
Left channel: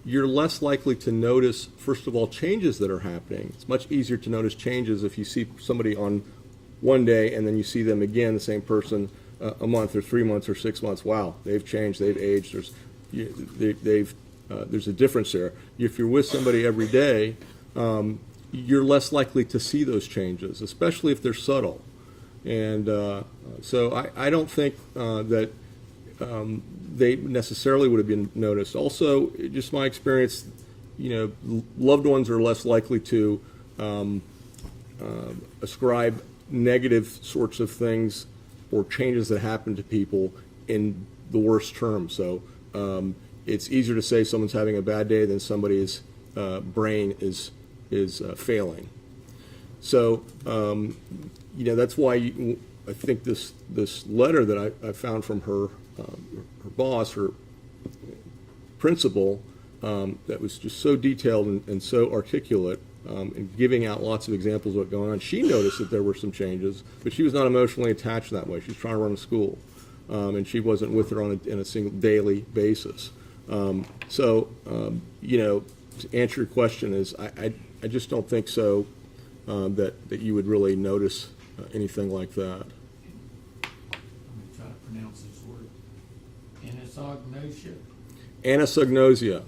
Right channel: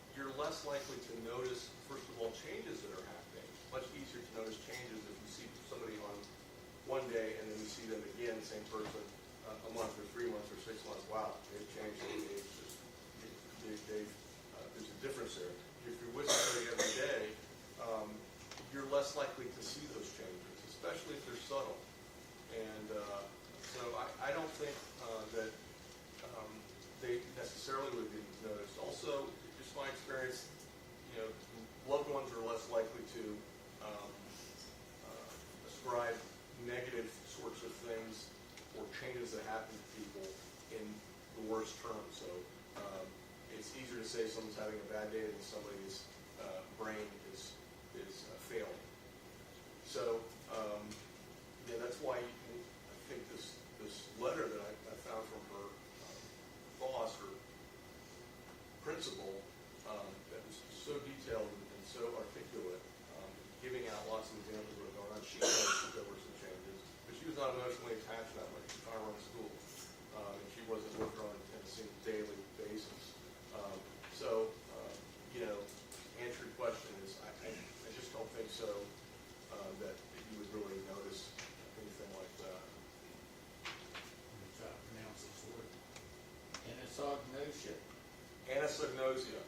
you're less likely to notice, first of all, changes that are happening. It's much easier to notice changes if you see somebody on one day and then you see them again, the same person, a month or 3 months or 6 months. Wow, they've changed, they've aged. There's a difference there. If you're with somebody every day, you're less likely to see those changes, especially if they're subtle. And so I don't think that they necessarily would have been noticed. Also, just my experience, loved ones are less likely to ascribe negative sorts of things or changes that happen to people in the worst terms. So it's easier to say someone's having a bad day than somebody's brain is failing. So that's why I think this letter that I found from her boss, her principal, that was just so detailed and so articulate, and giving out lots of examples of what's going on. She noticed that there were some changes, but she was not emotionally attached that way. She was trying to run a school, and she wasn't with her on a single daily basis. To answer your question is, I just don't think so that you would really notice anything like that. I'm gonna try to pronounce this word. Anosognosia. Anosognosia.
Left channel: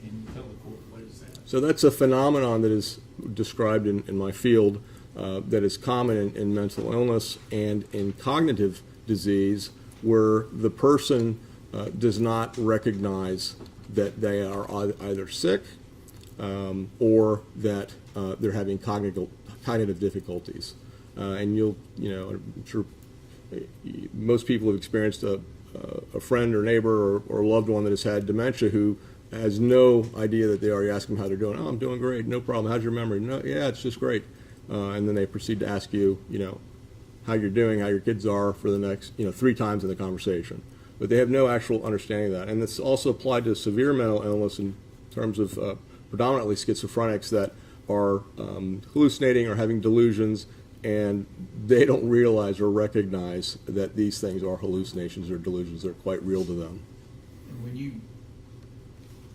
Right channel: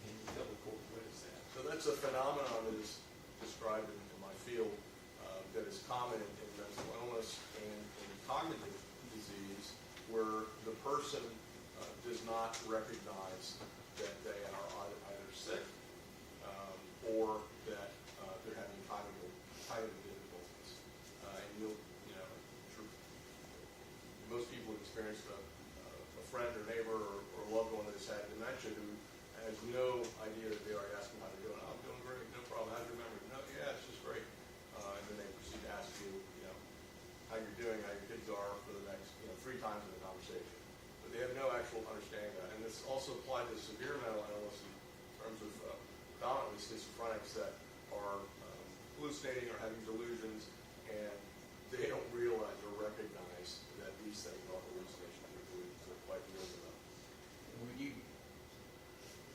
Can you tell the court what is that? So that's a phenomenon that is described in my field that is common in mental illness and in cognitive disease, where the person does not recognize that they are either sick or that they're having cognitive difficulties. And I'm sure most people have experienced a friend or neighbor or loved one that has had dementia who has no idea that they already ask them how they're doing. Oh, I'm doing great, no problem. How's your memory? No, yeah, it's just great. And then they proceed to ask you, how you're doing, how your kids are for the next, 3 times in the conversation. But they have no actual understanding of that. And it's also applied to severe mental illness in terms of predominantly schizophrenics that are hallucinating or having delusions, and they don't realize or recognize that these things are hallucinations or delusions. They're quite real to them. And when you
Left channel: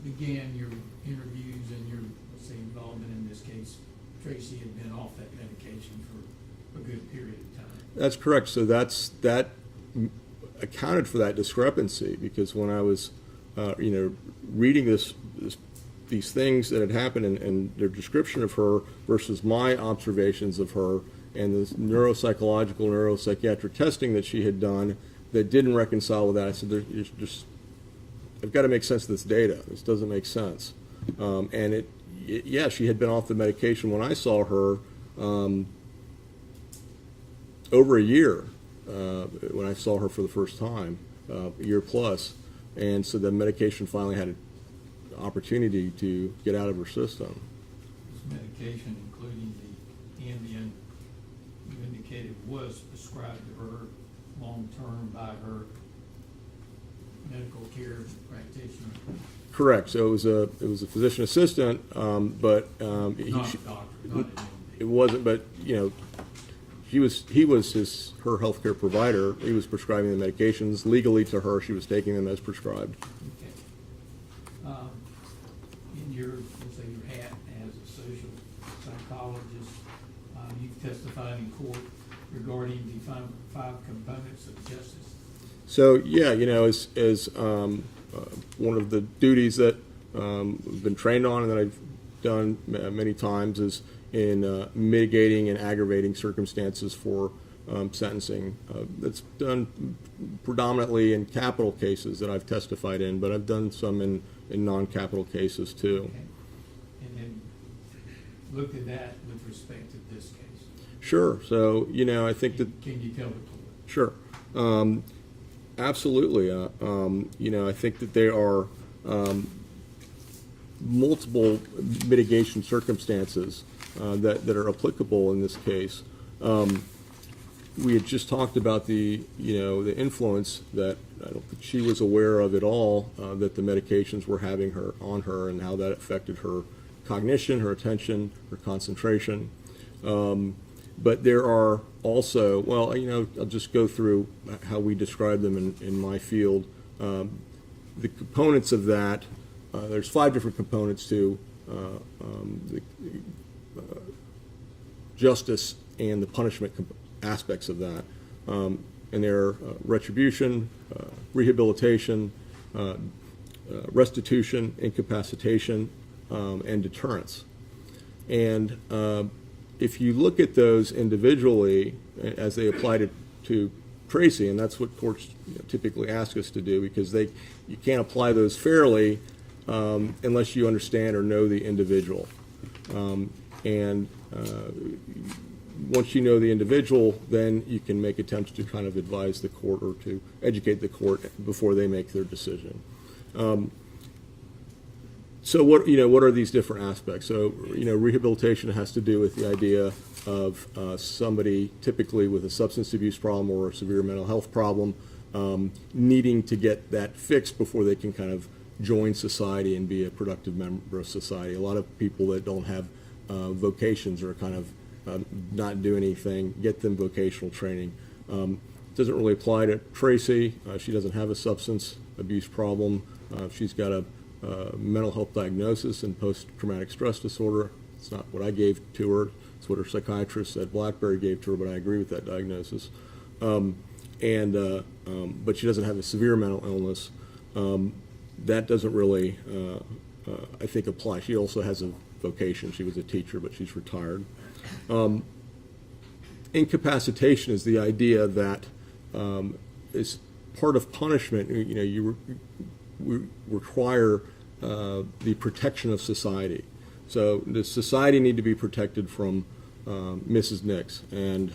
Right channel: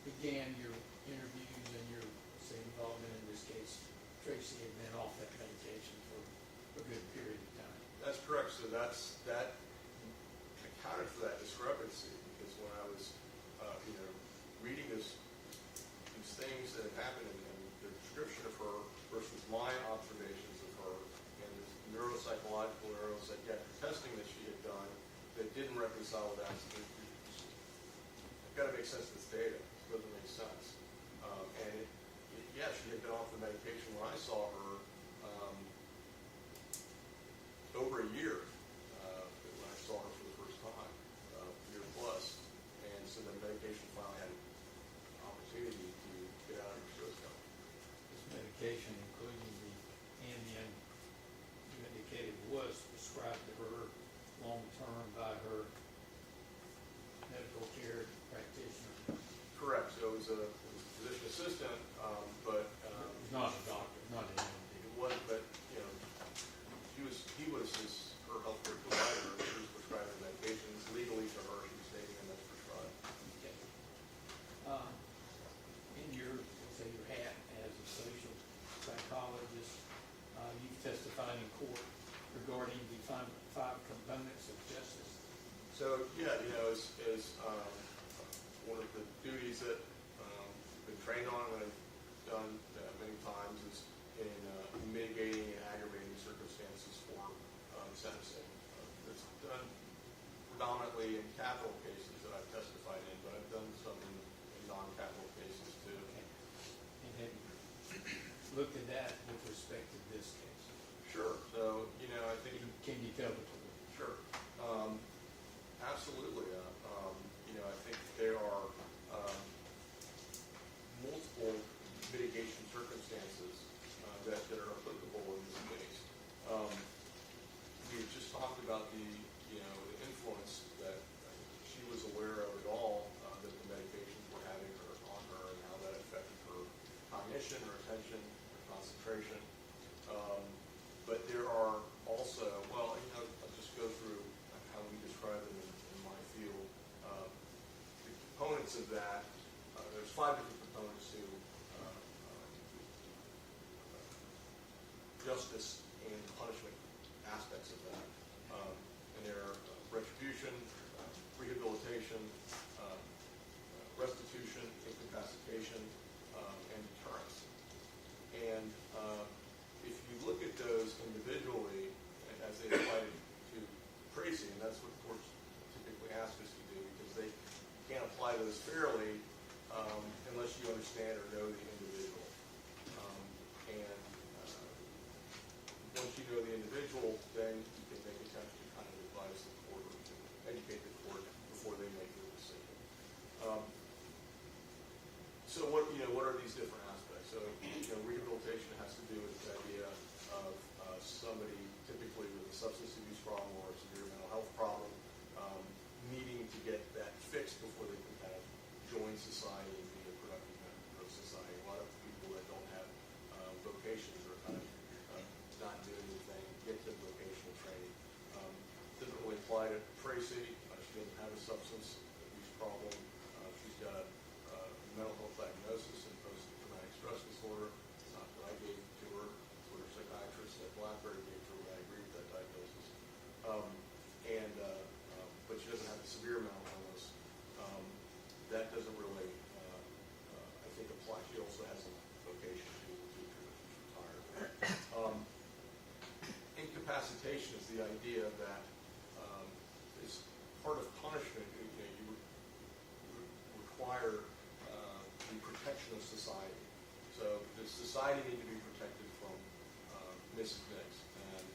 began your interviews and your, let's say, involvement in this case, Tracey had been off that medication for a good period of time. That's correct. So that accounted for that discrepancy, because when I was, reading these things that had happened and their description of her versus my observations of her and this neuropsychological, neuropsychiatric testing that she had done that didn't reconcile with that, I said, I've got to make sense of this data. This doesn't make sense. And she had been off the medication when I saw her over a year, when I saw her for the first time, a year plus. And so the medication finally had an opportunity to get out of her system. This medication, including the Ambien, you indicated was prescribed to her long-term by her medical care practitioner. Correct. So it was a physician assistant, but Not a doctor, not an it wasn't. But he was her healthcare provider. He was prescribing the medications legally to her. She was taking them as prescribed. Okay. In your, let's say, your hat as a social psychologist, you've testified in court regarding the five components of justice. So as one of the duties that I've been trained on and that I've done many times is in mitigating and aggravating circumstances for sentencing. That's done predominantly in capital cases that I've testified in, but I've done some in non-capital cases too. Okay. And then looked at that with respect to this case. Sure. So I think that. Can you tell the court? Sure. Absolutely. I think that there are multiple mitigation circumstances that are applicable in this case. We had just talked about the influence that I don't think she was aware of at all, that the medications were having on her and how that affected her cognition, her attention, her concentration. But there are also, I'll just go through how we describe them in my field. The components of that there's 5 different components to the justice and the punishment aspects of that. And they're retribution, rehabilitation, restitution, incapacitation, and deterrence. And if you look at those individually as they apply to Tracey, and that's what courts typically ask us to do, because you can't apply those fairly unless you understand or know the individual. Once you know the individual, then you can make attempts to kind of advise the court or to educate the court before they make their decision. So what are these different aspects? So rehabilitation has to do with the idea of somebody typically with a substance abuse problem or a severe mental health problem needing to get that fixed before they can kind of join society and be a productive member of society. A lot of people that don't have vocations or kind of not do anything, get them vocational training. Doesn't really apply to Tracey. She doesn't have a substance abuse problem. She's got a mental health diagnosis and post-traumatic stress disorder. It's not what I gave to her. It's what her psychiatrist at Blackberry gave to her, but I agree with that diagnosis. But she doesn't have a severe mental illness. That doesn't really, I think, apply. She also has a vocation. She was a teacher, but she's retired. Incapacitation is the idea that is part of punishment. You require the protection of society. So does society need to be protected from Mrs. Nix? And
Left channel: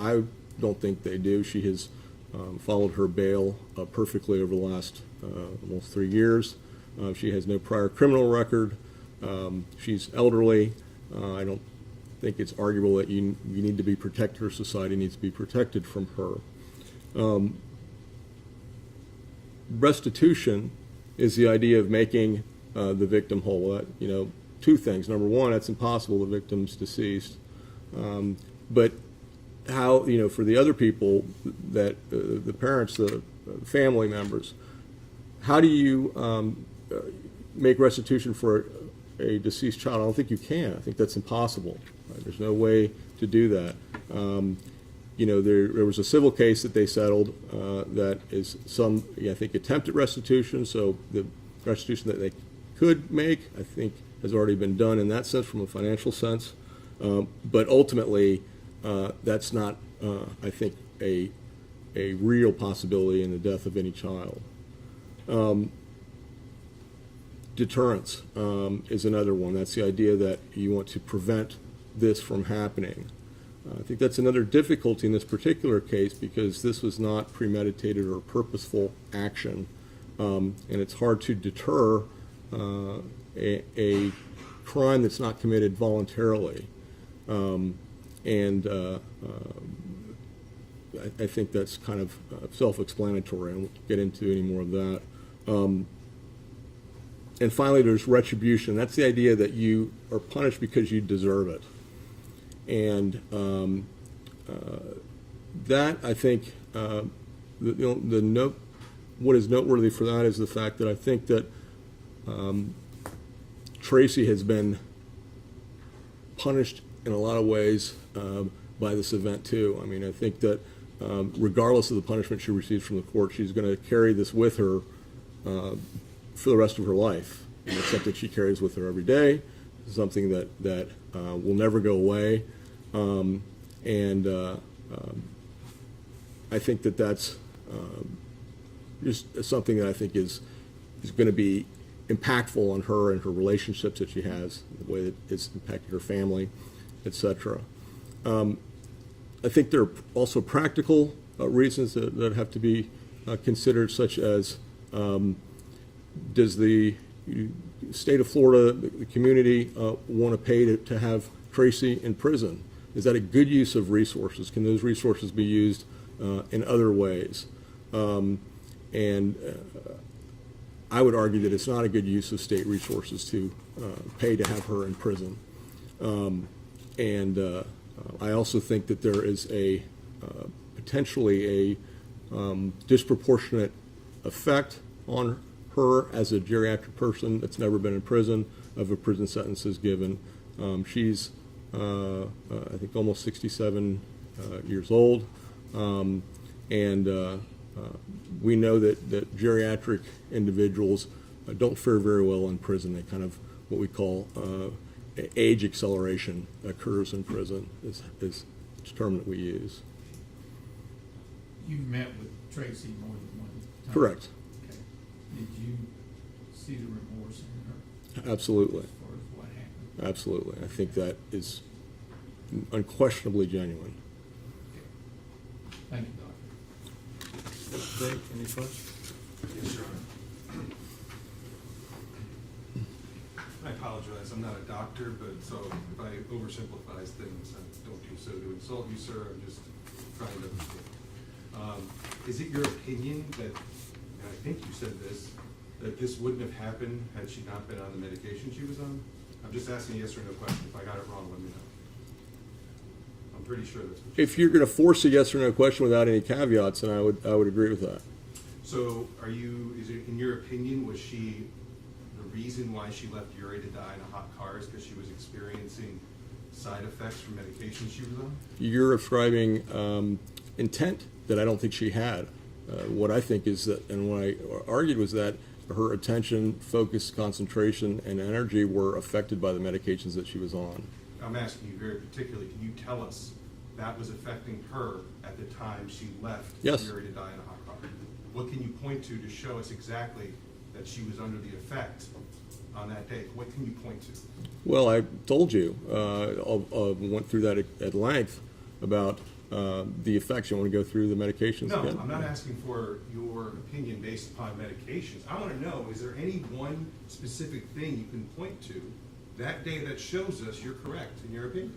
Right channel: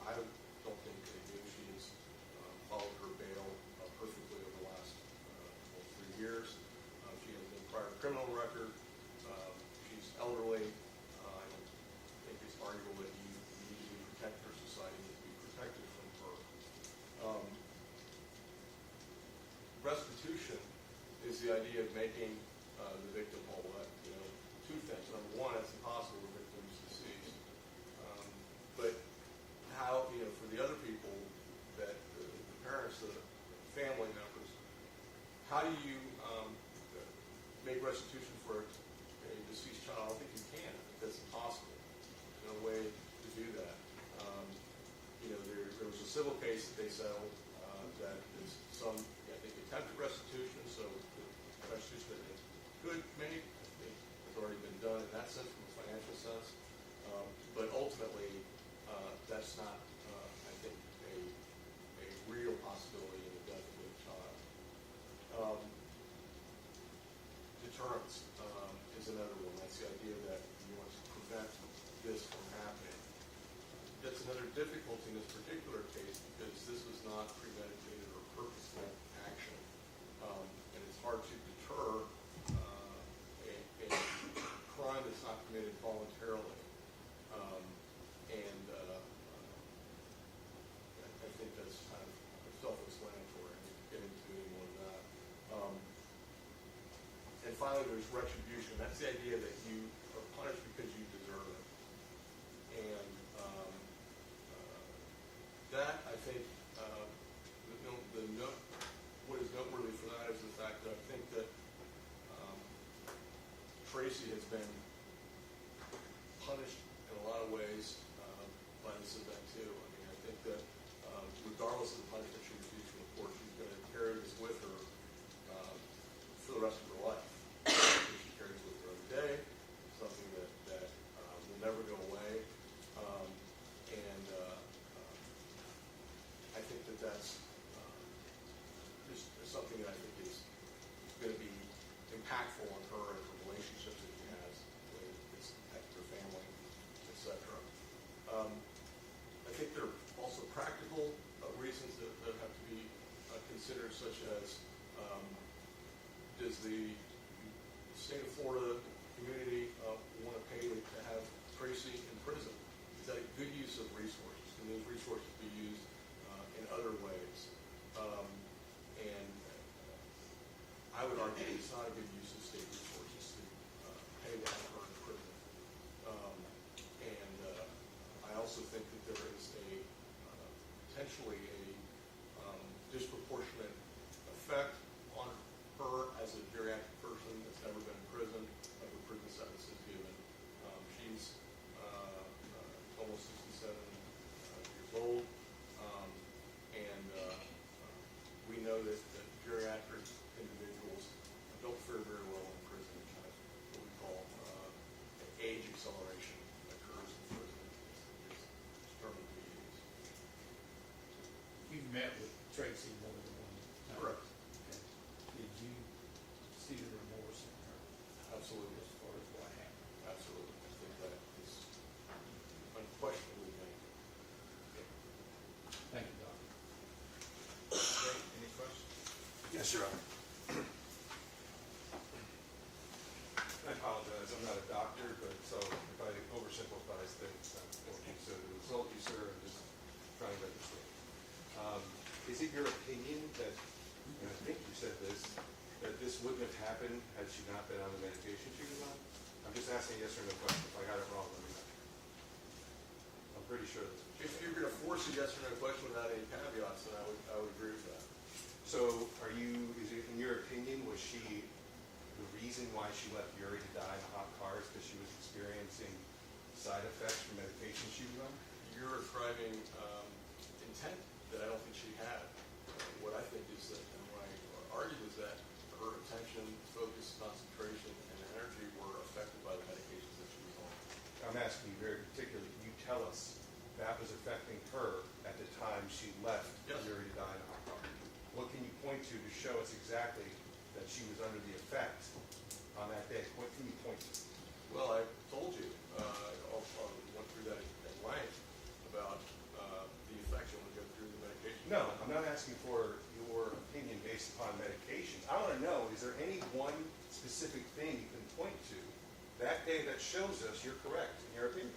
I don't think they do. She has followed her bail perfectly over the last almost 3 years. She has no prior criminal record. She's elderly. I don't think it's arguable that you need to be protected, or society needs to be protected from her. Restitution is the idea of making the victim whole. Two things. Number one, it's impossible. The victim's deceased. But how, for the other people, that the parents, the family members, how do you make restitution for a deceased child? I don't think you can. I think that's impossible. There's no way to do that. There was a civil case that they settled that is I think, attempted restitution. So the restitution that they could make, I think, has already been done in that sense, from a financial sense. But ultimately, that's not, I think, a real possibility in the death of any child. Deterrence is another one. That's the idea that you want to prevent this from happening. I think that's another difficulty in this particular case, because this was not premeditated or purposeful action, and it's hard to deter a crime that's not committed voluntarily. I think that's kind of self-explanatory. I won't get into any more of that. And finally, there's retribution. That's the idea that you are punished because you deserve it. And that, I think, what is noteworthy for that is the fact that I think that Tracey has been punished in a lot of ways by this event too. I mean, I think that regardless of the punishment she receives from the court, she's going to carry this with her for the rest of her life. And it's something she carries with her every day, something that will never go away. I think that that's just something that I think is going to be impactful on her and her relationships that she has, the way that it's impacted her family, etc. I think there are also practical reasons that have to be considered, such as does the state of Florida, the community, want to pay to have Tracey in prison? Is that a good use of resources? Can those resources be used in other ways? I would argue that it's not a good use of state resources to pay to have her in prison. I also think that there is potentially a disproportionate effect on her as a geriatric person that's never been in prison, of a prison sentence is given. She's, I think, almost 67 years old. And we know that geriatric individuals don't fare very well in prison. They kind of, what we call age acceleration occurs in prison, is the term that we use. You met with Tracey more than one time? Correct. Okay. Did you see the remorse in her Absolutely. as far as what happened? Absolutely. I think that is unquestionably genuine. Okay. Thank you, Doctor. Jake, any questions? Yes, Your Honor. I apologize, I'm not a doctor, but so if I oversimplify things, I don't do so to insult you, sir, I'm just trying to understand. Is it your opinion that, and I think you said this, that this wouldn't have happened had she not been on the medication she was on? I'm just asking a yes or no question. If I got it wrong, let me know. I'm pretty sure that's what you If said. you're going to force a yes or no question without any caveats, then I would agree with that. So is it, in your opinion, was she, the reason why she left Uri to die in a hot car is because she was experiencing side effects from medication she was on? You're ascribing intent that I don't think she had. What I think is that, and what I argued was that her attention, focus, concentration, and energy were affected by the medications that she was on. I'm asking you very particularly, can you tell us that was affecting her at the time she left Yes. Uri to die in a hot car? What can you point to show us exactly that she was under the effect on that day? What can you point to? Well, I told you, went through that at length about the effects. You want to go through the medications No, again? I'm not asking for your opinion based upon medications. I want to know, is there any one specific thing you can point to that day that shows us you're correct in your opinion?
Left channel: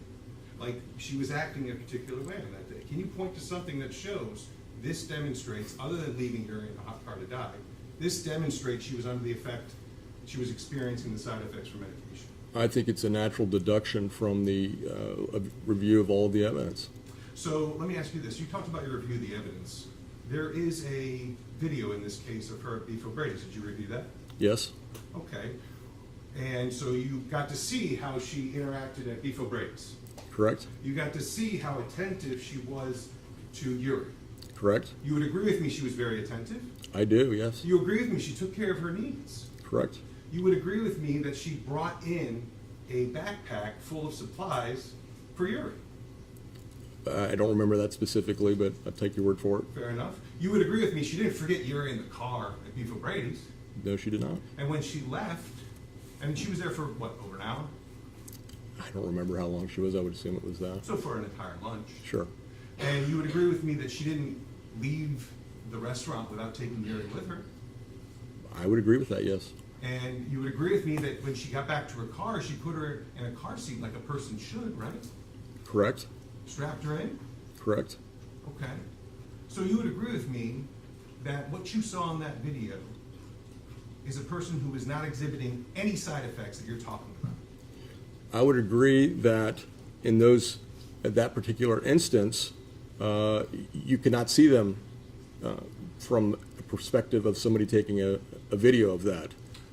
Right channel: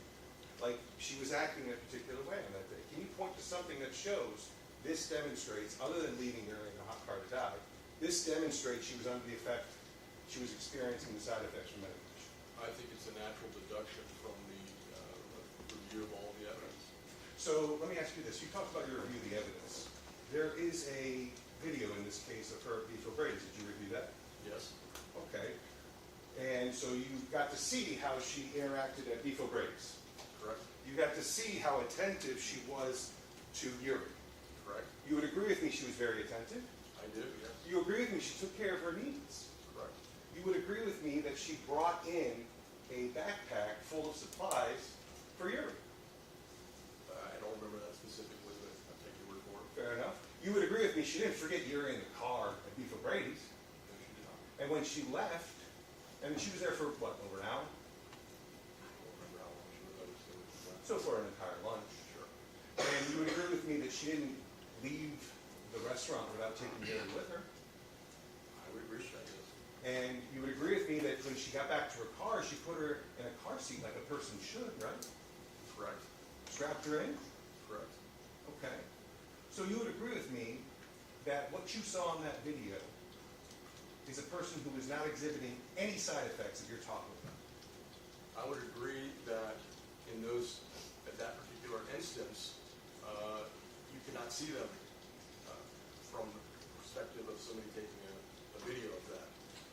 Like, she was acting in a particular way on that day. Can you point to something that shows this demonstrates, other than leaving her in a hot car to die, this demonstrates she was under the effect, she was experiencing the side effects from medication? I think it's a natural deduction from the review of all of the evidence. So let me ask you this. You talked about your review of the evidence. There is a video in this case of her at Beef O'Brady's. Did you review that? Yes? Okay. And so you got to see how she interacted at Beef O'Brady's. Correct? You got to see how attentive she was to Uri. Correct? You would agree with me she was very attentive? I do, yes. You agree with me she took care of her needs? Correct? You would agree with me that she brought in a backpack full of supplies for Uri? I don't remember that specifically, but I'll take your word for it. Fair enough. You would agree with me she didn't forget Uri in the car at Beef O'Brady's. No, she did not. And when she left, and she was there for, what, over an hour? I don't remember how long she was. I would assume it was that. So for an entire lunch. Sure. And you would agree with me that she didn't leave the restaurant without taking Uri with her? I would agree with that, yes. And you would agree with me that when she got back to her car, she put her in a car seat like a person should, right? Correct? Strapped her in? Correct? Okay. So you would agree with me that what you saw in that video is a person who is not exhibiting any side effects that you're talking about? I would agree that in at that particular instance, you cannot see them from a perspective of somebody taking a video of that.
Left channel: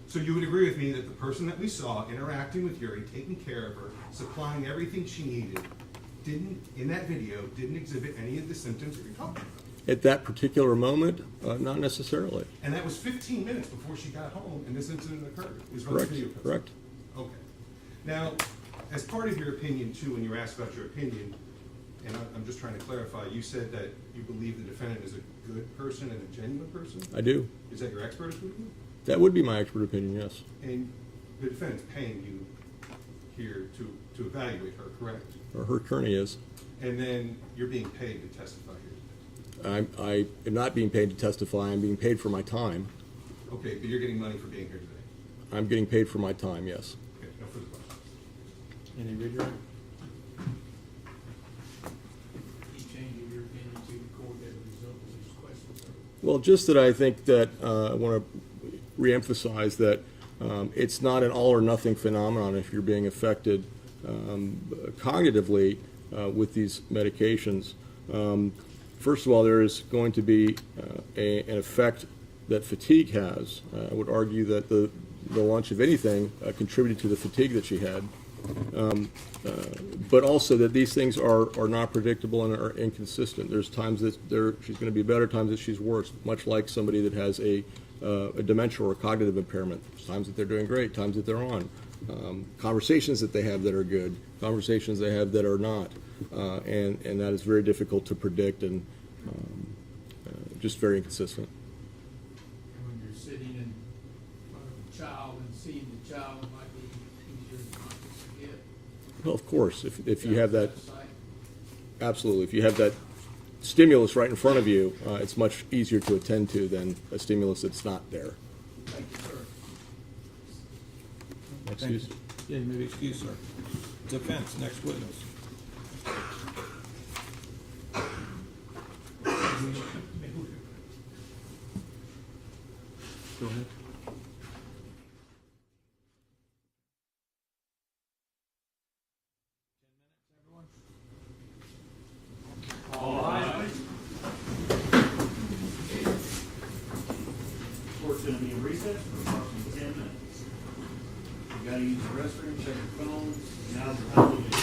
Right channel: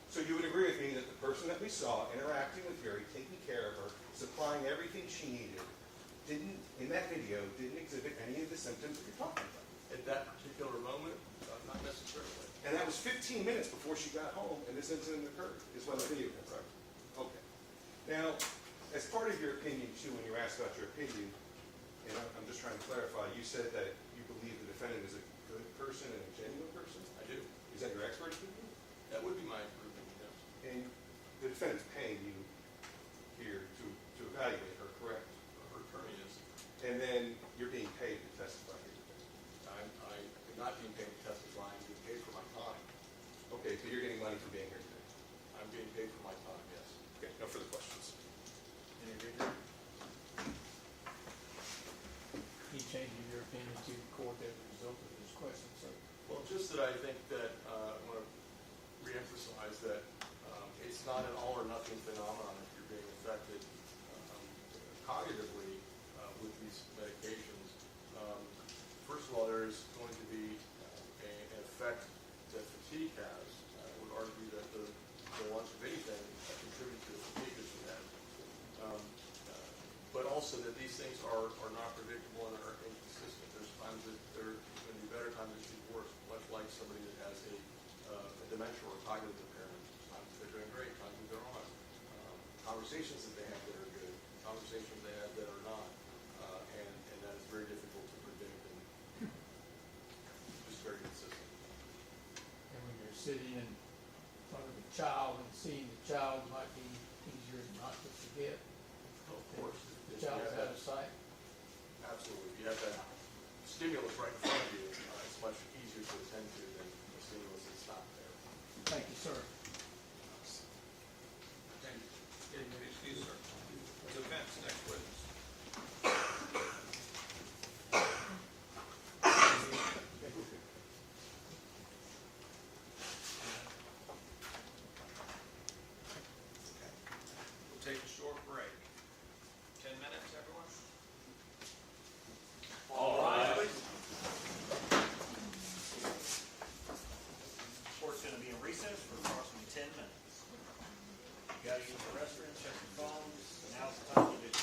So you would agree with me that the person that we saw interacting with Uri, taking care of her, supplying everything she needed, in that video, didn't exhibit any of the symptoms that you're talking about? At that particular moment, not necessarily. And that was 15 minutes before she got home and this incident occurred, is what the Correct? video says. Correct? Okay. Now, as part of your opinion too, when you were asked about your opinion, and I'm just trying to clarify, you said that you believe the defendant is a good person and a genuine person? I do. Is that your expert opinion? That would be my expert opinion, yes. And the defendant's paying you here to evaluate her, correct? Or her attorney is. And then you're being paid to testify here. I am not being paid to testify. I'm being paid for my time. Okay, but you're getting money for being here today. I'm getting paid for my time, yes. Okay, no further questions. Any redirect? You changing your opinion to record that result of this question, sir? Well, just that I think that I want to reemphasize that it's not an all or nothing phenomenon if you're being affected cognitively with these medications. First of all, there is going to be an effect that fatigue has. I would argue that the launch of anything contributed to the fatigue that she had. But also that these things are not predictable and are inconsistent. There's times that she's going to be better, times that she's worse, much like somebody that has a dementia or a cognitive impairment. There's times that they're doing great, times that they're on. Conversations that they have that are good, conversations they have that are not. And that is very difficult to predict and just very inconsistent. And when you're sitting in front of a child and seeing the child, it might be easier not to forget. Well, of course, if you have that, Sight. absolutely, if you have that stimulus right in front of you, it's much easier to attend to than a stimulus that's not there. Thank you, sir. Excuse? Yeah, you may be excused, sir. Defense, next witness. Go ahead. We'll take a short break. 10 minutes, everyone? Court's gonna be in recess for approximately 10 minutes. You gotta use the restroom, check your phones, now's the time to do it.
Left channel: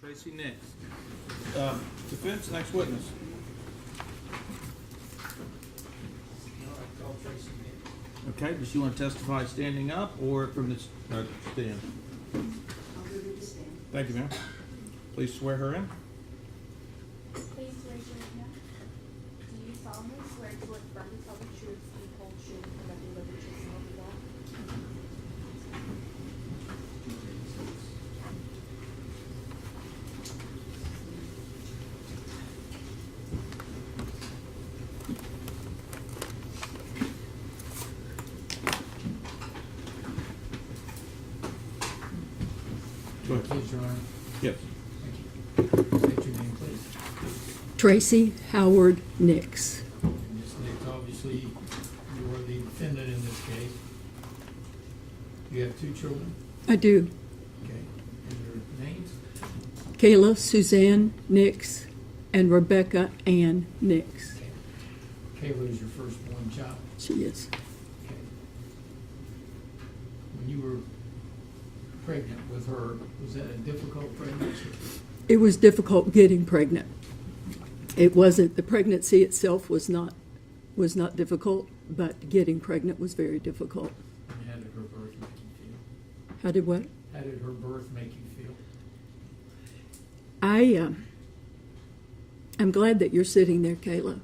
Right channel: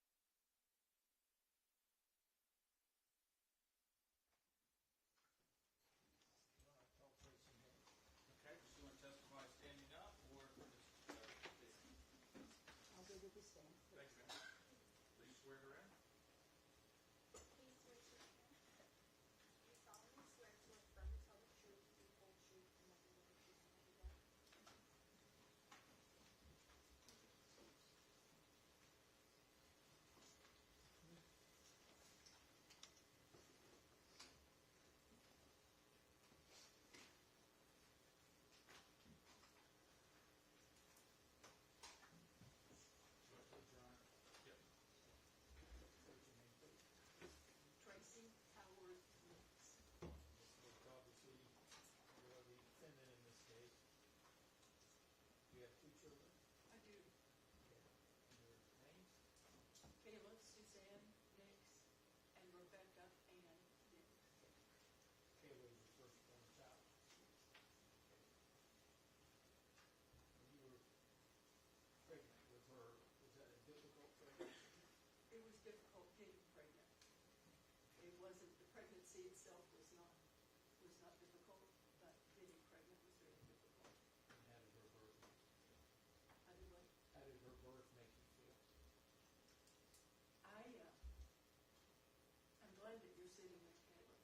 Tracey Nix. Defense, next witness. All right, call Tracey Nix. Okay, does she want to testify standing up or from the stand? Thank you, ma'am. Please swear her in. Please raise your right hand. Do you solemnly swear to affirm to tell the truth, the whole truth, and nothing but the truth, so help you God? Go ahead. Please, Your Honor. Yes. Thank you. State your name, please. Tracy Howard Nix. And Ms. Nix, obviously, you are the defendant in this case. You have two children, I do. okay, and their names? Kayla Suzanne Nix and Rebecca Ann Nix. Okay. Kayla is your firstborn child, She is. okay. When you were pregnant with her, was that a difficult pregnancy? It was difficult getting pregnant. It wasn't, the pregnancy itself was not difficult, but getting pregnant was very difficult. And how did her birth make you feel? How did what? How did her birth make you feel? I'm glad that you're sitting there, Kayla,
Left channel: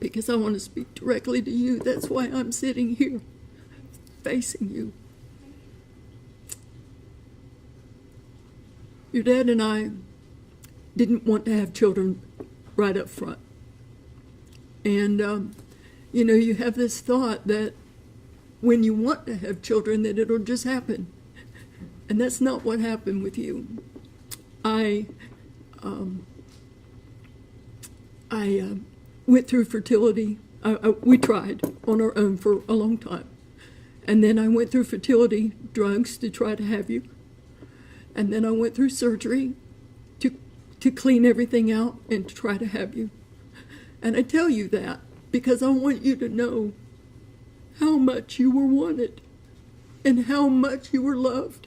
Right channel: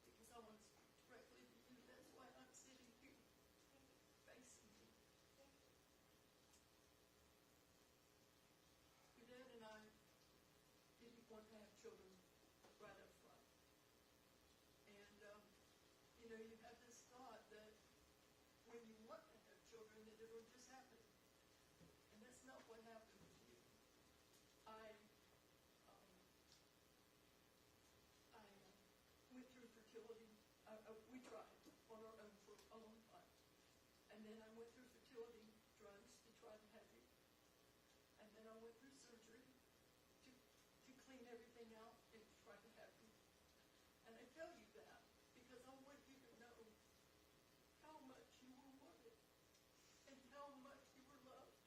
because I want to speak directly to you. That's why I'm sitting here facing you. Your dad and I didn't want to have children right up front. And, you have this thought that when you want to have children, that it'll just happen. And that's not what happened with you. I went through fertility. We tried on our own for a long time. And then I went through fertility drugs to try to have you. And then I went through surgery to clean everything out and to try to have you. And I tell you that because I want you to know how much you were wanted and how much you were loved.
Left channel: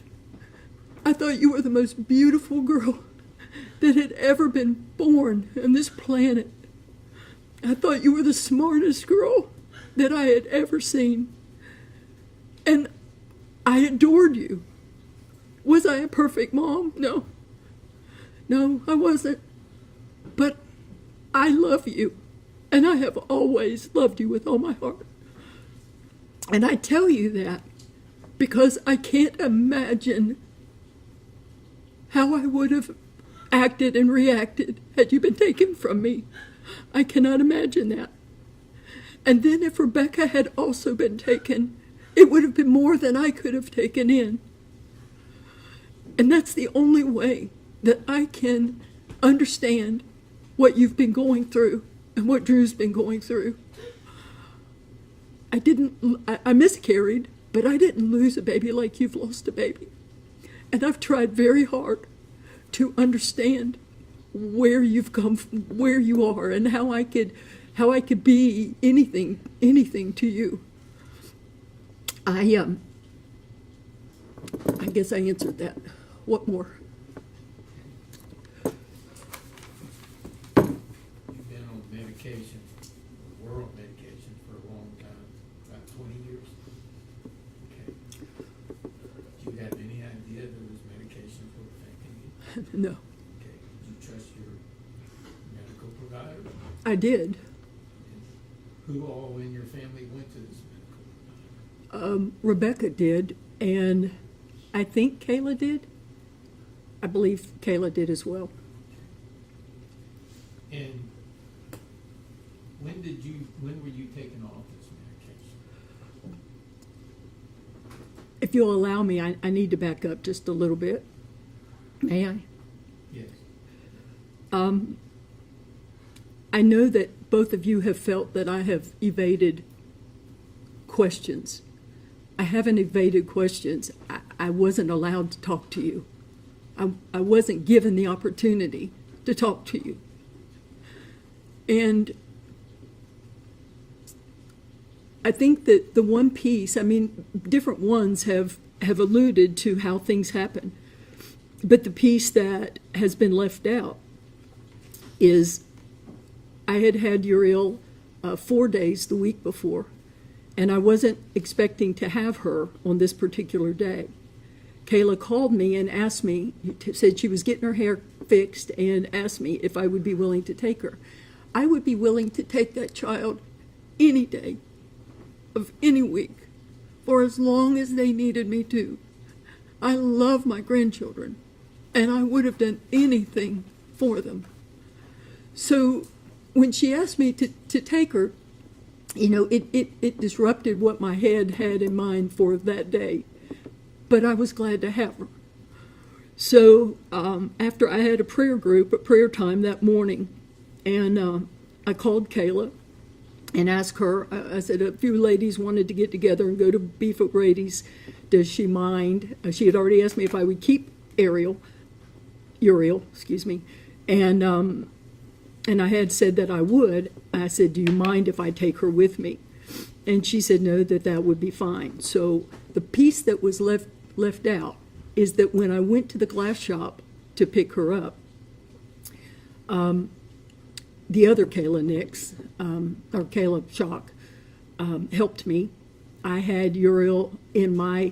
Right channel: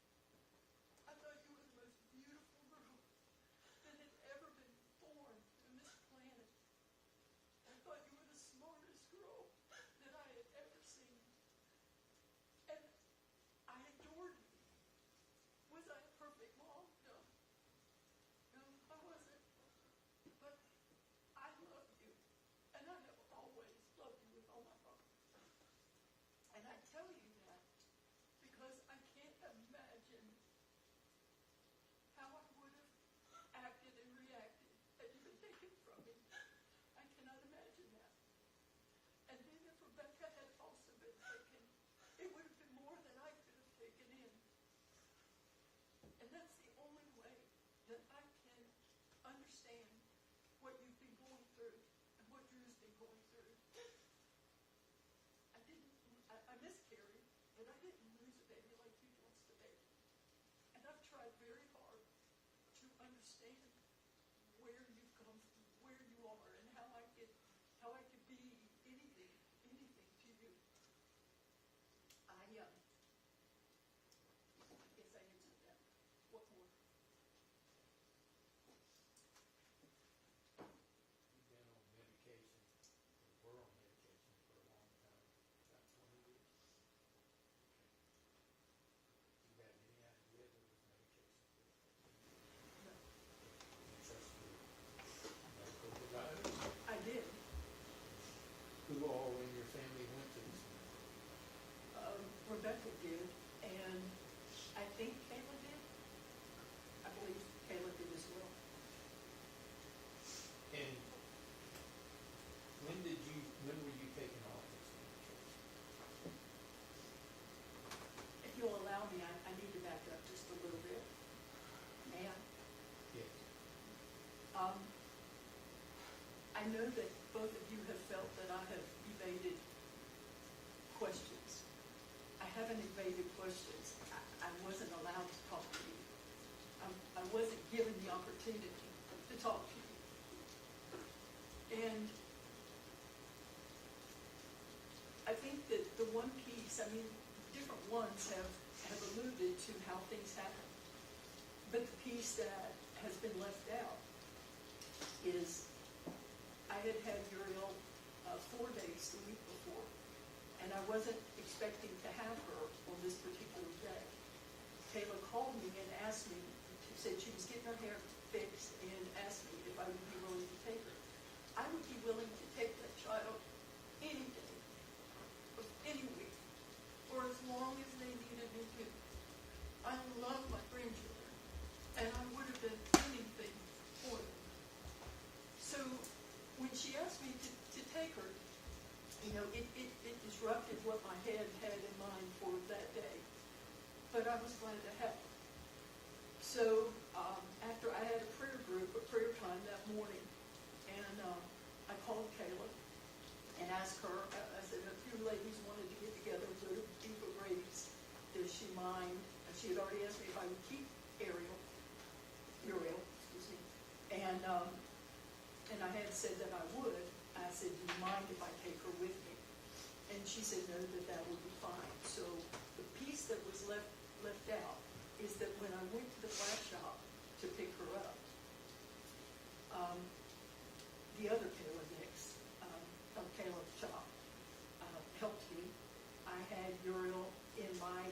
I thought you were the most beautiful girl that had ever been born on this planet. I thought you were the smartest girl that I had ever seen. And I adored you. Was I a perfect mom? No. No, I wasn't. But I love you. And I have always loved you with all my heart. And I tell you that because I can't imagine how I would have acted and reacted had you been taken from me. I cannot imagine that. And then if Rebecca had also been taken, it would have been more than I could have taken in. And that's the only way that I can understand what you've been going through and what Drew's been going through. I miscarried, but I didn't lose a baby like you've lost a baby. And I've tried very hard to understand where you've come from, where you are, and how I could be anything to you. I guess I answered that. What more? You've been on medication, were on medication for a long time, about 20 years. Okay. Do you have any idea that those medications were affecting you? No, Okay. Did you trust your medical provider? I did. Who all in your family went to this medical? Rebecca did, and I think Kayla did. I believe Kayla did as well. And when were you taken off this medication? If you'll allow me, I need to back up just a little bit. May I? Yes. I know that both of you have felt that I have evaded questions. I haven't evaded questions. I wasn't allowed to talk to you. I wasn't given the opportunity to talk to you. And I think that the one piece, different ones have alluded to how things happen. But the piece that has been left out is I had had Uriel 4 days the week before, and I wasn't expecting to have her on this particular day. Kayla called me and asked me, said she was getting her hair fixed, and asked me if I would be willing to take her. I would be willing to take that child any day of any week for as long as they needed me to. I love my grandchildren, and I would have done anything for them. So when she asked me to take her, you know, it disrupted what my head had in mind for that day. But I was glad to have her. So after I had a prayer time that morning, and I called Kayla and asked her, I said a few ladies wanted to get together and go to Beef O'Brady's. Does she mind? She had already asked me if I would keep Uriel, excuse me, and I had said that I would. I said, do you mind if I take her with me? And she said no, that would be fine. So the piece that was left out is that when I went to the glass shop to pick her up, the other Kayla Nix, or Kayla Shock, helped me. I had Uriel in my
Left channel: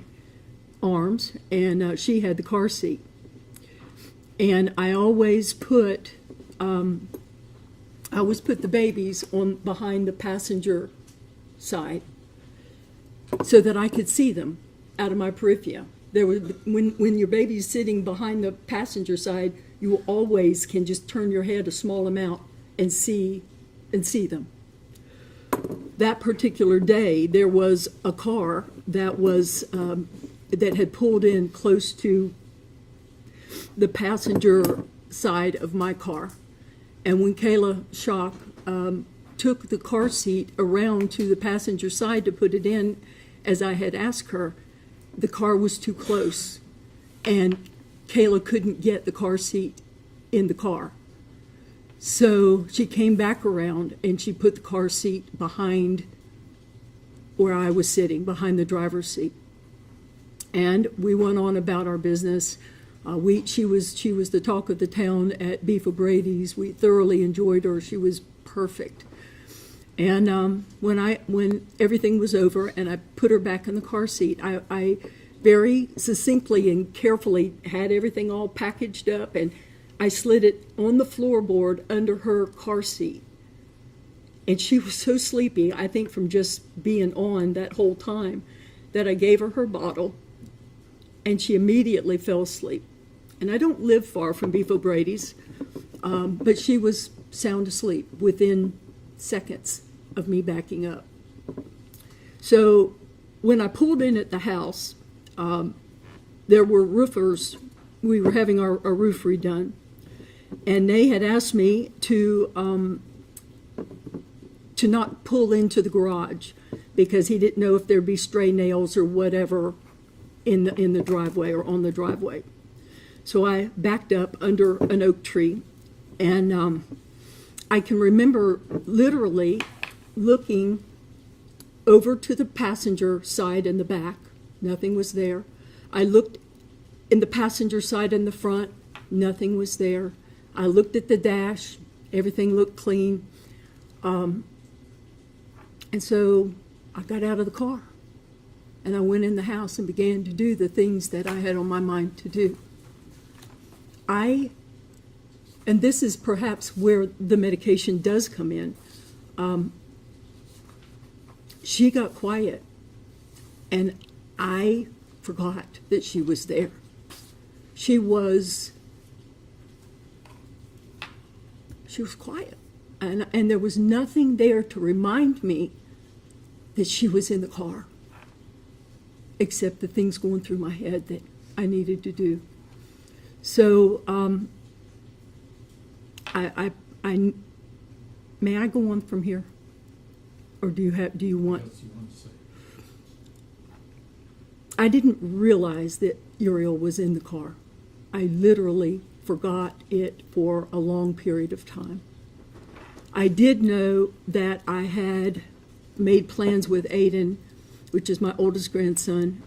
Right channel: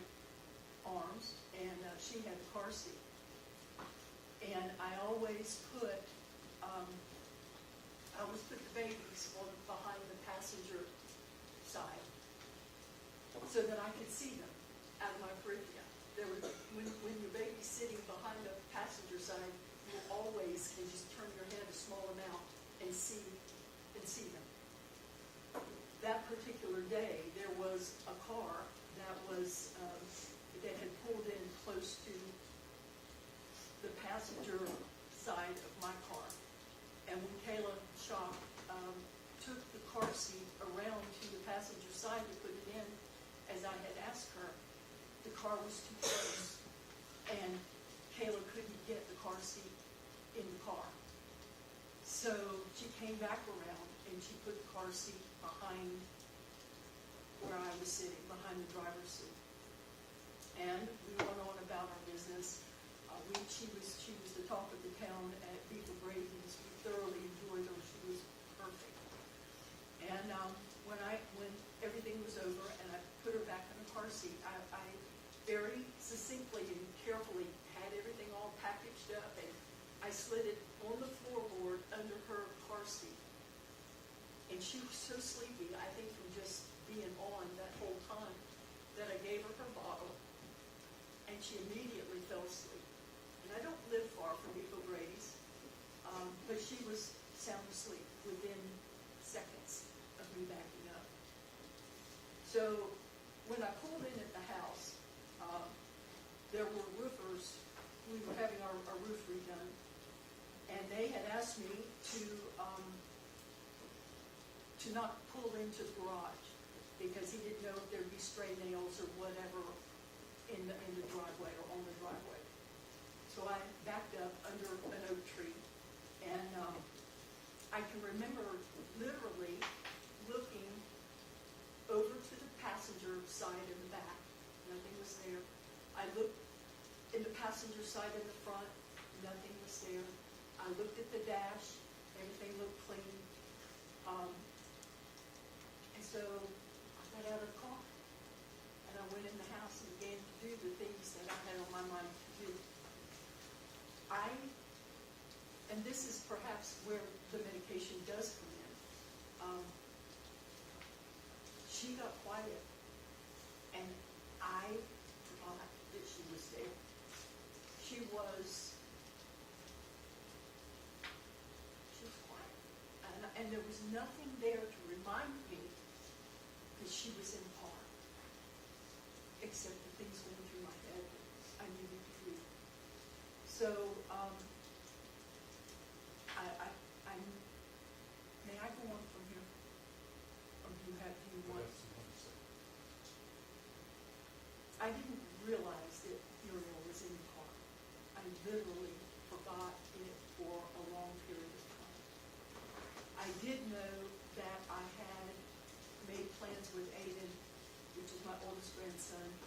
arms, and she had the car seat. And I always put the babies on behind the passenger side so that I could see them out of my periphery. When your baby's sitting behind the passenger side, you always can just turn your head a small amount and see them. That particular day, there was a car that was that had pulled in close to the passenger side of my car, and when Kayla Shock took the car seat around to the passenger side to put it in, as I had asked her, the car was too close, and Kayla couldn't get the car seat in the car. So she came back around and she put the car seat behind where I was sitting, behind the driver's seat. And we went on about our business. She was the talk of the town at Beef O'Brady's. We thoroughly enjoyed her. She was perfect. And when everything was over and I put her back in the car seat, I very succinctly and carefully had everything all packaged up, and I slid it on the floorboard under her car seat. And she was so sleepy, I think from just being on that whole time, that I gave her her bottle, and she immediately fell asleep. And I don't live far from Beef O'Brady's, but she was sound asleep within seconds of me backing up. So when I pulled in at the house, there were roofers. We were having our roof redone, and they had asked me to not pull into the garage because he didn't know if there'd be stray nails or whatever in the driveway or on the driveway. So I backed up under an oak tree, and I can remember literally looking over to the passenger side and the back. Nothing was there. I looked in the passenger side and the front. Nothing was there. I looked at the dash. Everything looked clean. And so I got out of the car, and I went in the house and began to do the things that I had on my mind to do. And this is perhaps where the medication does come in. She got quiet, and I forgot that she was there. She was quiet, and there was nothing there to remind me that she was in the car, except the things going through my head that I needed to do. So may I go on from here, or do you want? I didn't realize that Uriel was in the car. I literally forgot it for a long period of time. I did know that I had made plans with Aiden, which is my oldest grandson,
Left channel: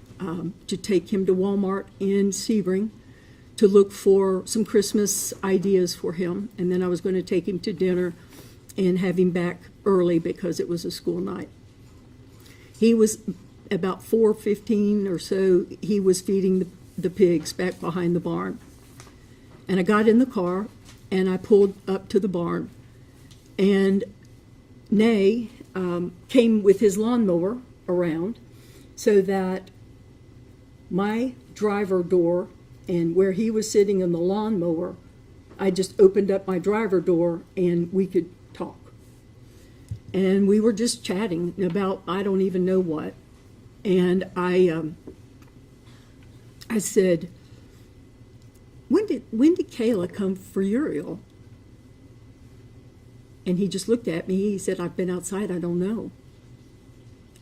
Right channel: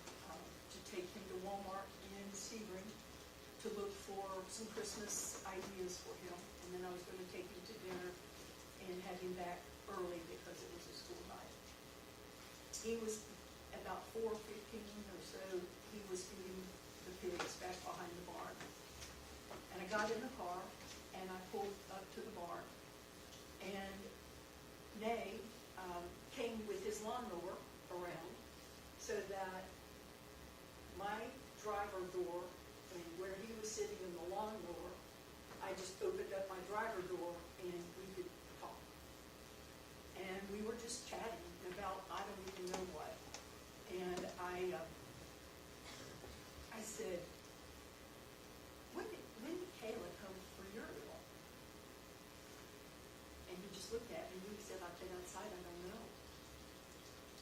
to take him to Walmart in Sebring to look for some Christmas ideas for him, and then I was going to take him to dinner and have him back early because it was a school night. He was about 4:15 or so. He was feeding the pigs back behind the barn. And I got in the car, and I pulled up to the barn, and Nay came with his lawnmower around so that my driver door and where he was sitting in the lawnmower, I just opened up my driver door and we could talk. And we were just chatting about I don't even know what. And I said, when did Kayla come for Uriel? And he just looked at me. He said, I've been outside. I don't know.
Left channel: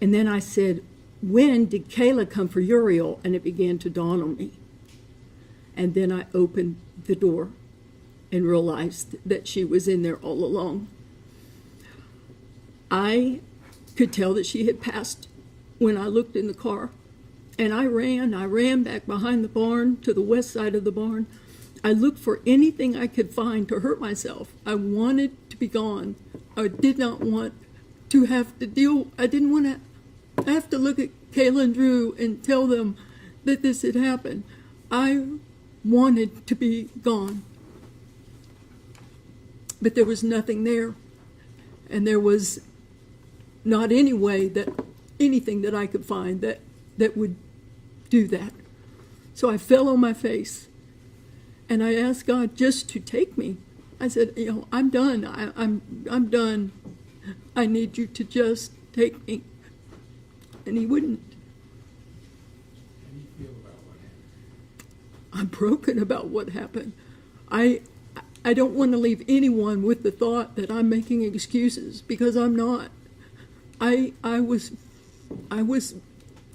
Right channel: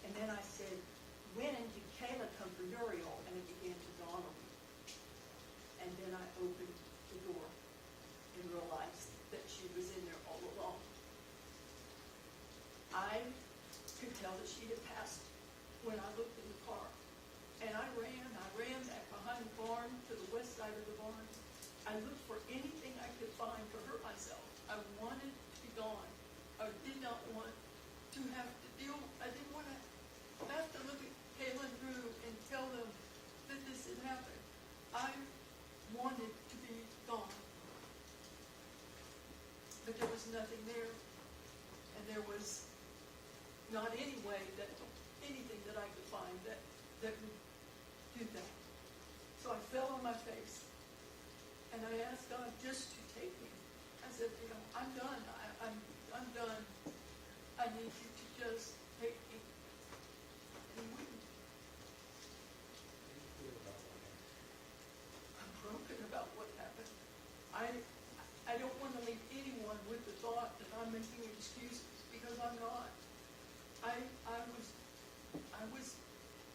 And then I said, when did Kayla come for Uriel? And it began to dawn on me. And then I opened the door and realized that she was in there all along. I could tell that she had passed when I looked in the car. And I ran back behind the barn to the west side of the barn. I looked for anything I could find to hurt myself. I wanted to be gone. I did not want to have to deal, I didn't want to have to look at Kayla and Drew and tell them that this had happened. I wanted to be gone. But there was nothing there. And there was not any way that anything that I could find that would do that. So I fell on my face and I asked God just to take me. I said, I'm done. I'm done. I need you to just take me. And he wouldn't. How do you feel about what happened? I'm broken about what happened. I don't want to leave anyone with the thought that I'm making excuses, because I'm not. I was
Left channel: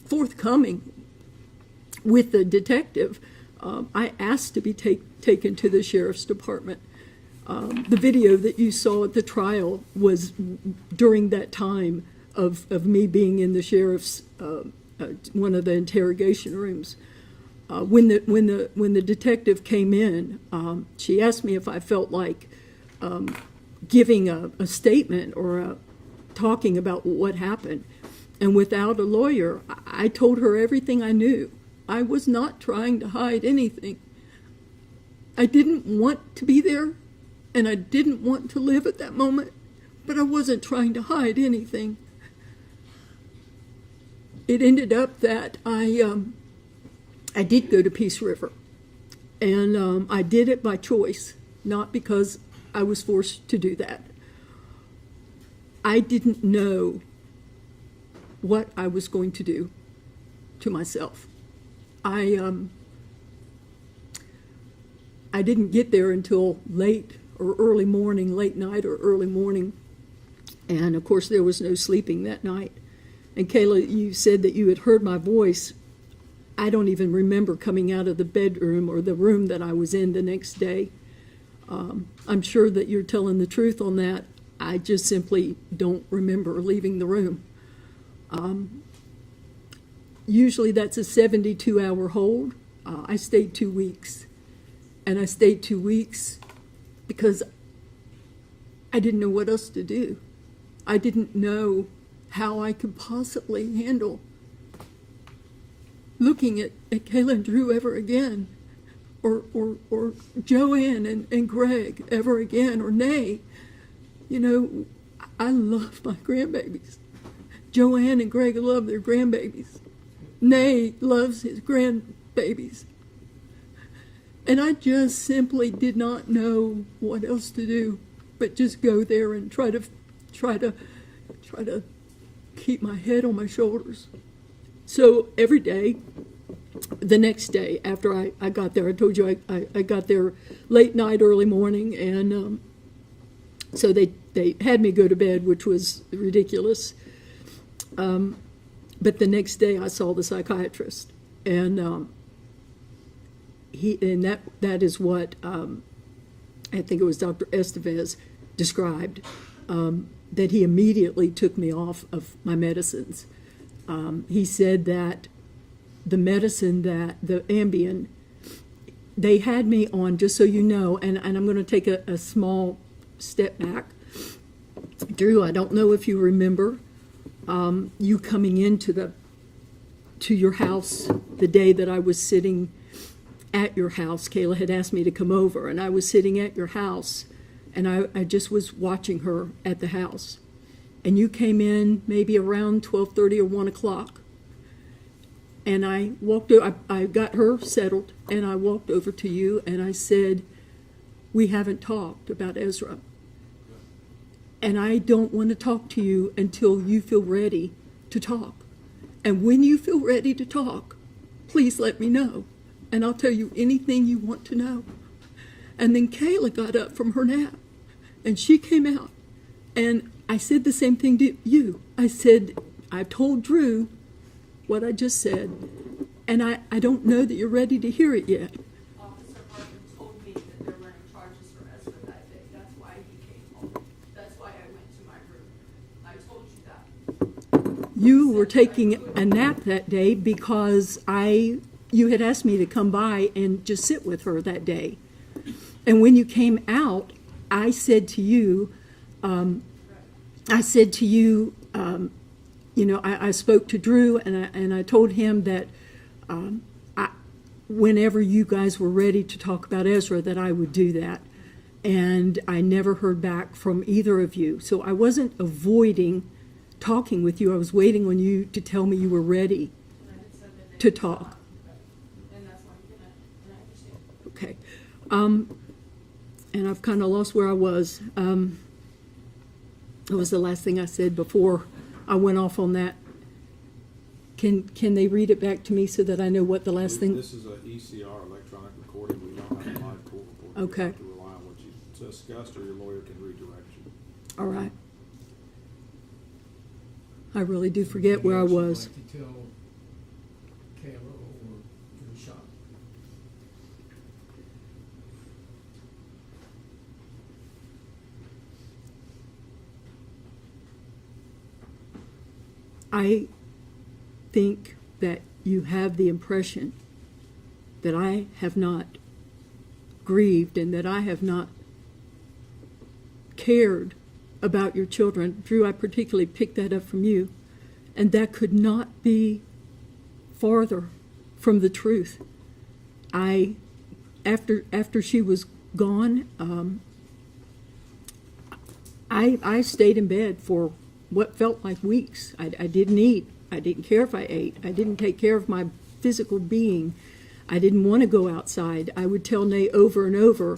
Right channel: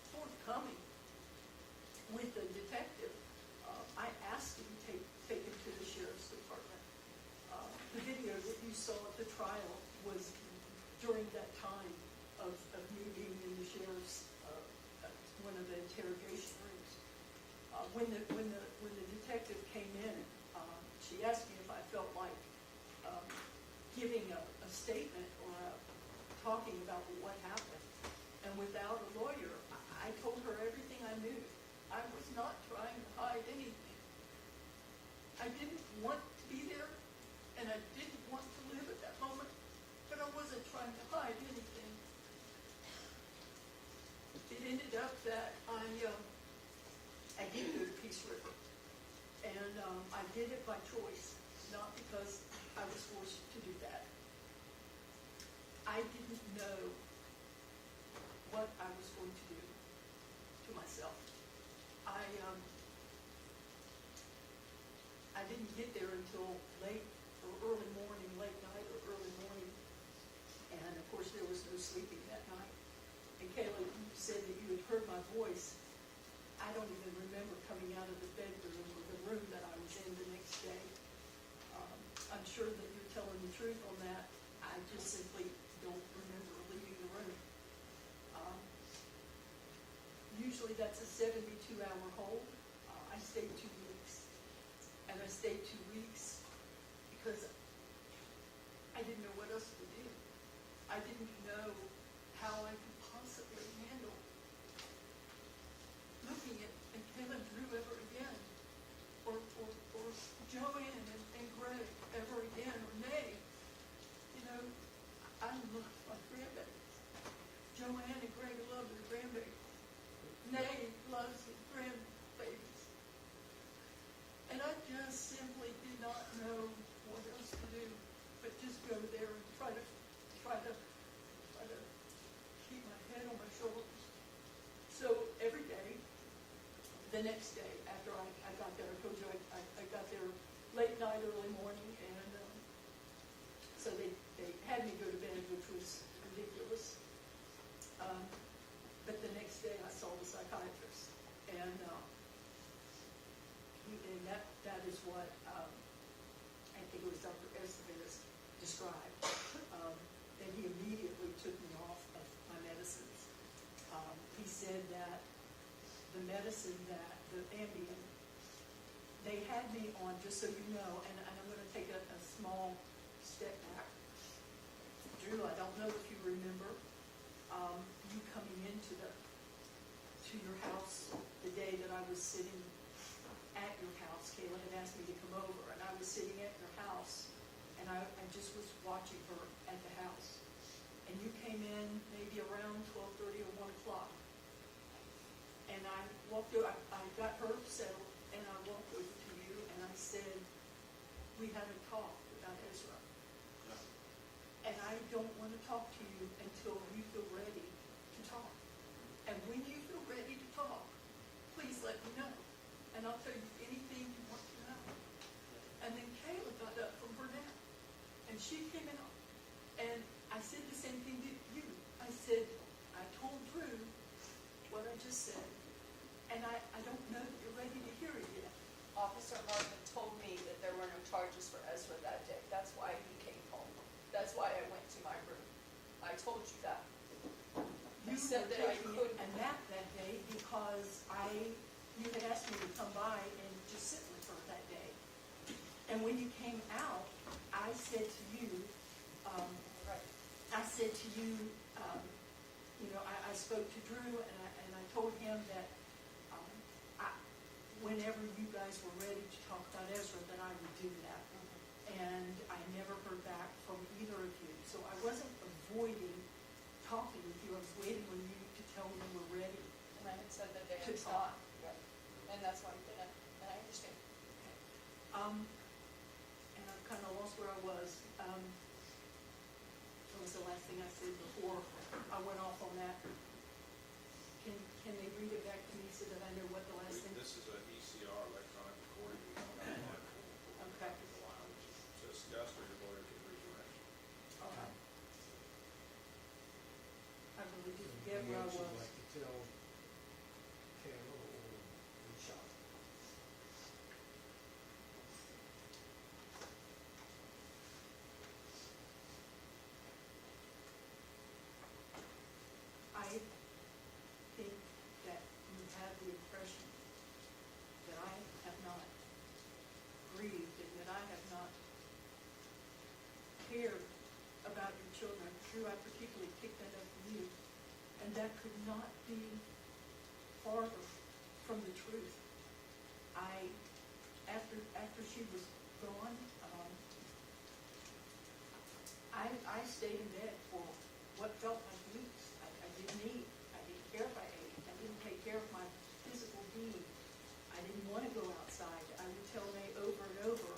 forthcoming with the detective. I asked to be taken to the sheriff's department. The video that you saw at the trial was during that time of me being in the sheriff's one of the interrogation rooms. When the detective came in, she asked me if I felt like giving a statement or talking about what happened. And without a lawyer, I told her everything I knew. I was not trying to hide anything. I didn't want to be there, and I didn't want to live at that moment, but I wasn't trying to hide anything. It ended up that I did go to Peace River, and I did it by choice, not because I was forced to do that. I didn't know what I was going to do to myself. I didn't get there until late or early morning, late night or early morning, and of course there was no sleeping that night. And Kayla, you said that you had heard my voice. I don't even remember coming out of the bedroom or the room that I was in the next day. I'm sure that you're telling the truth on that. I just simply don't remember leaving the room. Usually that's a 72-hour hold. I stayed 2 weeks. And I stayed 2 weeks because I didn't know what else to do. I didn't know how I could possibly handle looking at Kayla and Drew ever again, or Joanne and Greg ever again, or Nay. I love my grandbabies. Joanne and Greg love their grandbabies. Nay loves his grandbabies. And I just simply did not know what else to do but just go there and try to keep my head on my shoulders. So every day, the next day after I got there, I told you I got there late night, early morning, and so they had me go to bed, which was ridiculous. But the next day I saw the psychiatrist, and that is what I think it was Dr. Estevez described, that he immediately took me off of my medicines. He said that the medicine, that the Ambien, they had me on, just so you know, and I'm going to take a small step back. Drew, I don't know if you remember you coming into your house the day that I was sitting at your house. Kayla had asked me to come over, and I was sitting at your house, and I just was watching her at the house. And you came in maybe around 12:30 or 1 o'clock. And I got her settled, and I walked over to you, and I said, we haven't talked about Ezra. And I don't want to talk to you until you feel ready to talk. And when you feel ready to talk, please let me know, and I'll tell you anything you want to know. And then Kayla got up from her nap, and she came out, and I said the same thing to you. I said, I told Drew what I just said, and I don't know that you're ready to hear it yet. Officer Martin told me that there were no charges for Ezra that day. That's why he came home. That's why I went to my room. I told you that. You were taking a nap that day because you had asked me to come by and just sit with her that day. And when you came out, I said to you, I spoke to Drew, and I told him that whenever you guys were ready to talk about Ezra, that I would do that. And I never heard back from either of you. So I wasn't avoiding talking with you. I was waiting on you to tell me you were ready And I had said that they to would talk. talk. And that's why we didn't, and I understand. Okay. And I've kind of lost where I was. It was the last thing I said before I went off on that. Can they read it back to me so that I know what the last thing? This is a ECR, electronic recording. We don't have a live court report. Okay. We have to rely on what you discussed, or your lawyer can redirect you. All right. I really do forget where I was. Like to tell Kayla or Sean? I think that you have the impression that I have not grieved and that I have not cared about your children. Drew, I particularly picked that up from you, and that could not be farther from the truth. After she was gone, I stayed in bed for what felt like weeks. I didn't eat. I didn't care if I ate. I didn't take care of my physical being. I didn't want to go outside. I would tell Nay over and over,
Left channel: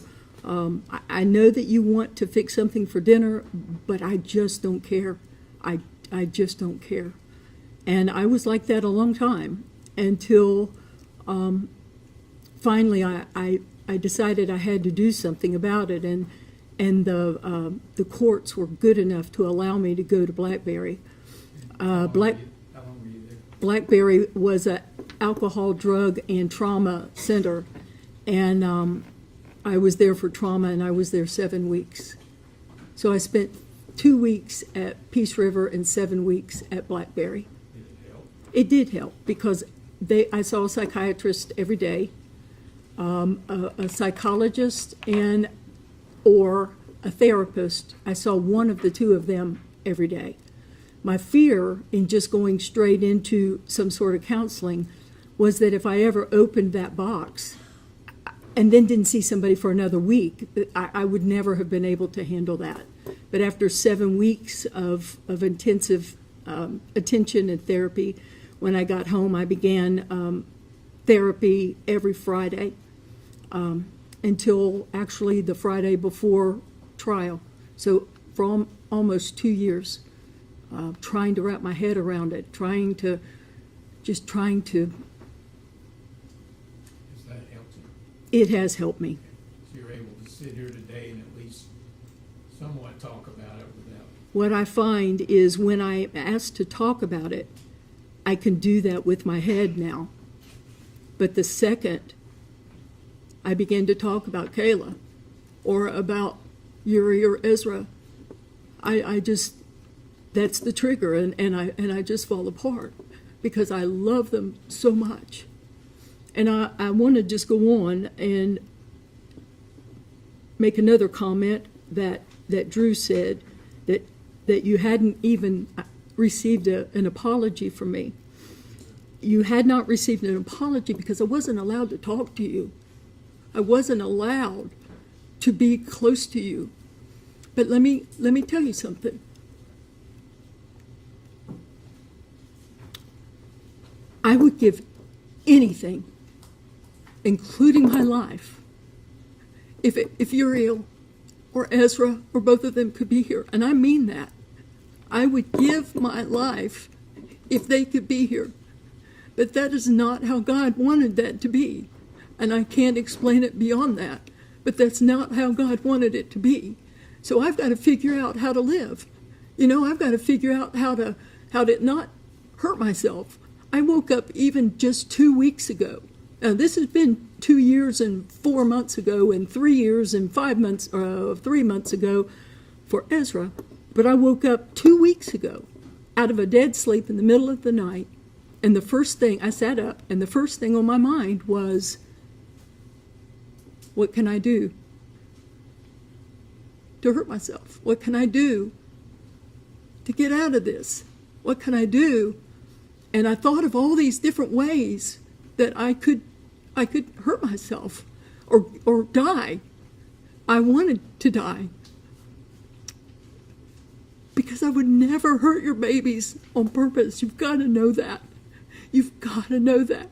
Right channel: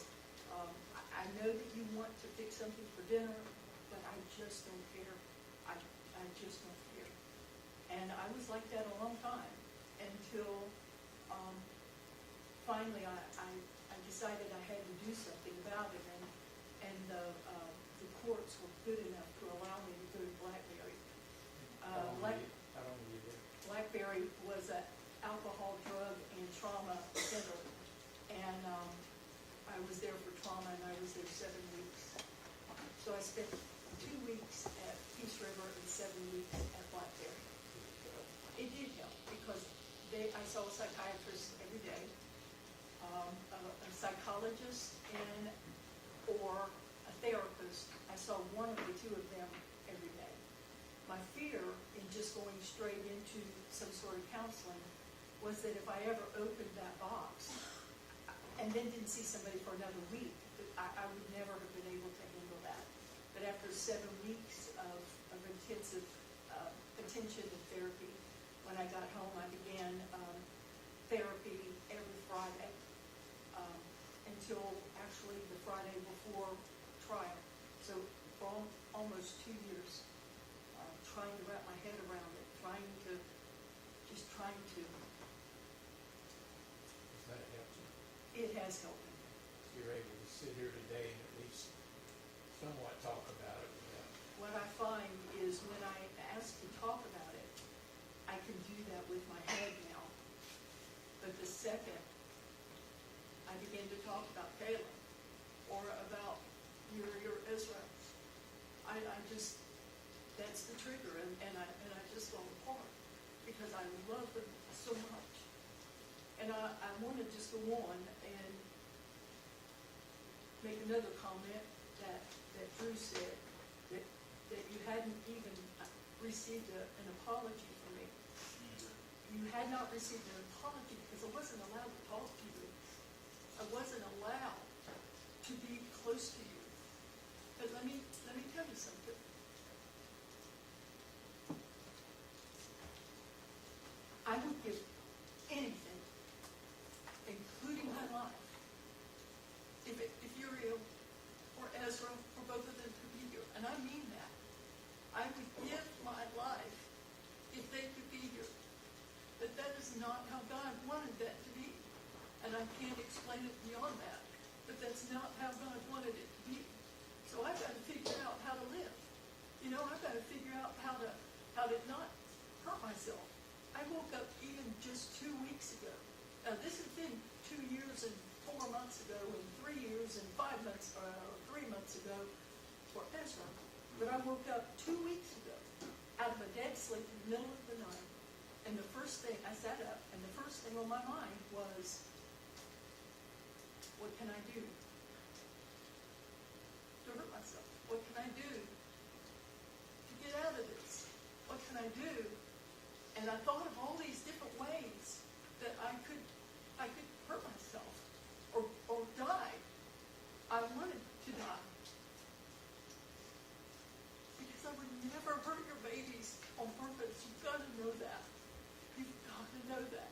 I know that you want to fix something for dinner, but I just don't care. I just don't care. And I was like that a long time until finally I decided I had to do something about it. And the courts were good enough to allow me to go to Blackberry. Blackberry was an alcohol, drug, and trauma center, and I was there for trauma, and I was there 7 weeks. So I spent 2 weeks at Peace River and 7 weeks at Blackberry. It did help because I saw a psychiatrist every day, a psychologist, or a therapist. I saw one of the two of them every day. My fear in just going straight into some sort of counseling was that if I ever opened that box and then didn't see somebody for another week, I would never have been able to handle that. But after 7 weeks of intensive attention and therapy, when I got home, I began therapy every Friday until actually the Friday before trial. So for almost 2 years, trying to wrap my head around it, trying to. Does that help you? It has helped me. So you're able to sit here today and at least somewhat talk about it without. What I find is when I'm asked to talk about it, I can do that with my head now. But the second I begin to talk about Kayla or about Yuri or Ezra, I just, that's the trigger, and I just fall apart because I love them so much. And I want to just go on and make another comment that Drew said, that you hadn't even received an apology from me. You had not received an apology because I wasn't allowed to talk to you. I wasn't allowed to be close to you. But let me tell you something. I would give anything, including my life, if Uriel or Ezra or both of them could be here. And I mean that. I would give my life if they could be here. But that is not how God wanted that to be. And I can't explain it beyond that. But that's not how God wanted it to be. So I've got to figure out how to live. You know, I've got to figure out how to not hurt myself. I woke up even just 2 weeks ago. Now, this has been 2 years and 4 months ago, and 3 years and 5 months, 3 months ago for Ezra. But I woke up 2 weeks ago out of a dead sleep in the middle of the night. And the first thing, I sat up, and the first thing on my mind was, what can I do to hurt myself? What can I do to get out of this? What can I do? And I thought of all these different ways that I could hurt myself or die. I wanted to die. Because I would never hurt your babies on purpose. You've got to know that. You've got to know that.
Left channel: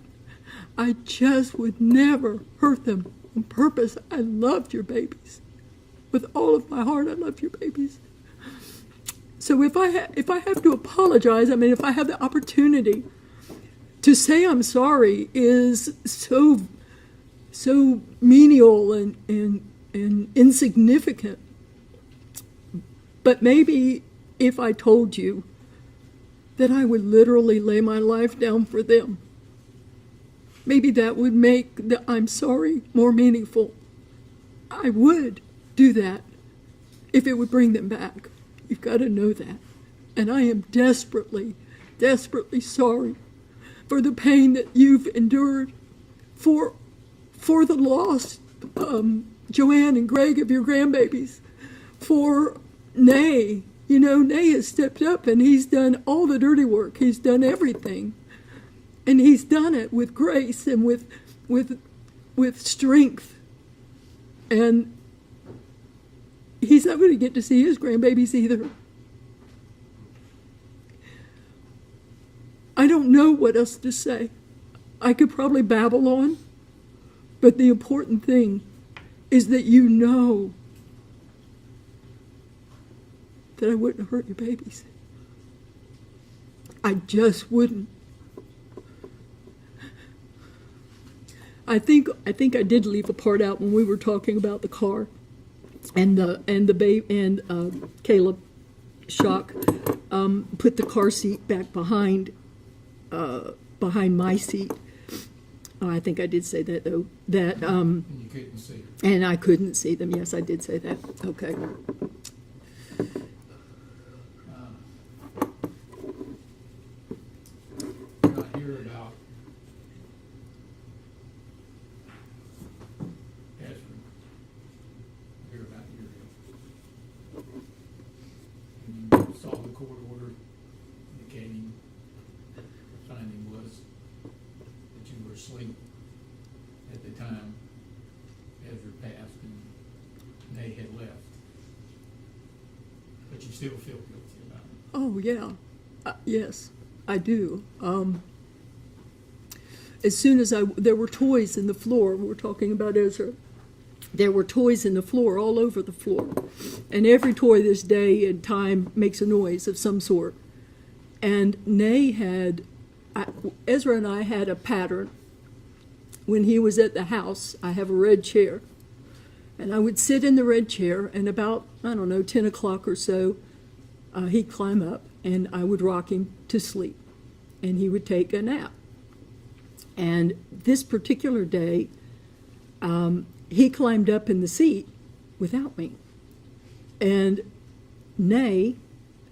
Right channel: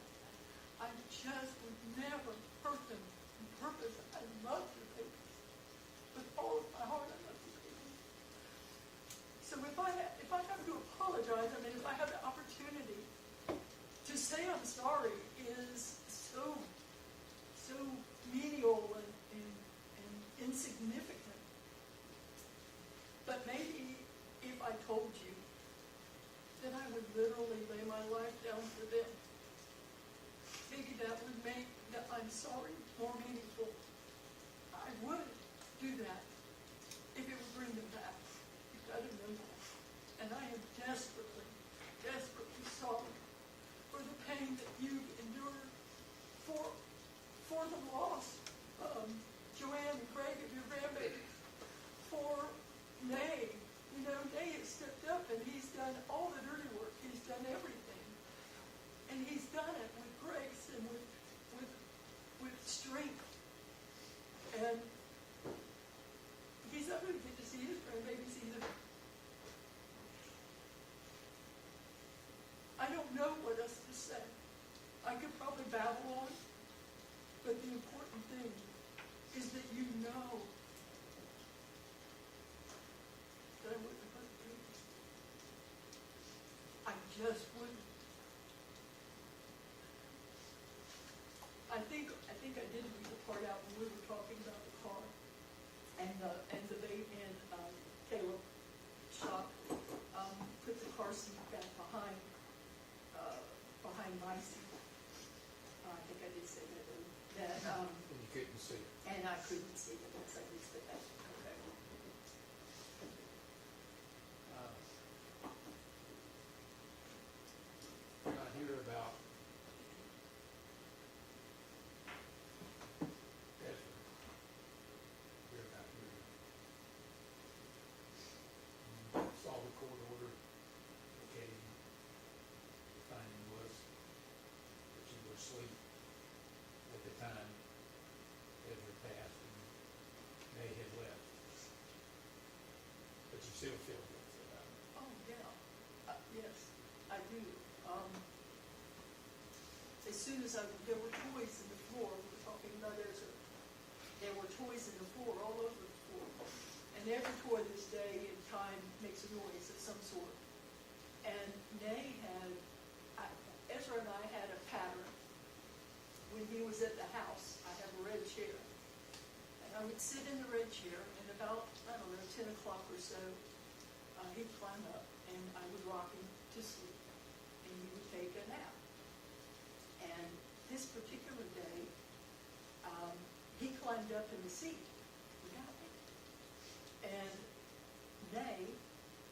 I just would never hurt them on purpose. I loved your babies. With all of my heart, I love your babies. So if I have to apologize, I mean, if I have the opportunity to say I'm sorry is so menial and insignificant. But maybe if I told you that I would literally lay my life down for them, maybe that would make the I'm sorry more meaningful. I would do that if it would bring them back. You've got to know that. And I am desperately, desperately sorry for the pain that you've endured, for the loss, Joanne and Greg, of your grandbabies, for Nay. You know, Nay has stepped up and he's done all the dirty work. He's done everything. And he's done it with grace and with strength. And he's not going to get to see his grandbabies either. I don't know what else to say. I could probably babble on, but the important thing is that you know that I wouldn't hurt your babies. I just wouldn't. I think I did leave a part out when we were talking about the car and the babe and Caleb Shock put the car seat back behind my seat. I think I did say that though. That You couldn't see it. and I couldn't see them. Yes, I did say that. Okay. When I hear about Ezra, I hear about you saw the court order indicating the finding was that you were asleep at the time Ezra passed and Nay had left. But you still feel guilty about it. Oh yeah, yes, I do. As soon as there were toys in the floor. We were talking about Ezra. There were toys in the floor, all over the floor, and every toy this day and time makes a noise of some sort. And Ezra and I had a pattern. When he was at the house, I have a red chair, and I would sit in the red chair, and about, 10 o'clock or so, he'd climb up, and I would rock him to sleep, and he would take a nap. And this particular day, he climbed up in the seat without me. And Nay,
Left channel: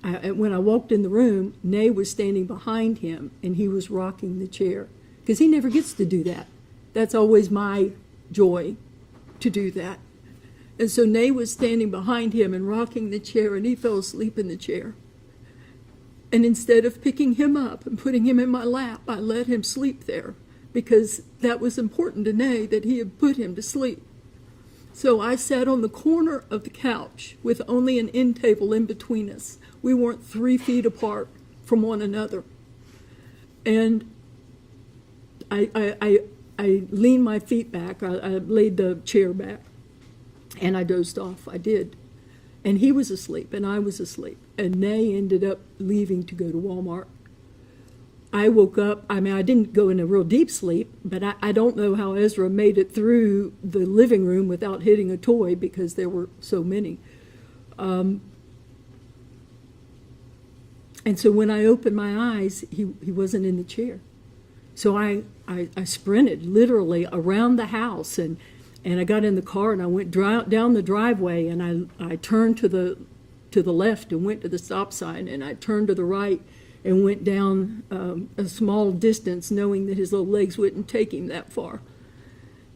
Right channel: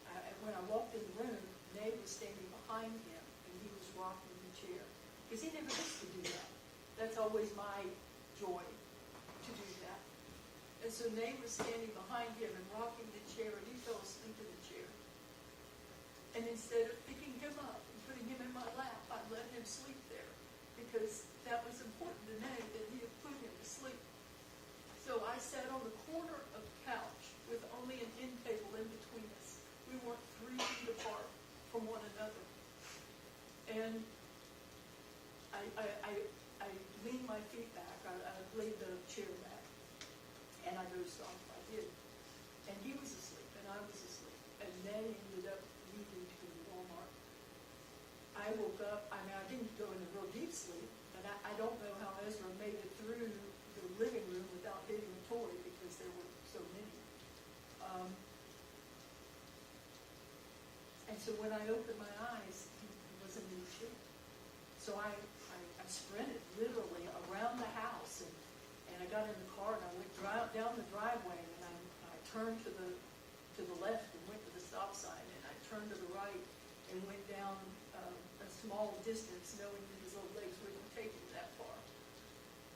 when I walked in the room, Nay was standing behind him, and he was rocking the chair, because he never gets to do that. That's always my joy to do that. And so Nay was standing behind him and rocking the chair, and he fell asleep in the chair. And instead of picking him up and putting him in my lap, I let him sleep there because that was important to Nay, that he had put him to sleep. So I sat on the corner of the couch with only an end table in between us. We weren't 3 feet apart from one another. And I leaned my feet back. I laid the chair back, and I dozed off. I did. And he was asleep, and I was asleep. And Nay ended up leaving to go to Walmart. I woke up. I mean, I didn't go in a real deep sleep, but I don't know how Ezra made it through the living room without hitting a toy because there were so many. And so when I opened my eyes, he wasn't in the chair. So I sprinted literally around the house, and I got in the car, and I went down the driveway, and I turned to the left and went to the stop sign, and I turned to the right and went down a small distance, knowing that his little legs wouldn't take him that far.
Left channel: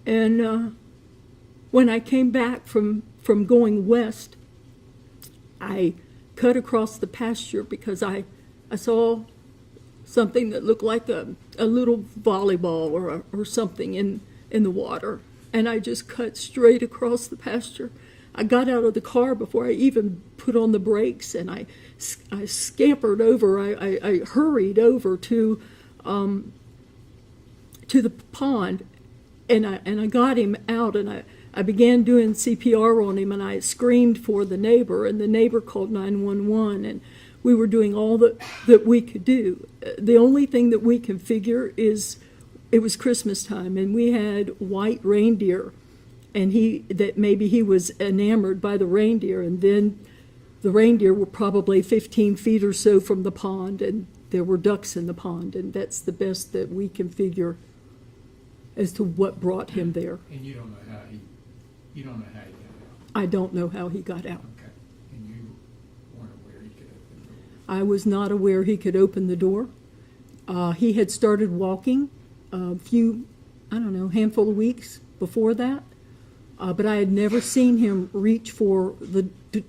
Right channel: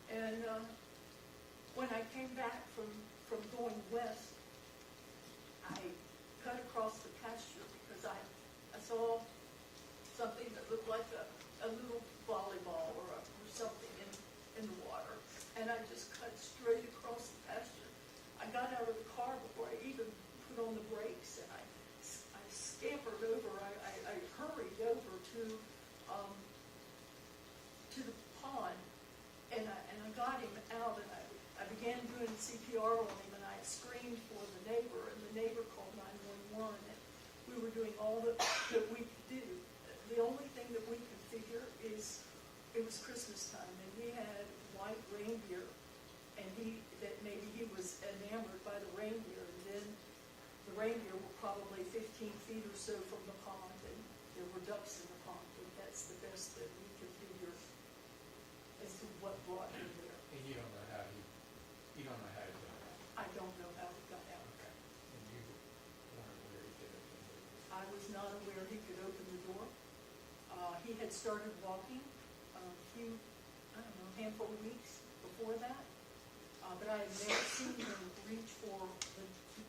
And when I came back from going west, I cut across the pasture because I saw something that looked like a little volleyball or something in the water. And I just cut straight across the pasture. I got out of the car before I even put on the brakes, and I scampered over. I hurried over to the pond, and I got him out, and I began doing CPR on him, and I screamed for the neighbor, and the neighbor called 911, and we were doing all that we could do. The only thing that we can figure is it was Christmas time, and we had white reindeer, and maybe he was enamored by the reindeer, and then the reindeer were probably 15 feet or so from the pond, and there were ducks in the pond, and that's the best that we can figure as to what brought him there. And you don't know how he got out? I don't know how he got out. Okay. And you weren't aware he could open the door? I was not aware he could open the door. He had started walking a handful of weeks before that, but I had never seen him reach for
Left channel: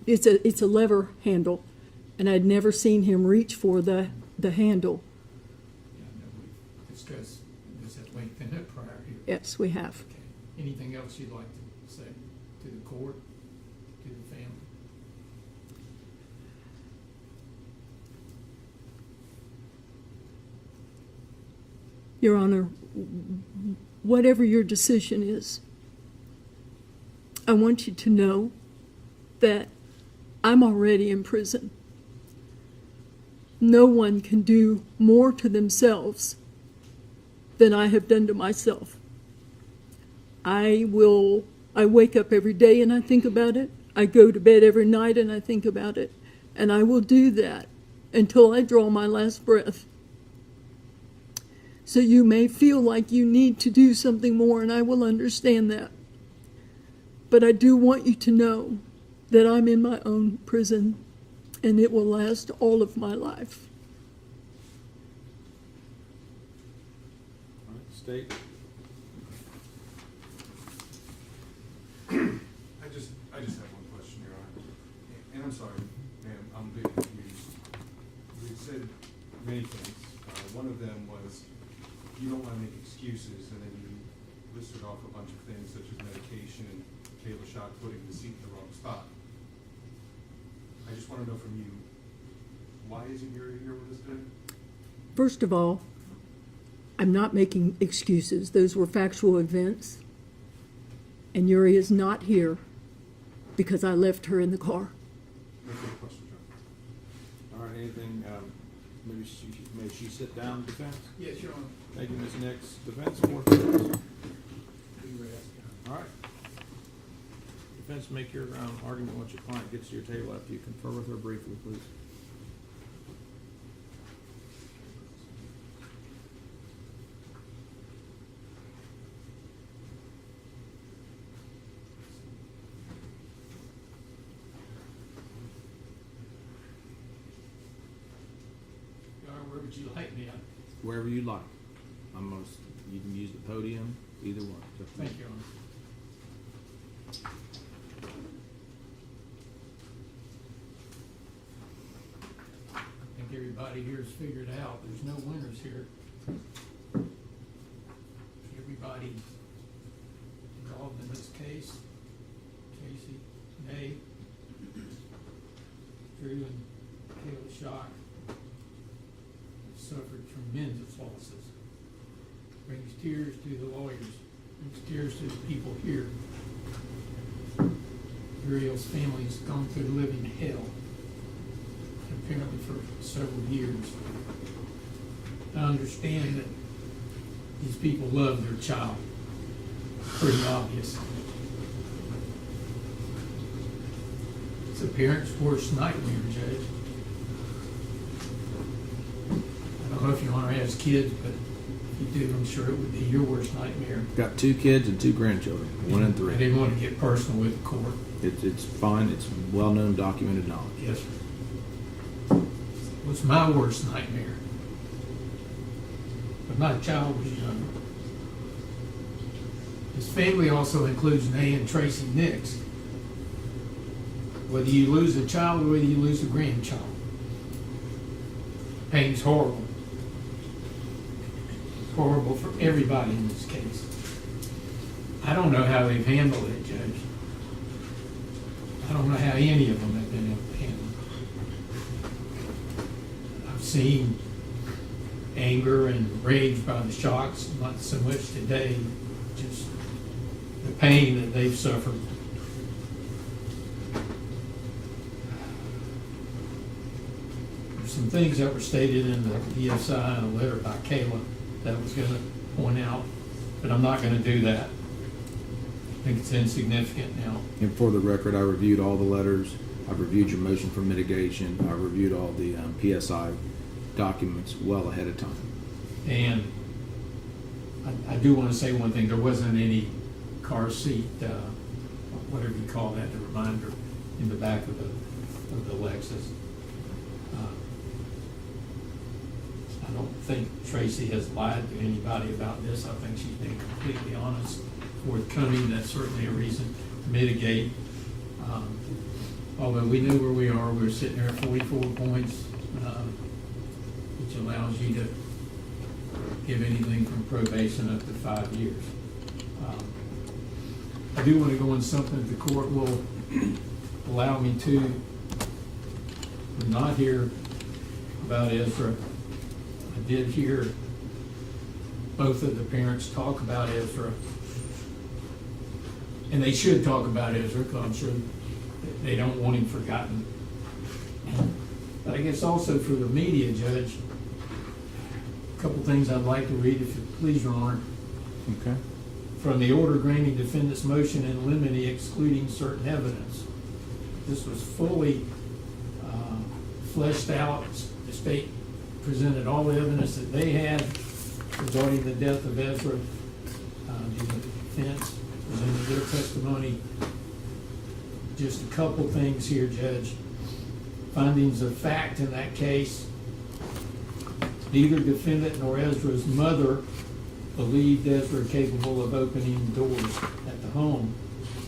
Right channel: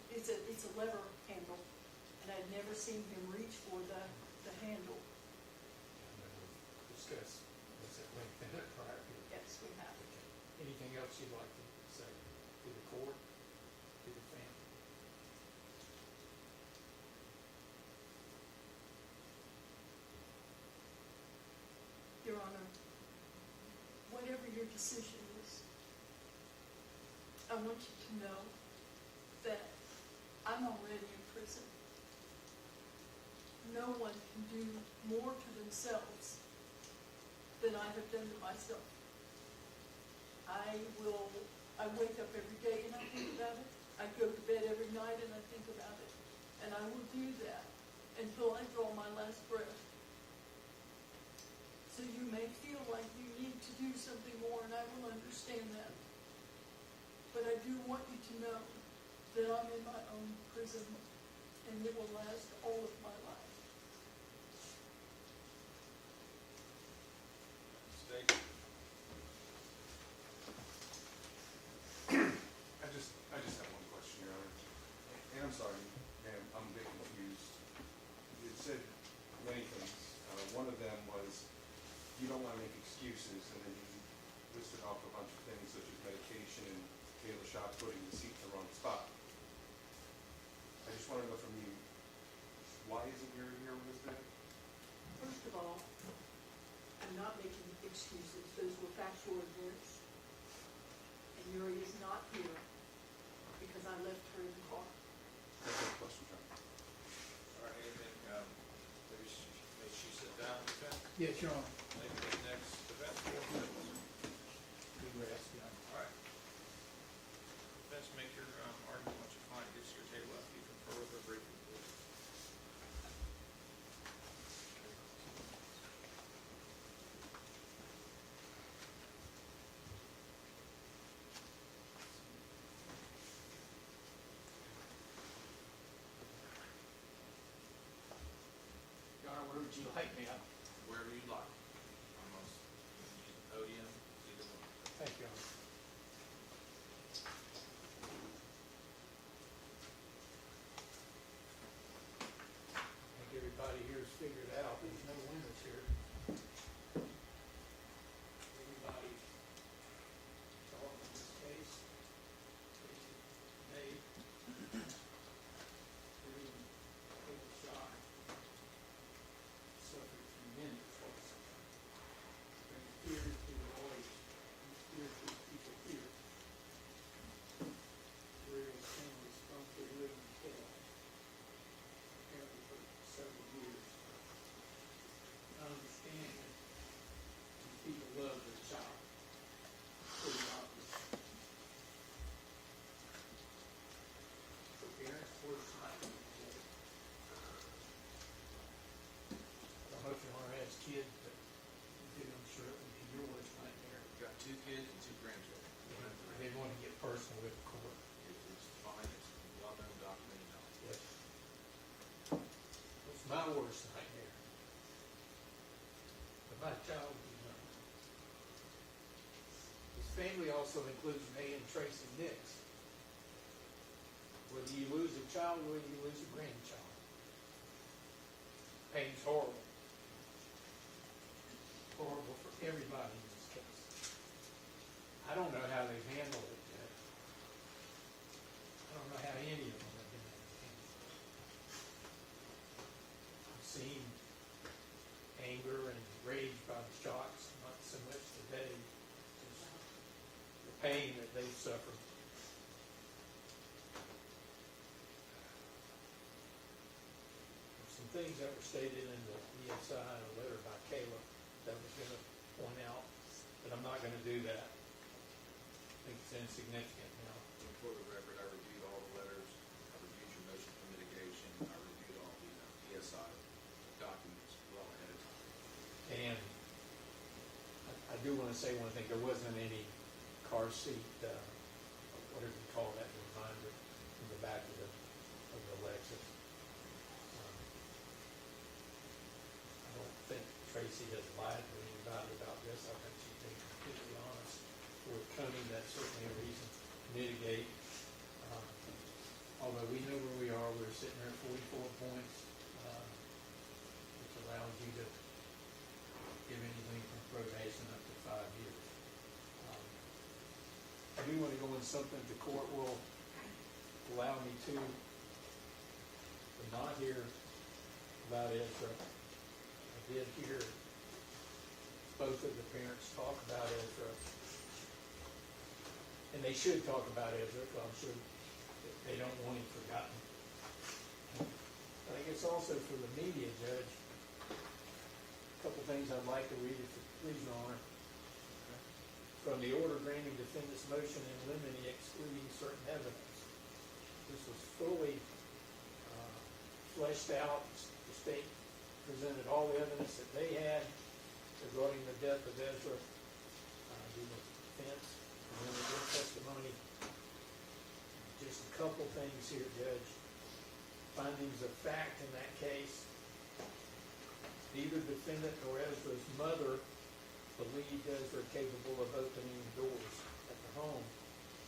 it's a lever handle, and I'd never seen him reach for the handle. Yeah, we discussed, was that length in it prior here? Yes, we have. Okay. Anything else you'd like to say to the court, to the family? Your Honor, whatever your decision is, I want you to know that I'm already in prison. No one can do more to themselves than I have done to myself. I wake up every day and I think about it. I go to bed every night and I think about it. And I will do that until I draw my last breath. So you may feel like you need to do something more, and I will understand that. But I do want you to know that I'm in my own prison, and it will last all of my life. State. I just have one question, Your Honor. And I'm sorry, and I'm a bit confused. You said many things. One of them was you don't want to make excuses, and then you listed off a bunch of things such as medication and fatal shot, putting the seat in the wrong spot. I just want to know from you, why isn't Yuri here with us today? First of all, I'm not making excuses. Those were factual events. And Yuri is not here because I left her in the car. That's a question, John. All right, anything, may she sit down, defense? Yes, Your Honor. Thank you, Ms. Nix. Defense, forth. All right. Defense, make your argument once your client gets to your table after you confer with her briefly, please. Your Honor, where would you like me? Wherever you like. You can use the podium. Either one. Thank you. I think everybody here's figured out, there's no winners here. Everybody involved in this case, Tracey, May, Drew, and Caleb Shock, suffered tremendous losses. Brings tears to the lawyers, brings tears to the people here. Uriel's family's gone through living hell, apparently for several years. I understand that these people love their child, pretty obvious. It's a parent's worst nightmare, Judge. I don't know if you want to have kids, but if you do, I'm sure it would be your worst nightmare. Got 2 kids and 2 grandchildren, 1 and 3. I didn't want to get personal with the court. It's fine, it's well-known, documented knowledge. Yes, sir. What's my worst nightmare? When my child was young. His family also includes Nay and Tracey Nix. Whether you lose a child or whether you lose a grandchild, pain's horrible. It's horrible for everybody in this case. I don't know how they've handled it, Judge. I don't know how any of them have been able to handle it. I've seen anger and rage by the Shocks, not so much today, just the pain that they've suffered. There's some things that were stated in the PSI and a letter by Kayla that I was going to point out, but I'm not going to do that. I think it's insignificant now. And for the record, I reviewed all the letters, I've reviewed your motion for mitigation, I reviewed all the PSI documents well ahead of time. And I do want to say one thing, there wasn't any car seat, whatever you call that, the reminder in the back of the Lexus. I don't think Tracey has lied to anybody about this. I think she's been completely honest, forthcoming. That's certainly a reason to mitigate. Although we know where we are, we're sitting there at 44 points, which allows you to give anything from probation up to 5 years. I do want to go on something the court will allow me to. I'm not hear about Ezra. I did hear both of the parents talk about Ezra. And they should talk about Ezra, because I'm sure they don't want him forgotten. But I guess also for the media, Judge, a couple things I'd like to read, if you please, Your Honor. Okay. From the order granting defendant's motion in limine excluding certain evidence. This was fully fleshed out. The state presented all the evidence that they had regarding the death of Ezra. The defense presented their testimony. Just a couple things here, Judge. Findings of fact in that case. Neither defendant nor Ezra's mother believed Ezra capable of opening doors at the home.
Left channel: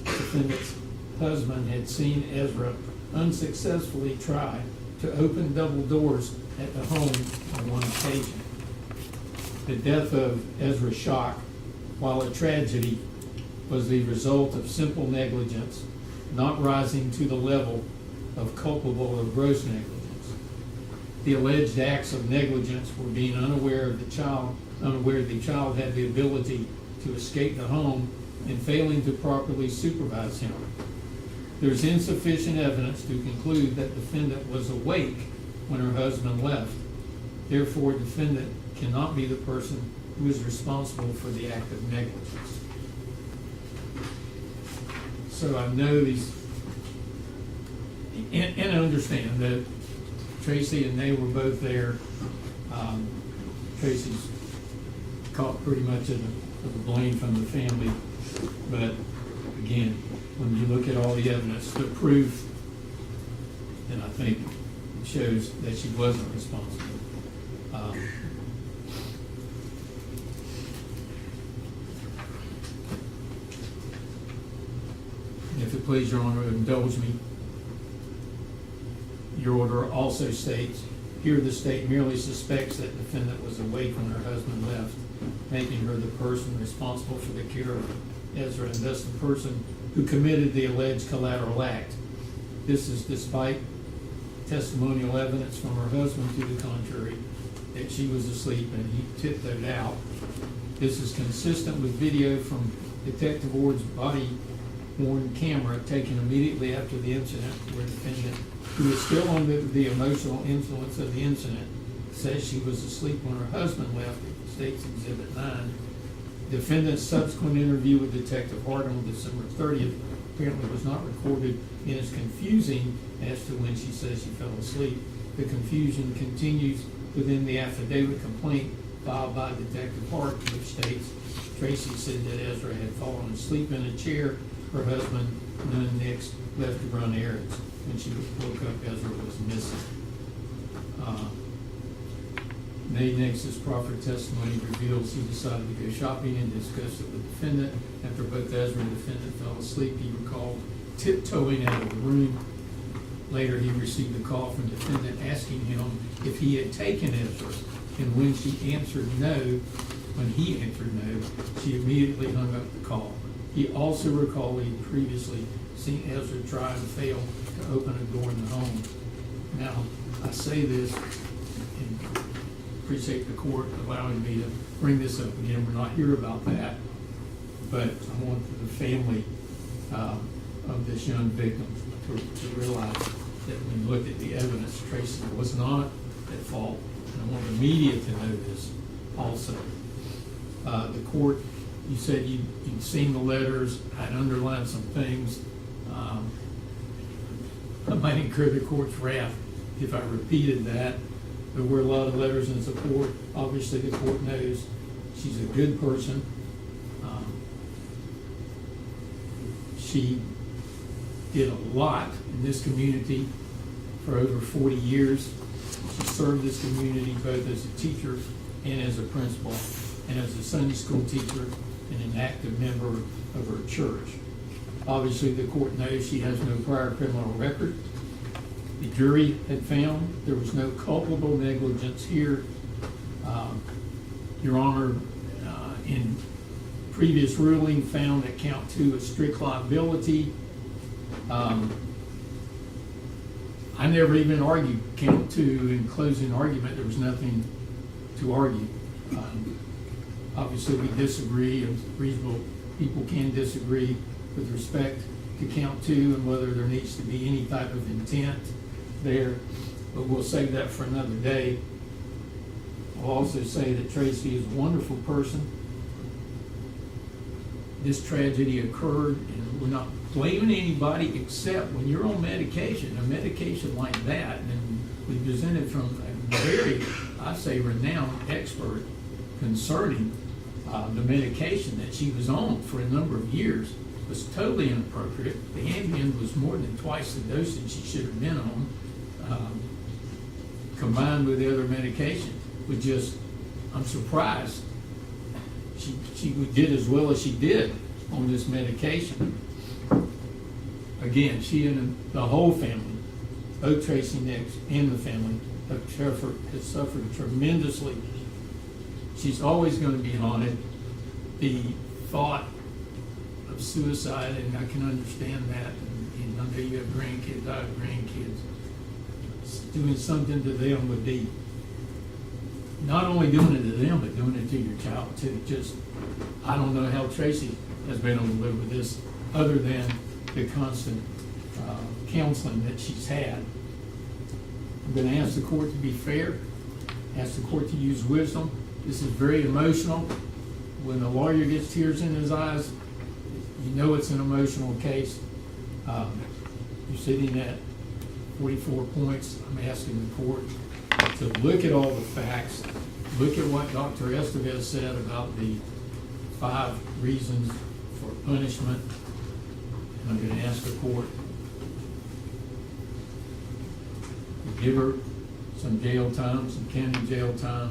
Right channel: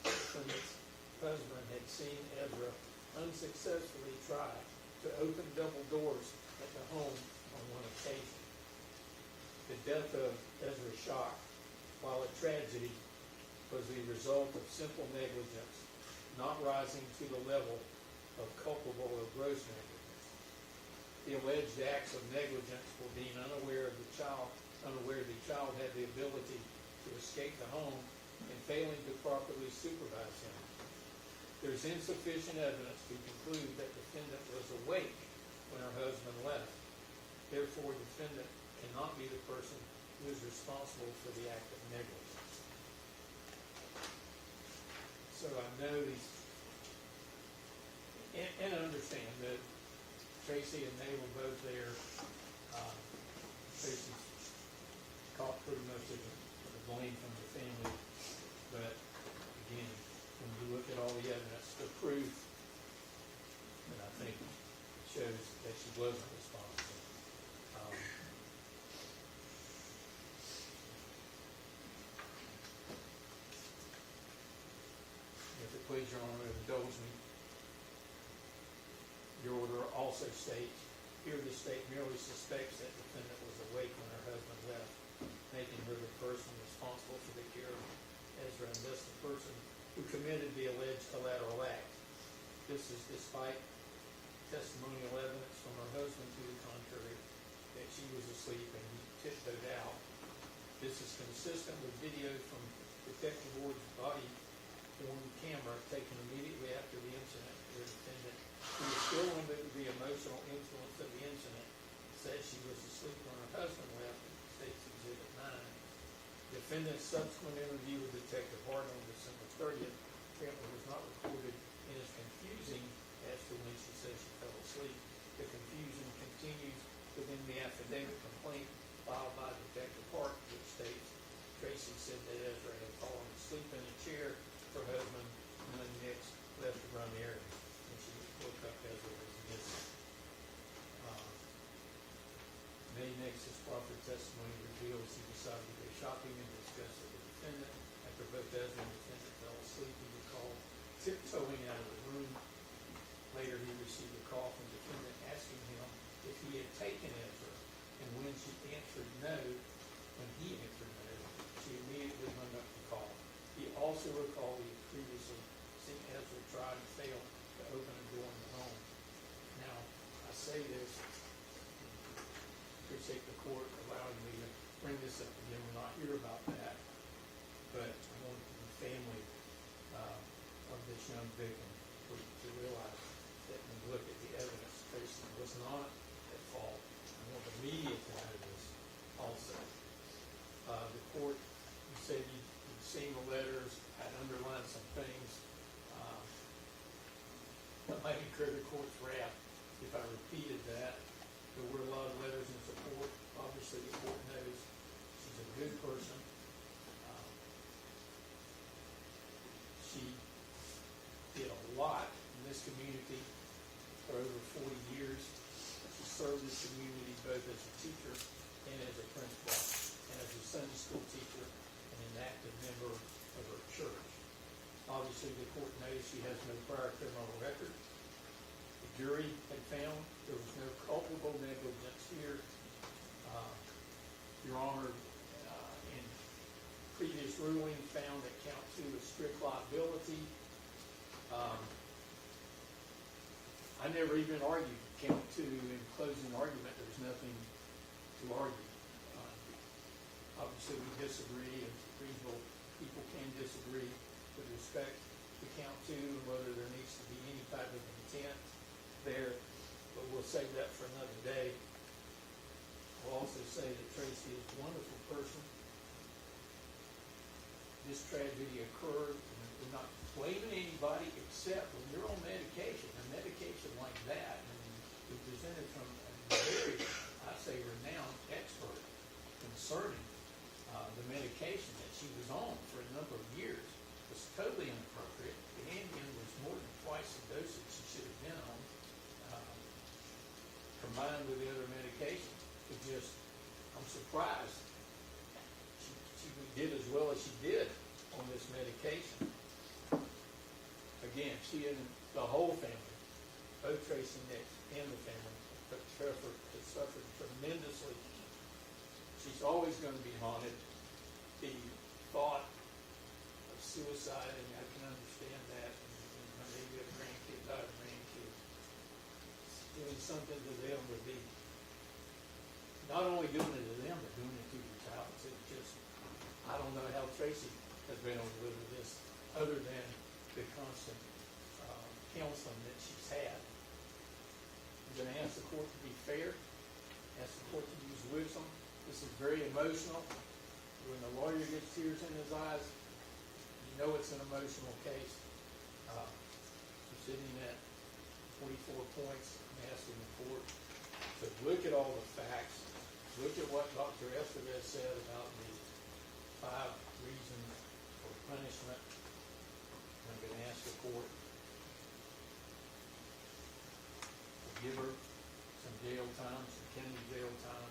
Defendant's husband had seen Ezra unsuccessfully try to open double doors at the home on one occasion. The death of Ezra Shock, while a tragedy, was the result of simple negligence, not rising to the level of culpable of gross negligence. The alleged acts of negligence were being unaware the child had the ability to escape the home and failing to properly supervise him. There's insufficient evidence to conclude that defendant was awake when her husband left. Therefore, defendant cannot be the person who is responsible for the act of negligence. So I know these, and I understand that Tracey and they were both there. Tracey's caught pretty much of the blame from the family, but again, when you look at all the evidence, the proof, then I think it shows that she wasn't responsible. please, Your Honor, indulge me. Your order also states, here the state merely suspects that defendant was awake when her husband left, making her the person responsible for the care of Ezra and thus the person who committed the alleged collateral act. This is despite testimonial evidence from her husband to the contrary, that she was asleep and he tiptoed out. This is consistent with video from Detective Ward's body-worn camera taken immediately after the incident, where the defendant, who was still under the emotional influence of the incident, says she was asleep when her husband left, State's Exhibit 9. Defendant's subsequent interview with Detective Hart on December 30th apparently was not recorded and is confusing as to when she says she fell asleep. The confusion continues within the affidavit complaint filed by Detective Hart, which states Tracey said that Ezra had fallen asleep in a chair. Her husband, none Nix, left to run errands. When she woke up, Ezra was missing. May Nix's proffered testimony reveals he decided to go shopping and discussed it with the defendant. After both Ezra and the defendant fell asleep, he recalled tiptoeing out of the room. Later, he received a call from the defendant asking him if he had taken Ezra, and when he answered no, she immediately hung up the call. He also recalled he had previously seen Ezra try and fail to open a door in the home. Now, I say this and appreciate the court allowing me to bring this up again. We're not here about that, but I want the family of this young victim to realize that when you look at the evidence, Tracey was not at fault. And I want the media to know this also. The court, you said you'd seen the letters, I'd underlined some things. I might incur the court's wrath if I repeated that. There were a lot of letters in support. Obviously, the court knows she's a good person. She did a lot in this community for over 40 years. She served this community both as a teacher and as a principal, and as a Sunday school teacher and an active member of her church. Obviously, the court knows she has no prior criminal record. The jury had found there was no culpable negligence here. Your Honor, in previous ruling, found that count 2 is strict liability. I never even argued count 2 in closing argument. There was nothing to argue. Obviously, we disagree, and reasonable people can disagree with respect to count 2 and whether there needs to be any type of intent there, but we'll save that for another day. I'll also say that Tracey is a wonderful person. This tragedy occurred, and we're not blaming anybody except when you're on medication, a medication like that, and we presented from a very, I say, renowned expert concerning the medication that she was on for a number of years was totally inappropriate. The Ambien was more than twice the dosage she should have been on, combined with the other medication. I'm surprised she did as well as she did on this medication. Again, she and the whole family, both Tracey Nix and the family, has suffered tremendously. She's always going to be haunted. The thought of suicide, and I can understand that, and I know you have grandkids, I have grandkids. Doing something to them would be not only doing it to them, but doing it to your child too. I don't know how Tracey has been able to live with this other than the constant counseling that she's had. I'm going to ask the court to be fair, ask the court to use wisdom. This is very emotional. When a lawyer gets tears in his eyes, you know it's an emotional case. You're sitting at 44 points. I'm asking the court to look at all the facts, look at what Dr. Estevez said about the 5 reasons for punishment. And I'm going to ask the court to give her some jail time, some county jail time.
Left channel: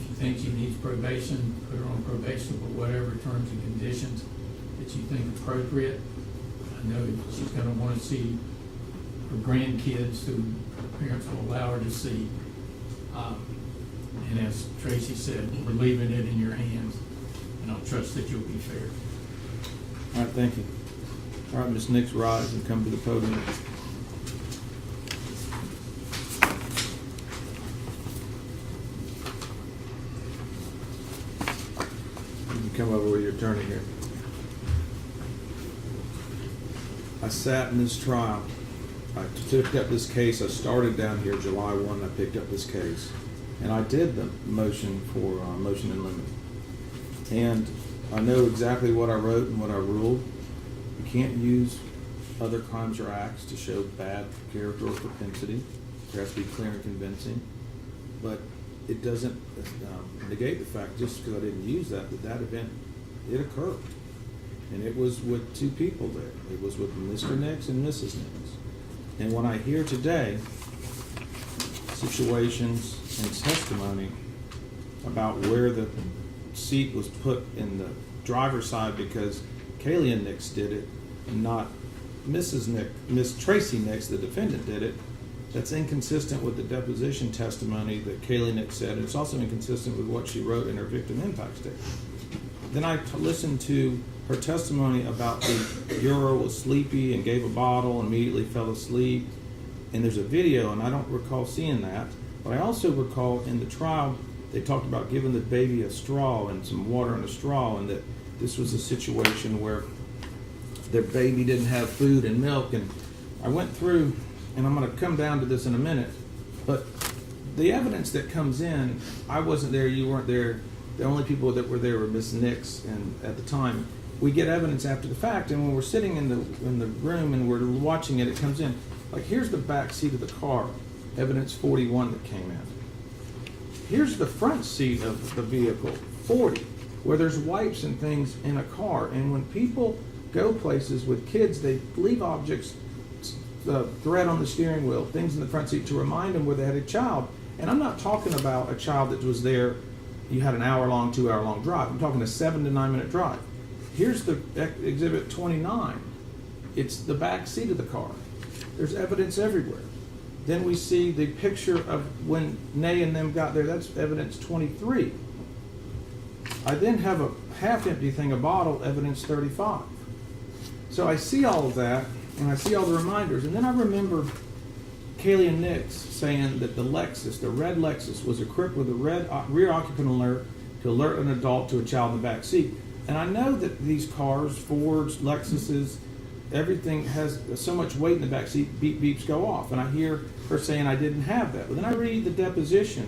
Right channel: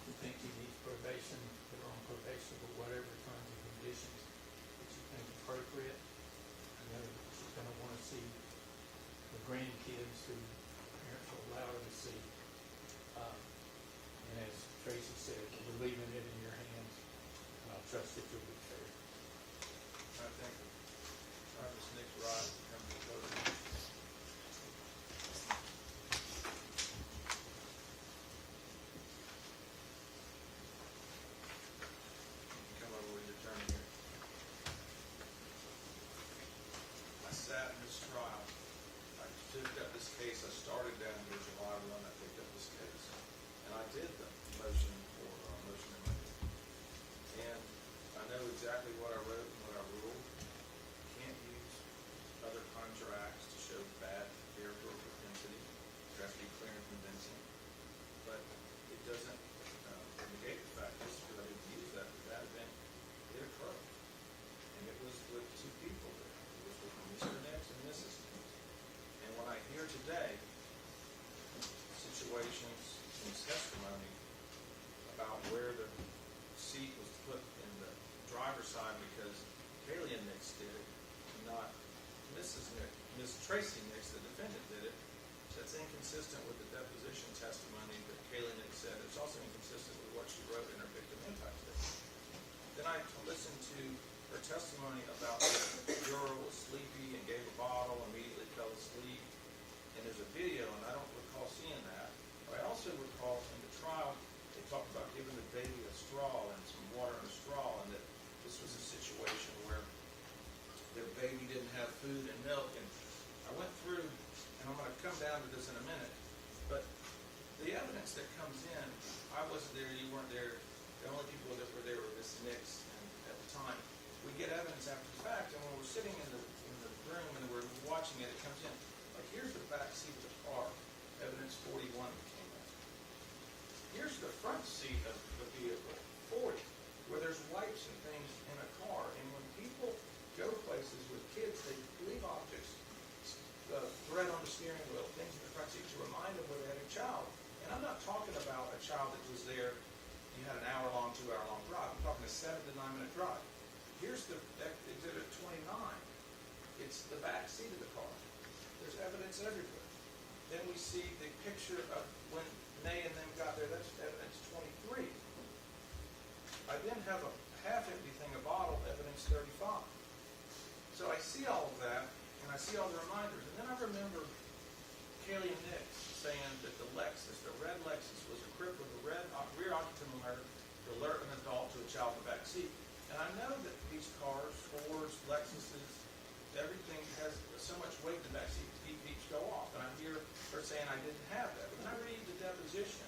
If you think she needs probation, put her on probation, but whatever terms and conditions that you think appropriate. I know she's gonna wanna see her grandkids who parents will allow her to see. And as Tracey said, we're leaving it in your hands, and I'll trust that you'll be fair. All right, thank you. All right, Ms. Nix, rise and come to the podium. You can come over with your attorney here. I sat in this trial. I picked up this case. I started down here July 1. I picked up this case. And I did the motion for motion in limine. And I know exactly what I wrote and what I ruled. You can't use other crimes or acts to show bad character or propensity. There has to be clear and convincing. But it doesn't negate the fact, just because I didn't use that event, it occurred. And it was with two people there. It was with Mr. Nix and Mrs. Nix. And when I hear today situations and testimony about where the seat was put in the driver's side because Kaylee Nix did it, and not Mrs. Nix, Miss Tracey Nix, the defendant, did it, that's inconsistent with the deposition testimony that Kaylee Nix said, and it's also inconsistent with what she wrote in her victim impact statement. Then I listened to her testimony about the juror was sleepy and gave a bottle and immediately fell asleep, and there's a video, and I don't recall seeing that, but I also recall in the trial they talked about giving the baby a straw and some water in a straw, and that this was a situation where their baby didn't have food and milk. And I went through, and I'm going to come down to this in a minute, but the evidence that comes in, I wasn't there, you weren't there, the only people that were there were Miss Nix, and at the time, we get evidence after the fact, and when we're sitting in the room and we're watching it, it comes in. Like, here's the back seat of the car, evidence 41 that came in. Here's the front seat of the vehicle, 40, where there's wipes and things in a car. And when people go places with kids, they leave objects, thread on the steering wheel, things in the front seat to remind them where they had a child. And I'm not talking about a child that was there, you had an hour-long, 2-hour-long drive. I'm talking a 7 to 9 minute drive. Here's the exhibit 29. It's the back seat of the car. There's evidence everywhere. Then we see the picture of when Nay and them got there. That's evidence 23. I then have a half-empty thing, a bottle, evidence 35. So I see all of that, and I see all the reminders. And then I remember Kaylee and Nix saying that the Lexus, the red Lexus, was equipped with a red rear occupant alert to alert an adult to a child in the back seat. And I know that these cars, Fords, Lexuses, everything has so much weight in the back seat, beep beeps go off. And I hear her saying I didn't have that. But then I read the deposition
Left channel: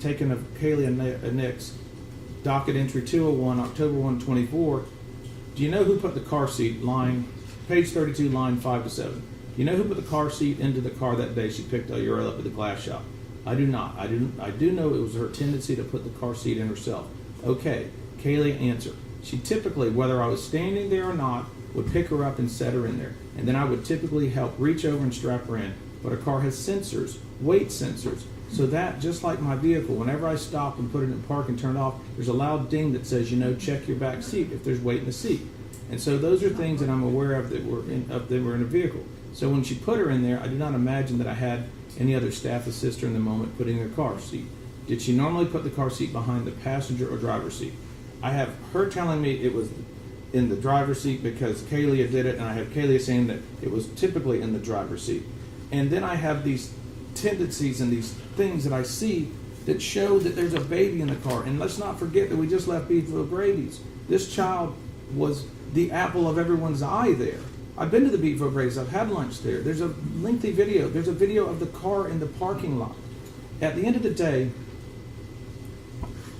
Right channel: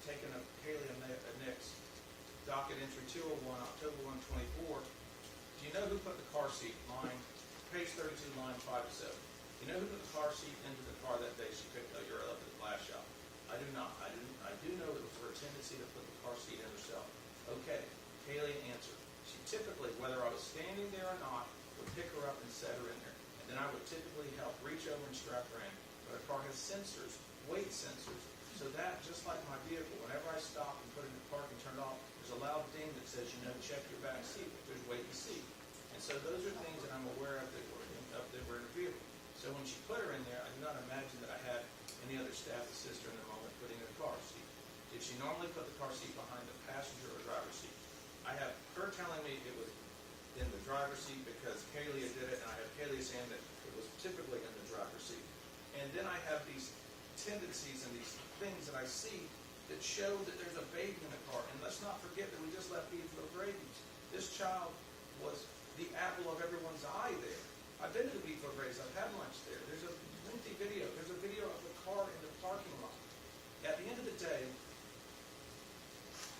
taken of Kaylee and Nix, docket entry 201, October 1, 24. Do you know who put the car seat, page 32, line 5 to 7? Do you know who put the car seat into the car that day she picked Uriel up at the glass shop? I do not. I do know it was her tendency to put the car seat in herself. Okay, Kaylee, answer. She typically, whether I was standing there or not, would pick her up and set her in there. And then I would typically help reach over and strap her in. But a car has sensors, weight sensors, so that, just like my vehicle, whenever I stop and put it in park and turn it off, there's a loud ding that says, check your back seat if there's weight in the seat. And so those are things that I'm aware of that were in a vehicle. So when she put her in there, I do not imagine that I had any other staff assist her in the moment putting her car seat. Did she normally put the car seat behind the passenger or driver's seat? I have her telling me it was in the driver's seat because Kaylee did it, and I have Kaylee saying that it was typically in the driver's seat. And then I have these tendencies and these things that I see that show that there's a baby in the car. And let's not forget that we just left Beadsville Grady's. This child was the apple of everyone's eye there. I've been to the Beadsville Grady's. I've had lunch there. There's a lengthy video. There's a video of the car in the parking lot. At the end of the day,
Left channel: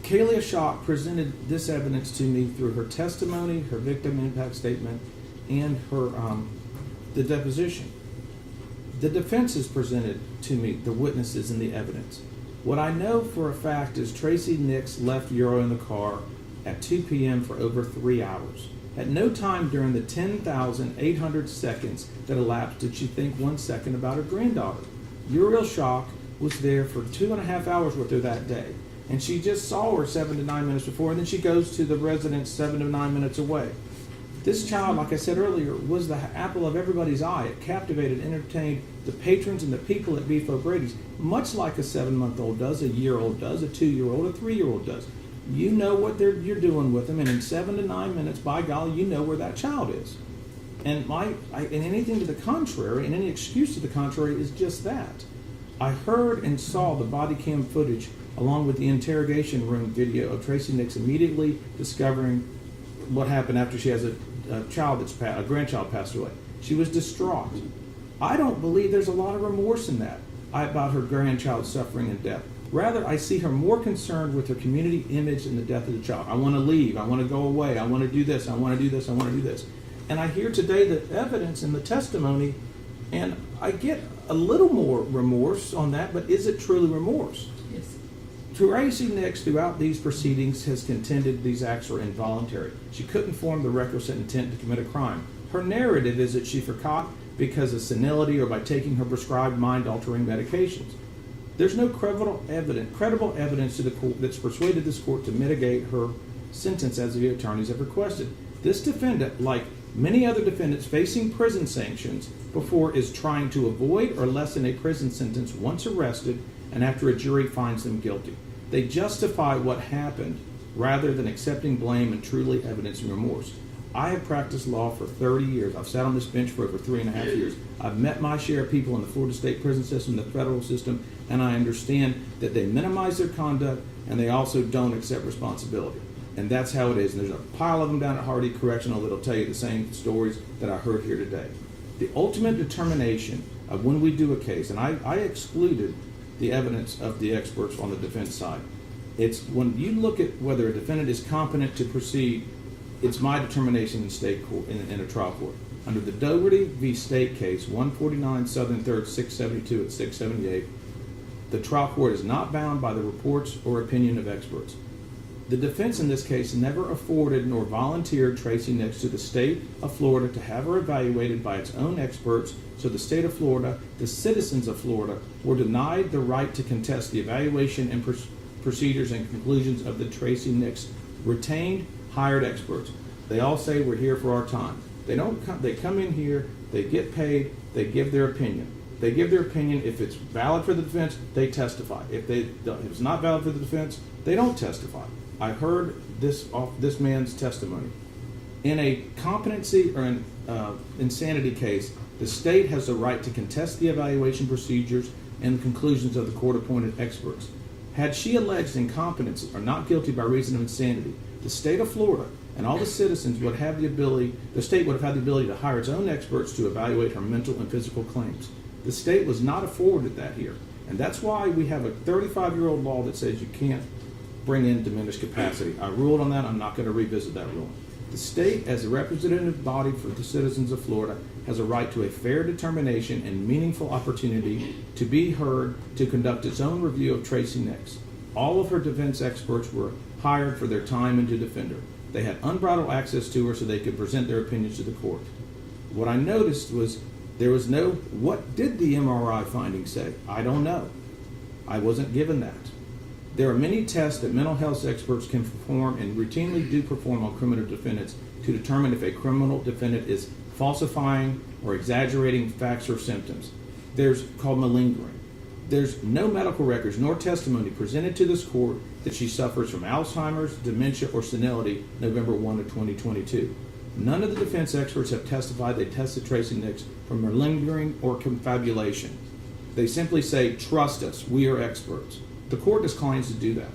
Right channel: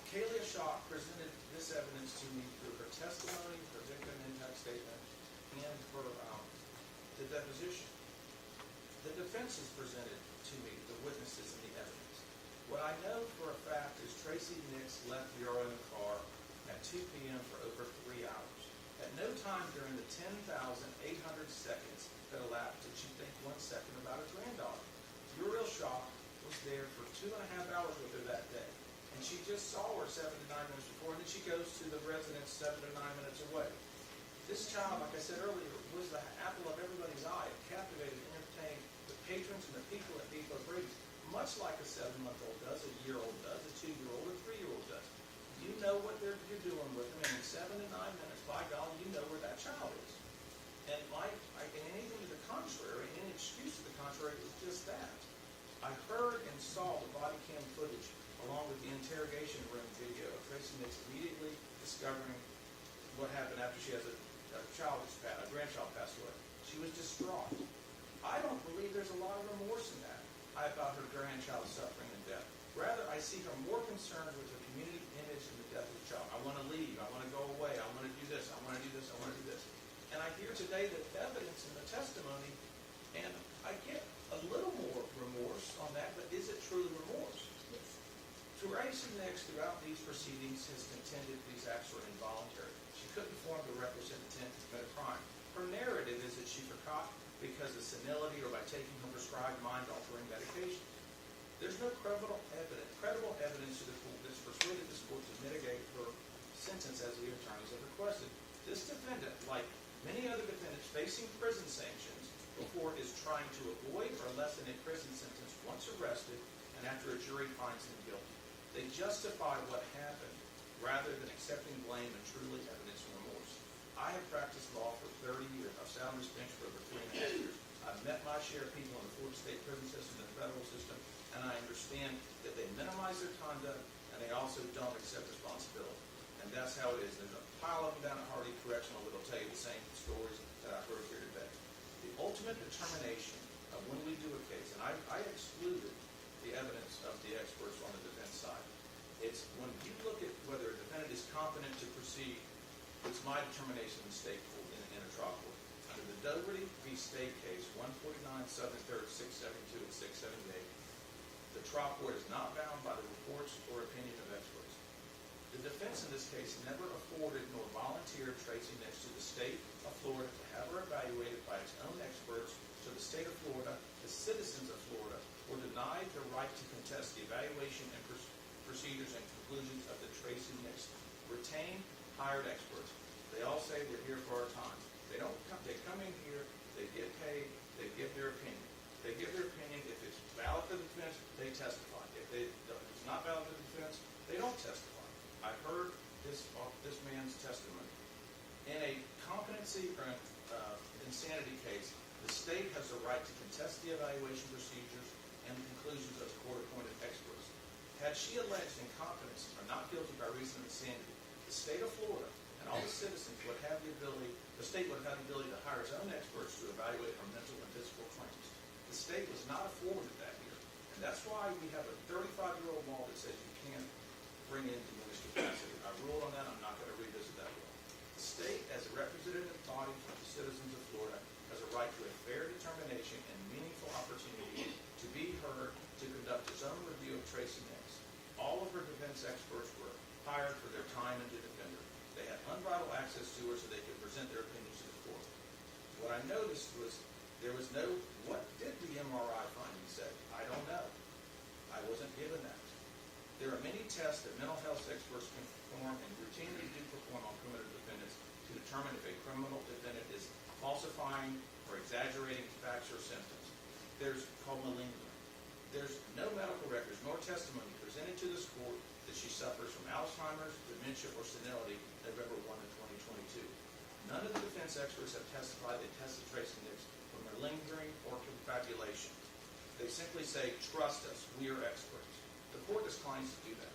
Kaylee Ashok presented this evidence to me through her testimony, her victim impact statement, and her the deposition. The defense has presented to me the witnesses and the evidence. What I know for a fact is Tracey Nix left Euro in the car at 2 p.m. for over 3 hours. At no time during the 10,800 seconds that elapsed did she think 1 second about her granddaughter. Uriel Shock was there for 2.5 hours with her that day. And she just saw her 7 to 9 minutes before, and then she goes to the residence 7 to 9 minutes away. This child, like I said earlier, was the apple of everybody's eye. It captivated, entertained the patrons and the people at Beef O'Grady's, much like a 7-month-old does, a year-old does, a 2-year-old, a 3-year-old does. You know what you're doing with them, and in 7 to 9 minutes, by golly, you know where that child is. And and anything to the contrary, and any excuse to the contrary, is just that. I heard and saw the body cam footage along with the interrogation room video of Tracey Nix immediately discovering what happened after she has a grandchild passed away. She was distraught. I don't believe there's a lot of remorse in that about her grandchild's suffering and death. Rather, I see her more concerned with her community image and the death of the child. I want to leave. I want to go away. I want to do this. I want to do this. I want to do this. And I hear today the evidence and the testimony, and I get a little more remorse on that, but is it truly remorse? Yes. Tracey Nix, throughout these proceedings, has contended these acts were involuntary. She couldn't form the requisite intent to commit a crime. Her narrative is that she forgot because of senility or by taking her prescribed mind-altering medications. There's no credible evidence to the court that's persuaded this court to mitigate her sentence as the attorneys have requested. This defendant, like many other defendants facing prison sanctions before, is trying to avoid or lessen a prison sentence once arrested and after a jury finds them guilty. They justify what happened rather than accepting blame and truly evidencing remorse. I have practiced law for 30 years. I've sat on this bench for over 3.5 years. I've met my share of people in the Florida state prison system, the federal system, and I understand that they minimize their conduct and they also don't accept responsibility. And that's how it is. And there's a pile of them down at Hardy Correctional that'll tell you the same stories that I heard here today. The ultimate determination of when we do a case, and I excluded the evidence of the experts on the defense side. It's when you look at whether a defendant is competent to proceed, it's my determination in state court, in a trial court. Under the Dougherty v. State case, 149 Southern 3rd, 672 at 678, the trial court is not bound by the reports or opinion of experts. The defense in this case never afforded nor volunteered Tracey Nix to the state of Florida to have her evaluated by its own experts, so the state of Florida, the citizens of Florida, were denied the right to contest the evaluation and procedures and conclusions of the Tracey Nix retained, hired experts. They all say we're here for our time. They come in here, they get paid, they give their opinion. They give their opinion. If it's valid for the defense, they testify. If it's not valid for the defense, they don't testify. I heard this man's testimony. In a competency or an insanity case, the state has the right to contest the evaluation procedures and conclusions of the court-appointed experts. Had she alleged incompetence or not guilty by reason of insanity, the state of Florida and all the citizens would have the ability, the state would have had the ability to hire its own experts to evaluate her mental and physical claims. The state was not afforded that here. And that's why we have a 35-year-old law that says you can't bring in diminished capacity. I ruled on that. I'm not going to revisit that ruling. The state, as a representative body for the citizens of Florida, has a right to a fair determination and meaningful opportunity to be heard to conduct its own review of Tracey Nix. All of her defense experts were hired for their time and to defend her. They had unbridled access to her so they could present their opinions to the court. What I noticed was there was no, what did the MRI findings say? I don't know. I wasn't given that. There are many tests that mental health experts can perform and routinely do perform on criminal defendants to determine if a criminal defendant is falsifying or exaggerating facts or symptoms. There's called malingering. There's no medical records nor testimony presented to this court that she suffers from Alzheimer's, dementia, or senility November 1 of 2022. None of the defense experts have testified they tested Tracey Nix for malingering or confabulation. They simply say, trust us, we are experts. The court declines to do that.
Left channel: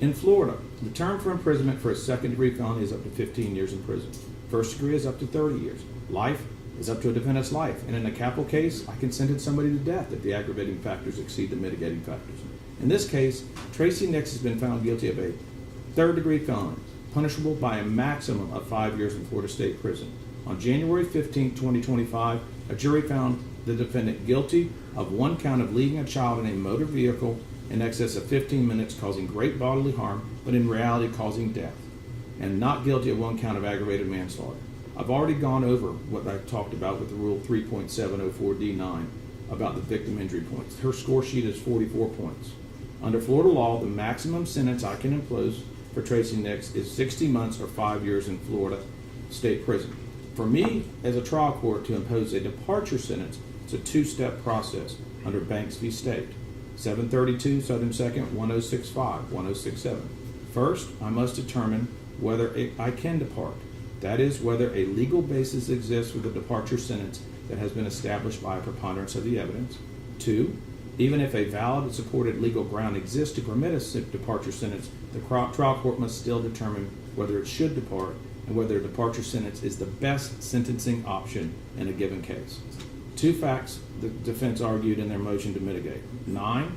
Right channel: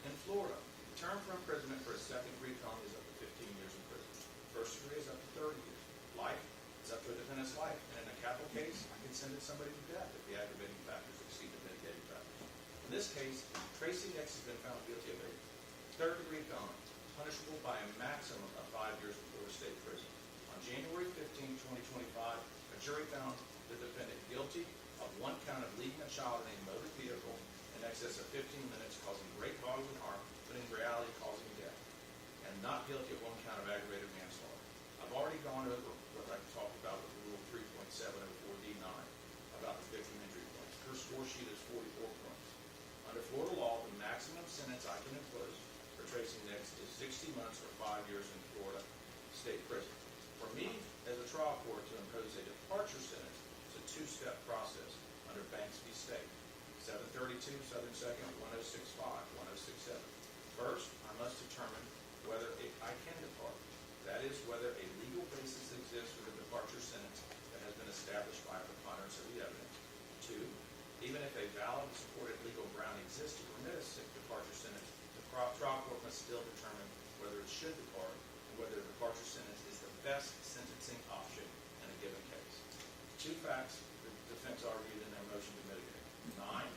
In Florida, the term for imprisonment for a second-degree felony is up to 15 years in prison. First degree is up to 30 years. Life is up to a defendant's life. And in a capital case, I can sentence somebody to death if the aggravating factors exceed the mitigating factors. In this case, Tracey Nix has been found guilty of a third-degree felony, punishable by a maximum of 5 years in Florida State Prison. On January 15, 2025, a jury found the defendant guilty of one count of leaving a child in a motor vehicle in excess of 15 minutes, causing great bodily harm, but in reality causing death, and not guilty of one count of aggravated manslaughter. I've already gone over what I've talked about with the Rule 3.704D9 about the victim injury points. Her score sheet is 44 points. Under Florida law, the maximum sentence I can impose for Tracey Nix is 60 months or 5 years in Florida State Prison. For me, as a trial court, to impose a departure sentence, it's a two-step process under Banks v. State, 732 Southern 2nd, 1065, 1067. First, I must determine whether I can depart. That is, whether a legal basis exists for the departure sentence that has been established by a preponderance of the evidence. Two, even if a valid and supported legal ground exists to permit a departure sentence, the trial court must still determine whether it should depart and whether a departure sentence is the best sentencing option in a given case. Two facts the defense argued in their motion to mitigate. 9,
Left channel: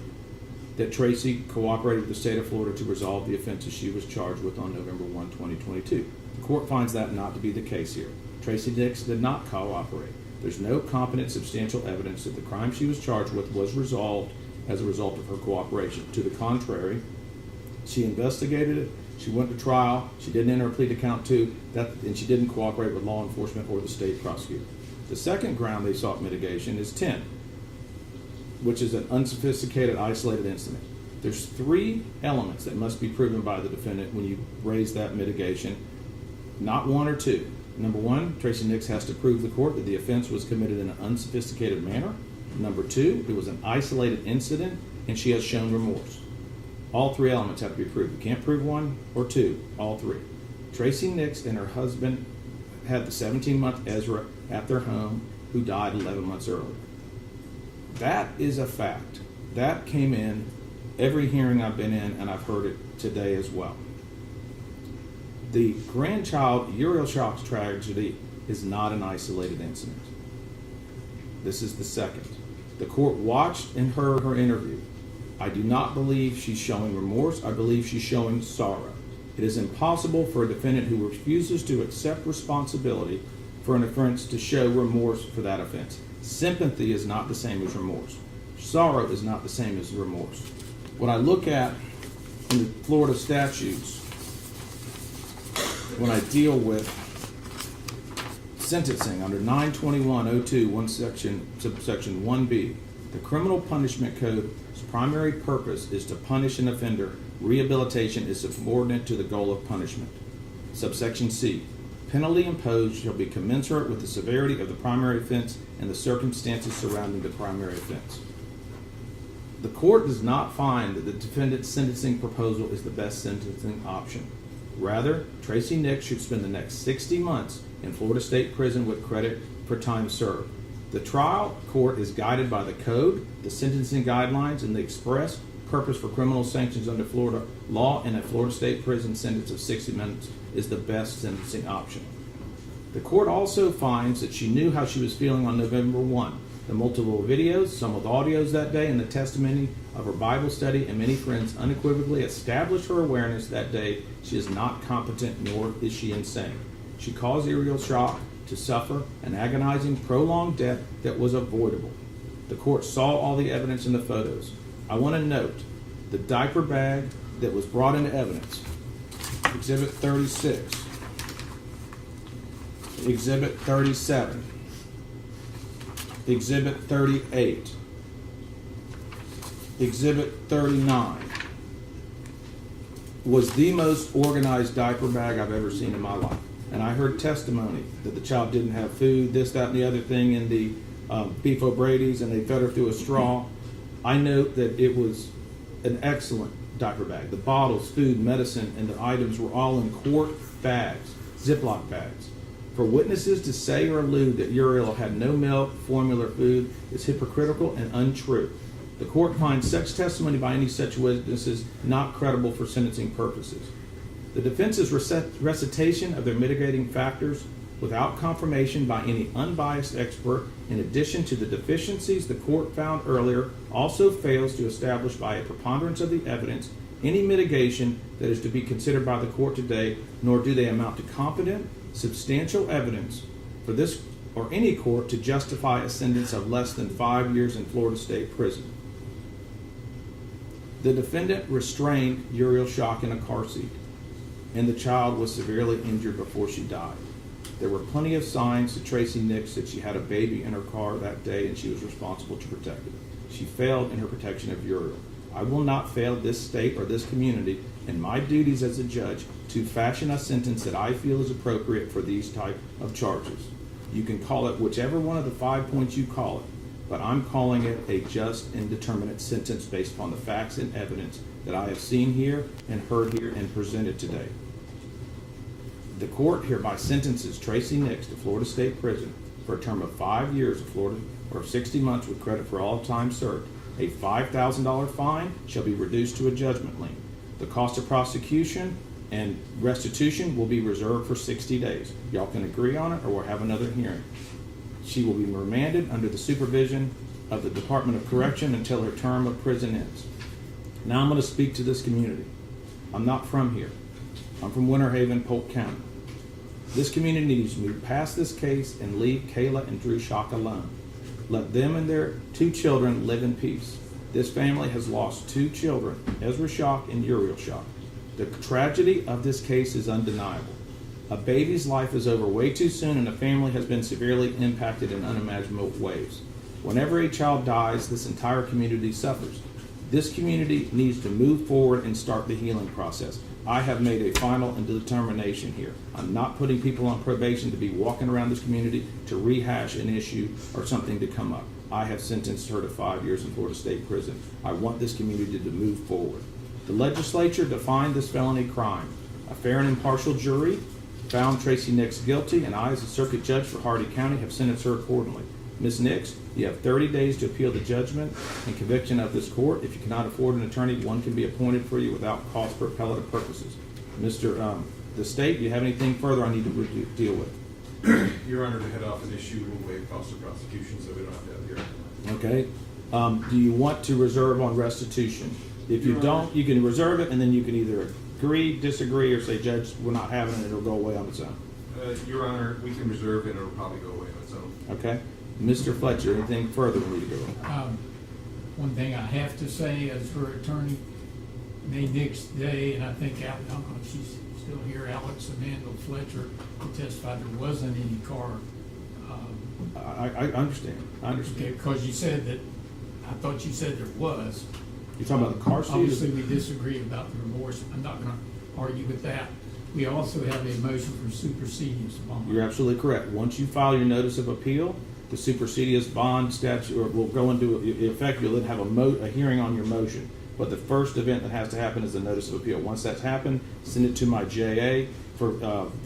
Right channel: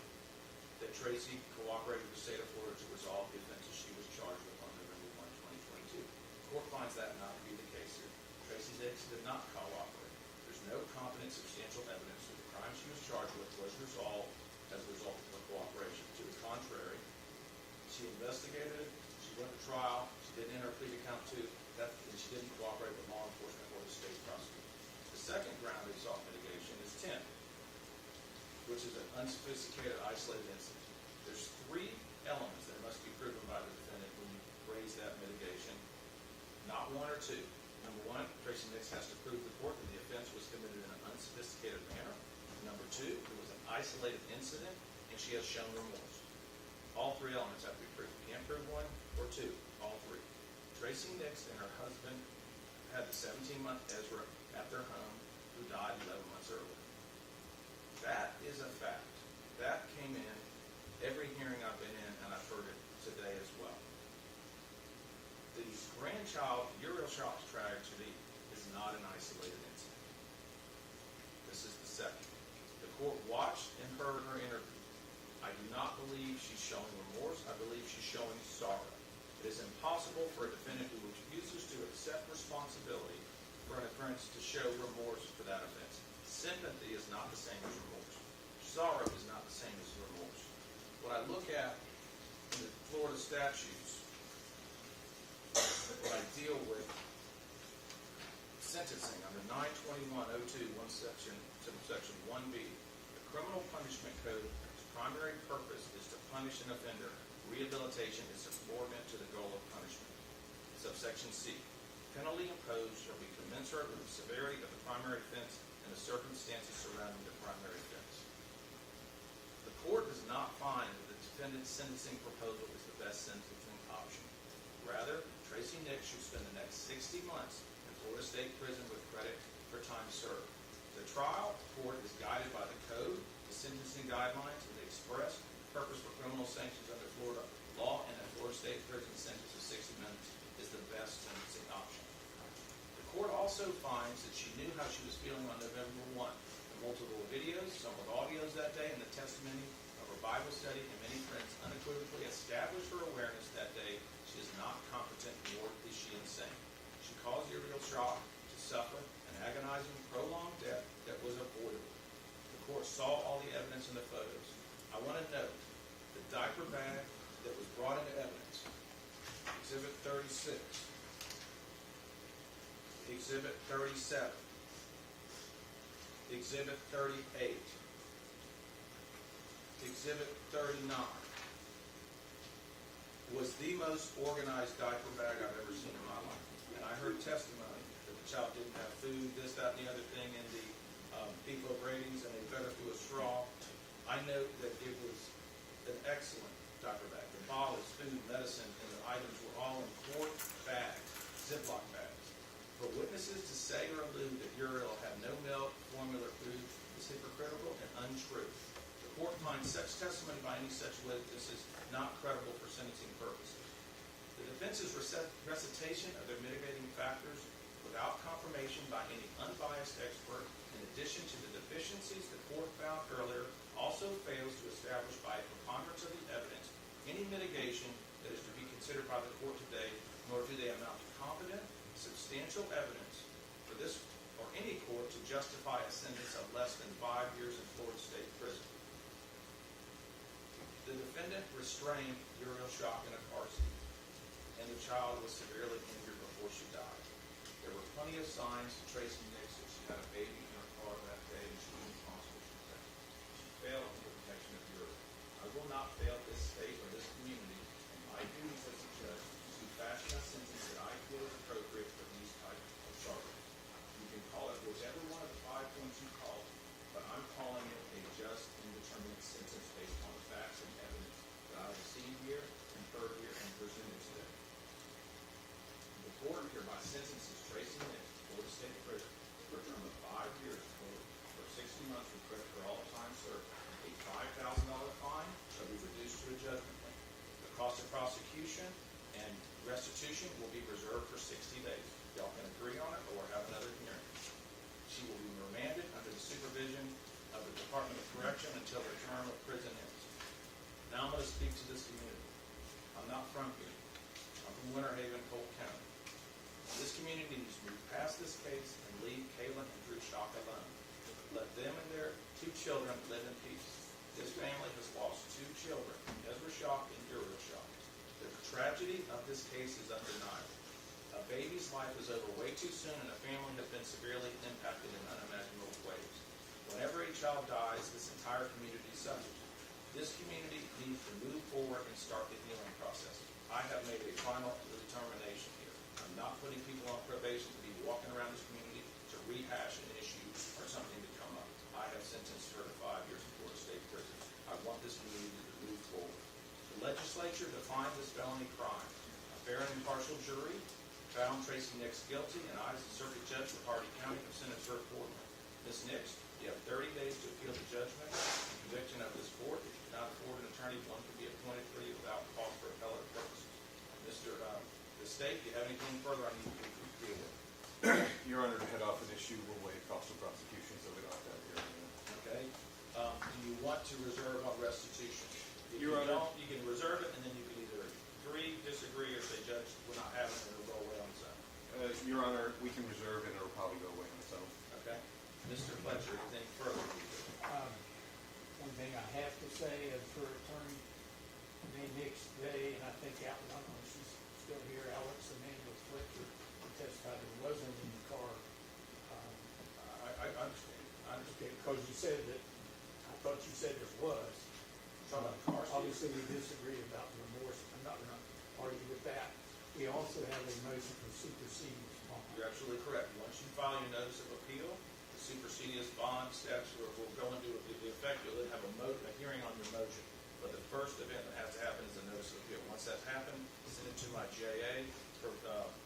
that Tracey cooperated with the state of Florida to resolve the offenses she was charged with on November 1, 2022. The court finds that not to be the case here. Tracey Nix did not cooperate. There's no competent substantial evidence that the crime she was charged with was resolved as a result of her cooperation. To the contrary, she investigated it, she went to trial, she didn't enter a plea to count 2, and she didn't cooperate with law enforcement or the state prosecutor. The second ground they sought mitigation is 10, which is an unsophisticated, isolated incident. There's 3 elements that must be proven by the defendant when you raise that mitigation, not 1 or 2. Number 1, Tracey Nix has to prove the court that the offense was committed in an unsophisticated manner. Number 2, it was an isolated incident, and she has shown remorse. All 3 elements have to be proved. You can't prove 1 or 2, all 3. Tracey Nix and her husband had the 17-month Ezra at their home, who died 11 months earlier. That is a fact. That came in every hearing I've been in, and I've heard it today as well. The grandchild Uriel Shock's tragedy is not an isolated incident. This is the second. The court watched and heard her interview. I do not believe she's showing remorse. I believe she's showing sorrow. It is impossible for a defendant who refuses to accept responsibility for an offense to show remorse for that offense. Sympathy is not the same as remorse. Sorrow is not the same as remorse. What I look at in the Florida statutes when I deal with sentencing under 921.02, subsection 1B, the criminal punishment code's primary purpose is to punish an offender. Rehabilitation is subordinate to the goal of punishment. Subsection C, penalty imposed shall be commensurate with the severity of the primary offense and the circumstances surrounding the primary offense. The court does not find that the defendant's sentencing proposal is the best sentencing option. Rather, Tracey Nix should spend the next 60 months in Florida State Prison with credit for time served. The trial court is guided by the code, the sentencing guidelines, and the express purpose for criminal sanctions under Florida law, and a Florida State Prison sentence of 60 months is the best sentencing option. The court also finds that she knew how she was feeling on November 1. The multiple videos, some with audios that day, and the testimony of her Bible study and many friends unequivocally established her awareness that day she is not competent, nor is she insane. She caused Uriel Shock to suffer an agonizing, prolonged death that was avoidable. The court saw all the evidence in the photos. I want to note the diaper bag that was brought into evidence, Exhibit 36, Exhibit 37, Exhibit 38, Exhibit 39, was the most organized diaper bag I've ever seen in my life. And I heard testimony that the child didn't have food, this, that, and the other thing in the beef O'Brady's, and they fed her through a straw. I note that it was an excellent diaper bag. The bottles, food, medicine, and the items were all in quart bags, Ziploc bags. For witnesses to say or allude that Uriel had no milk, formula, food is hypocritical and untrue. The court finds such testimony by any such witnesses not credible for sentencing purposes. The defense's recitation of their mitigating factors without confirmation by any unbiased expert, in addition to the deficiencies the court found earlier, also fails to establish by a preponderance of the evidence any mitigation that is to be considered by the court today, nor do they amount to competent, substantial evidence for this or any court to justify a sentence of less than 5 years in Florida State Prison. The defendant restrained Uriel Shock in a car seat, and the child was severely injured before she died. There were plenty of signs to Tracey Nix that she had a baby in her car that day and she was responsible to protect it. She failed in her protection of Uriel. I will not fail this state or this community in my duties as a judge to fashion a sentence that I feel is appropriate for these type of charges. You can call it whichever one of the 5 points you call it, but I'm calling it a just and determinate sentence based upon the facts and evidence that I have seen here and heard here and presented today. The court hereby sentences Tracey Nix to Florida State Prison for a term of 5 years of Florida or 60 months with credit for all time served. A $5,000 fine shall be reduced to a judgment lien. The cost of prosecution and restitution will be reserved for 60 days. Y'all can agree on it or we'll have another hearing. She will be remanded under the supervision of the Department of Correction until her term of prison ends. Now I'm going to speak to this community. I'm not from here. I'm from Winter Haven, Polk County. This community needs to move past this case and leave Kayla and Drew Shock alone. Let them and their 2 children live in peace. This family has lost 2 children, Ezra Shock and Uriel Shock. The tragedy of this case is undeniable. A baby's life is over way too soon and a family has been severely impacted in unimaginable ways. Whenever a child dies, this entire community suffers. This community needs to move forward and start the healing process. I have made a final and determination here. I'm not putting people on probation to be walking around this community to rehash an issue or something to come up. I have sentenced her to 5 years in Florida State Prison. I want this community to move forward. The legislature defined this felony crime. A fair and impartial jury found Tracey Nix guilty, and I, as a circuit judge for Hardy County, have sentenced her accordingly. Ms. Nix, you have 30 days to appeal the judgment and conviction of this court. If you cannot afford an attorney, one can be appointed for you without cost for appellate purposes. The state, do you have anything further I need to deal with? Your Honor, to head off an issue, we'll waive cost of prosecution, so we don't have to have here. Okay. Do you want to reserve on restitution? If you Your don't, Honor. you can reserve it, and then you can either agree, disagree, or say, Judge, we're not having it, it'll go away on its own. Your Honor, we can reserve it, and it'll probably go away on its own. Okay? Mr. Fletcher, anything further we need to go on? One thing I have to say as her attorney, May next day, and I think, I don't know if she's still here, Alex Amanda Fletcher testified there wasn't any car. I understand. I understand. Because you said that, I thought you said there was. You're talking about the car seat? Obviously, we disagree about the remorse. I'm not gonna argue with that. We also have a motion for supersedious bond. You're absolutely correct. Once you file your notice of appeal, the supersedious bond statute will go into effect. You'll then have a hearing on your motion. But the first event that has to happen is the notice of appeal. Once that's happened, send it to my JA for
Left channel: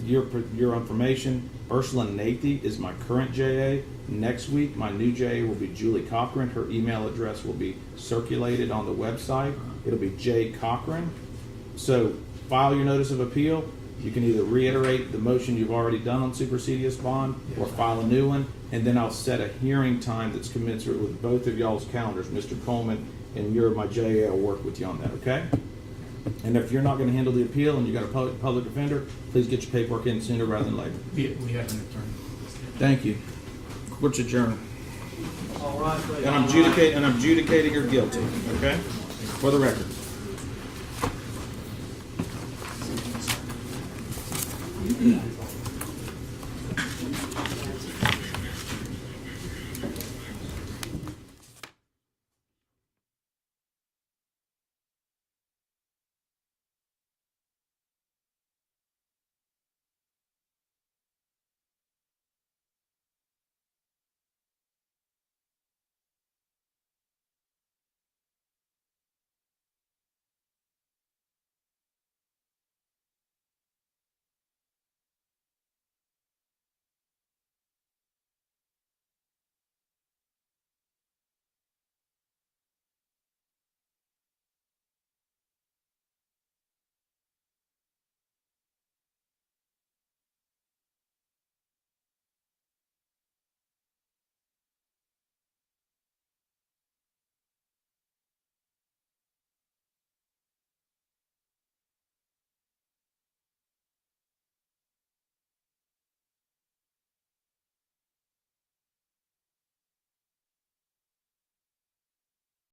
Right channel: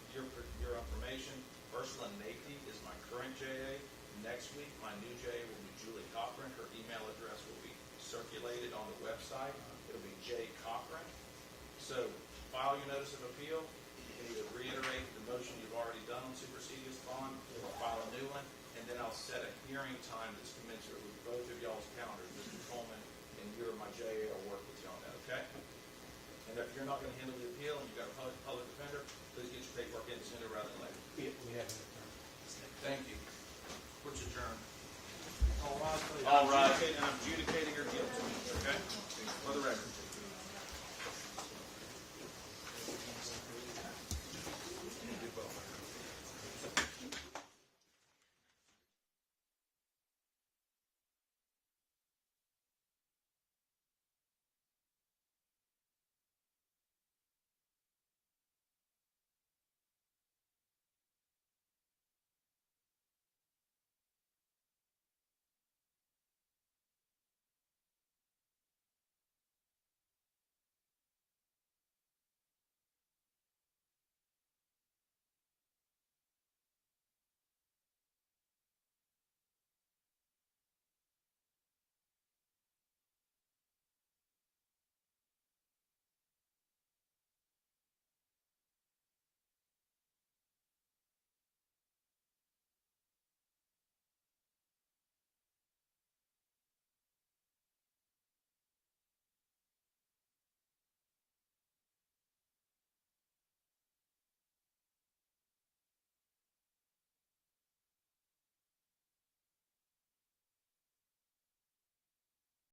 your information. Ursula Nathy is my current JA. Next week, my new JA will be Julie Cochran. Her email address will be circulated on the website. It'll be J. Cochran. So file your notice of appeal. You can either reiterate the motion you've already done on supersedious bond or file a new one, and then I'll set a hearing time that's commensurate with both of y'all's calendars. Mr. Coleman and my JA will work with you on that, okay? And if you're not gonna handle the appeal and you got a public defender, please get your paperwork in sooner rather than later. We have an attorney. Thank you. Court's adjourned. All right, please. And I'm adjudicating her guilty, okay? For the record. Yeah.